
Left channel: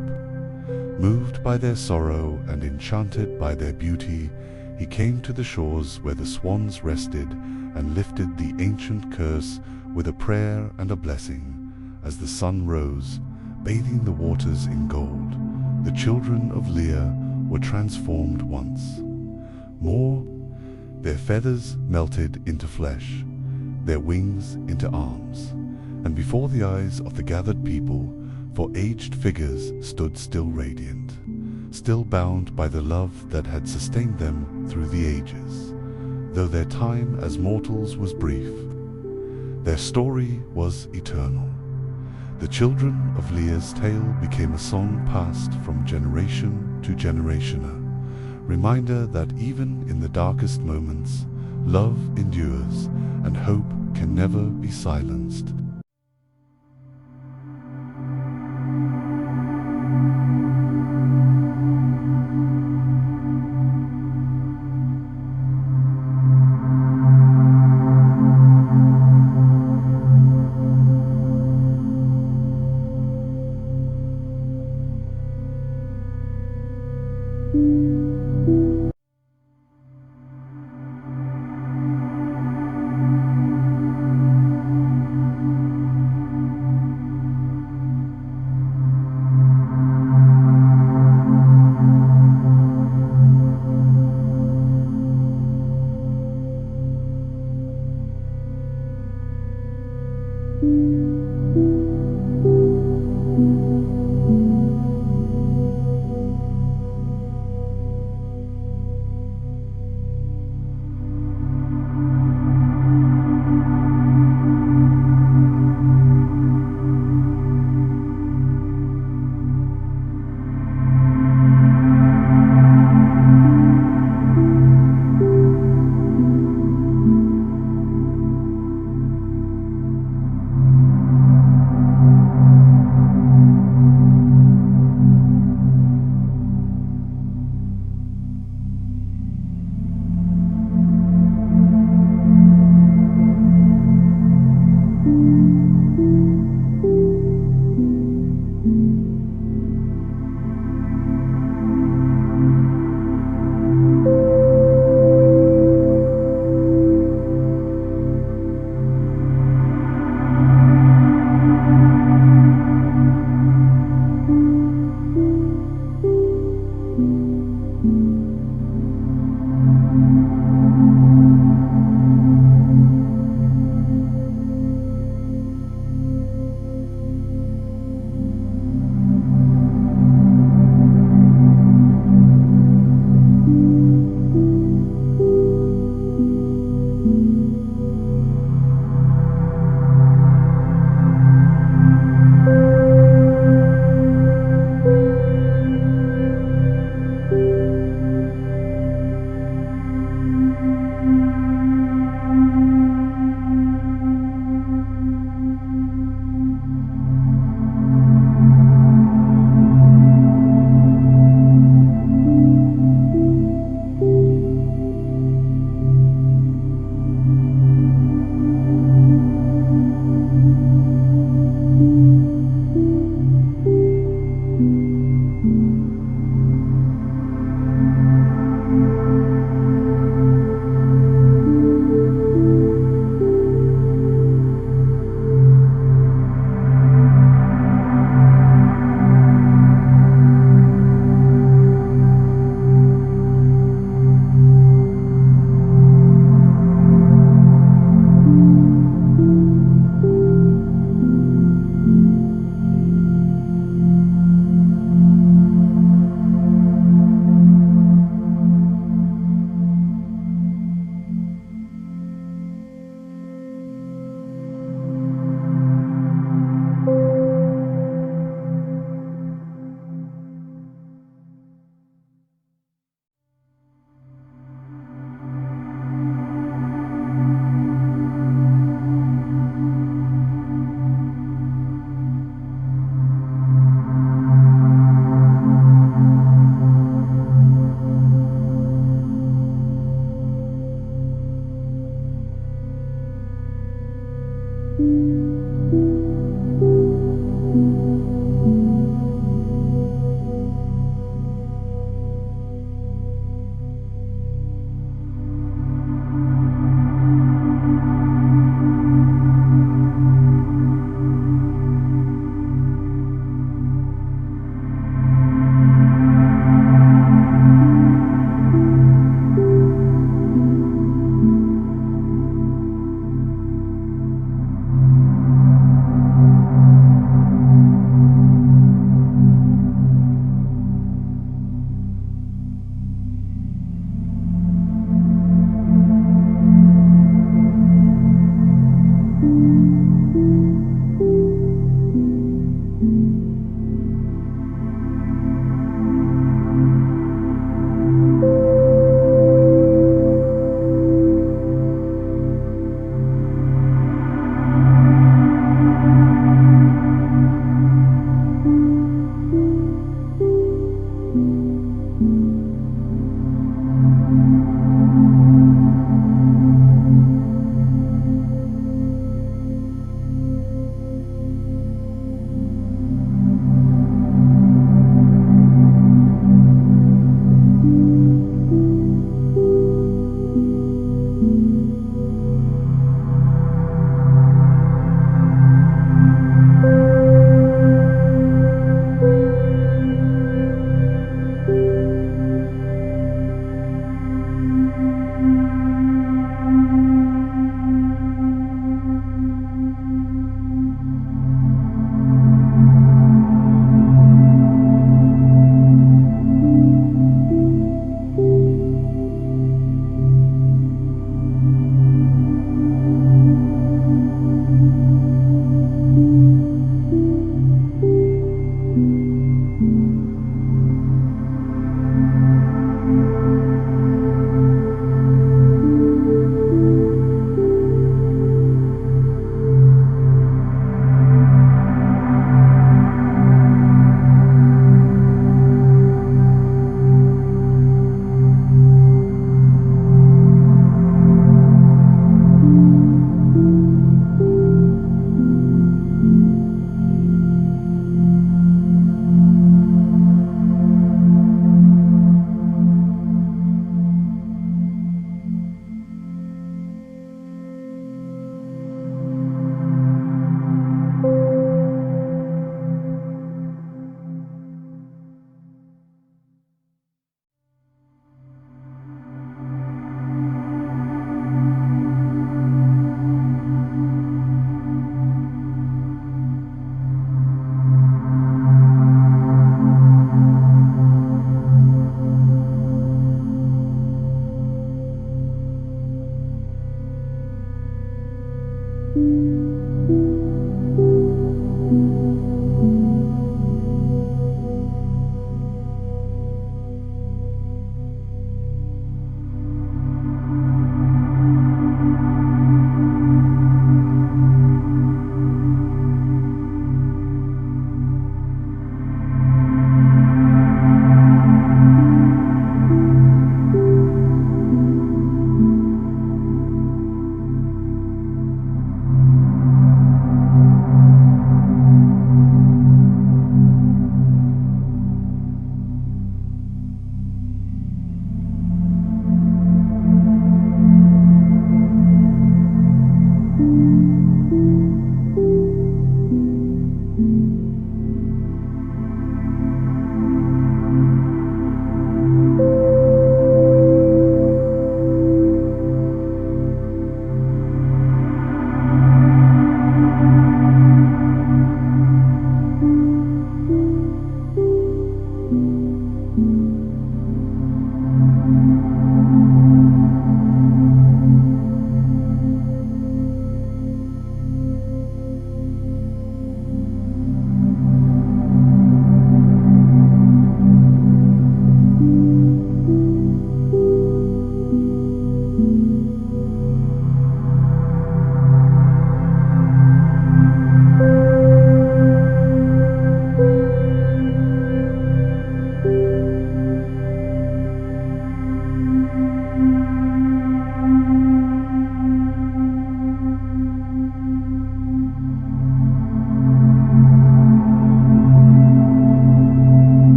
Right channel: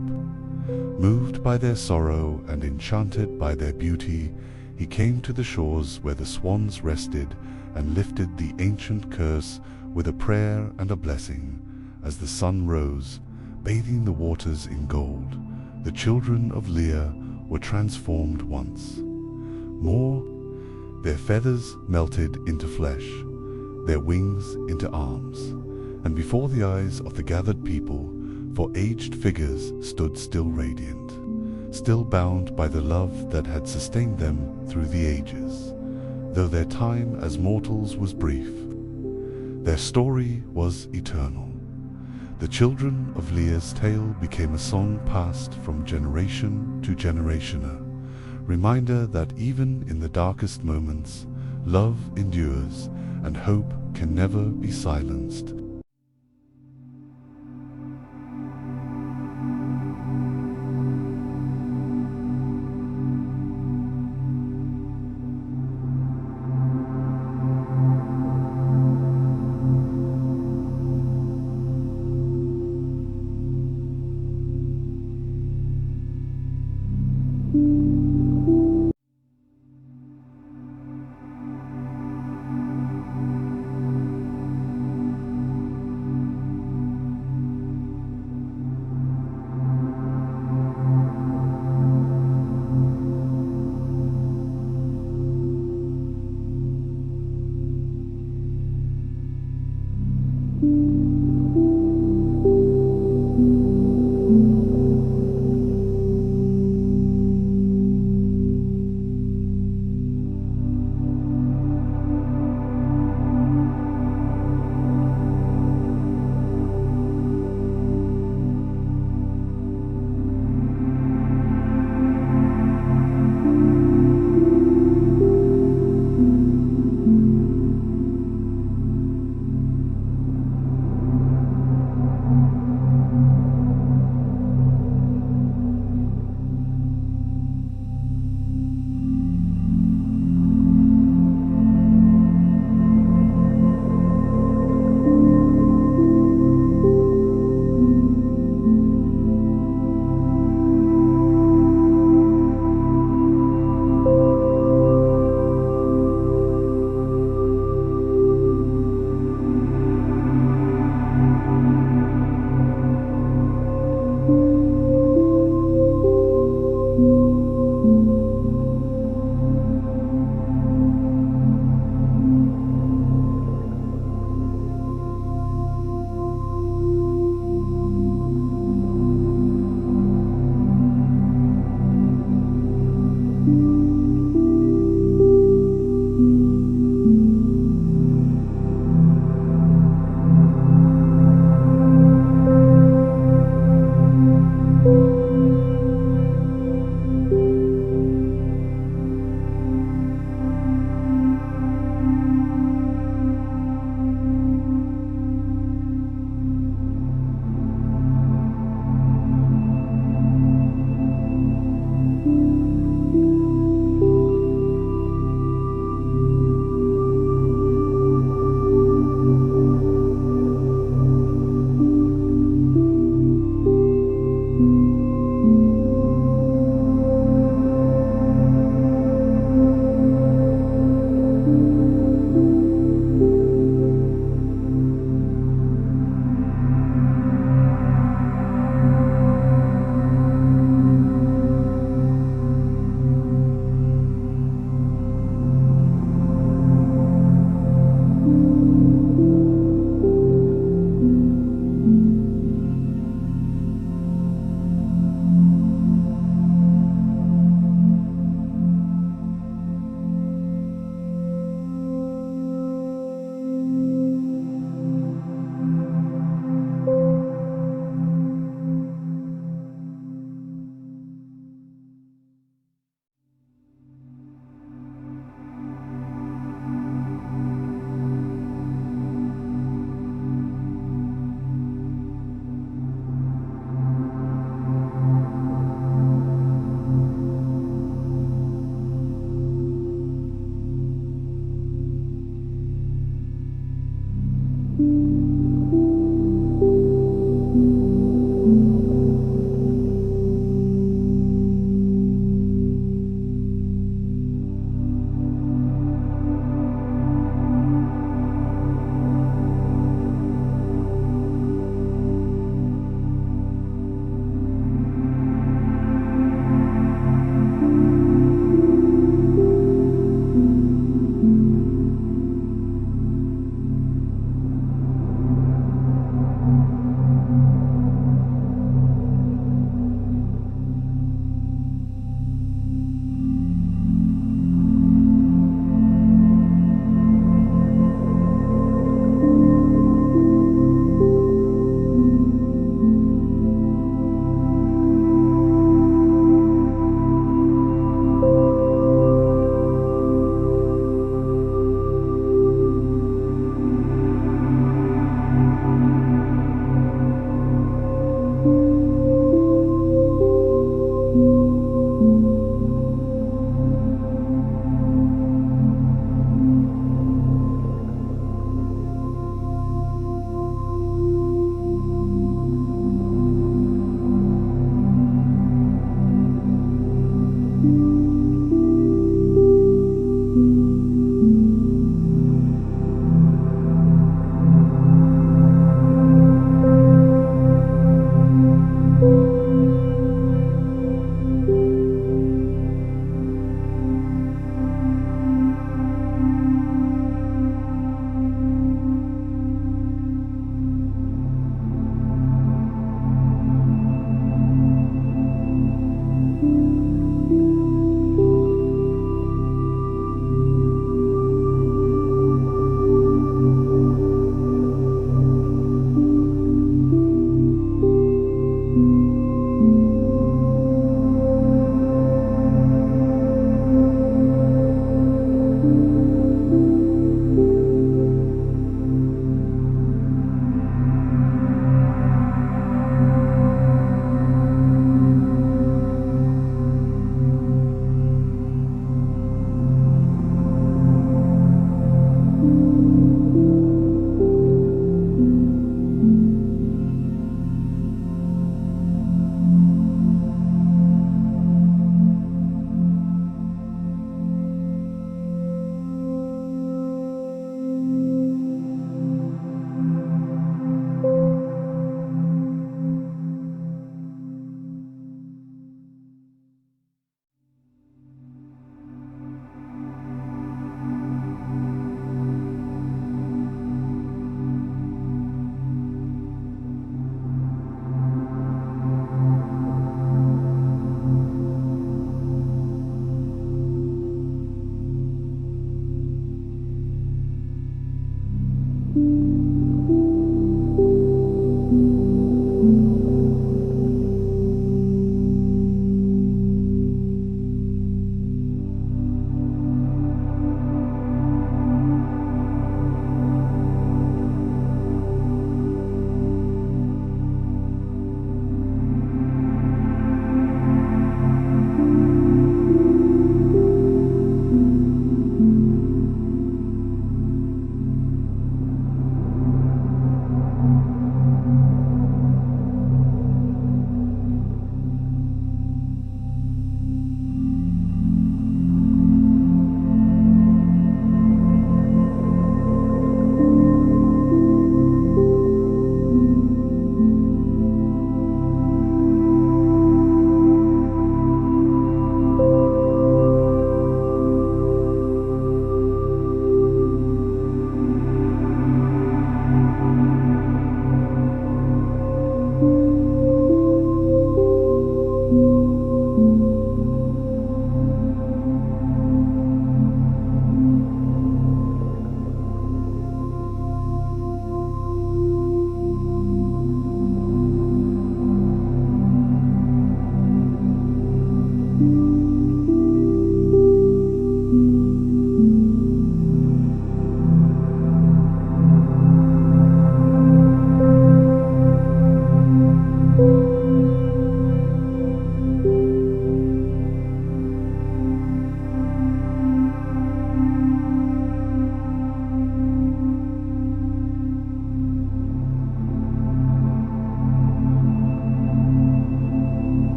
Moved by their sorrow and enchanted by their beauty, he came to the shores where the swans rested and lifted the ancient curse with a prayer and a blessing. As the sun rose, bathing the waters in gold, the children of Éire were transformed once more. Their feathers melted into flesh, their wings into arms, and before the eyes of the gathered people, four aged figures stood still radiant, still bound by the love that had sustained them through the ages. Though their time as mortals was brief, their story was eternal. The children of Éire's tale became a song passed from generation to generation, a reminder that even in the darkest moments, love endures and hope can never be silenced.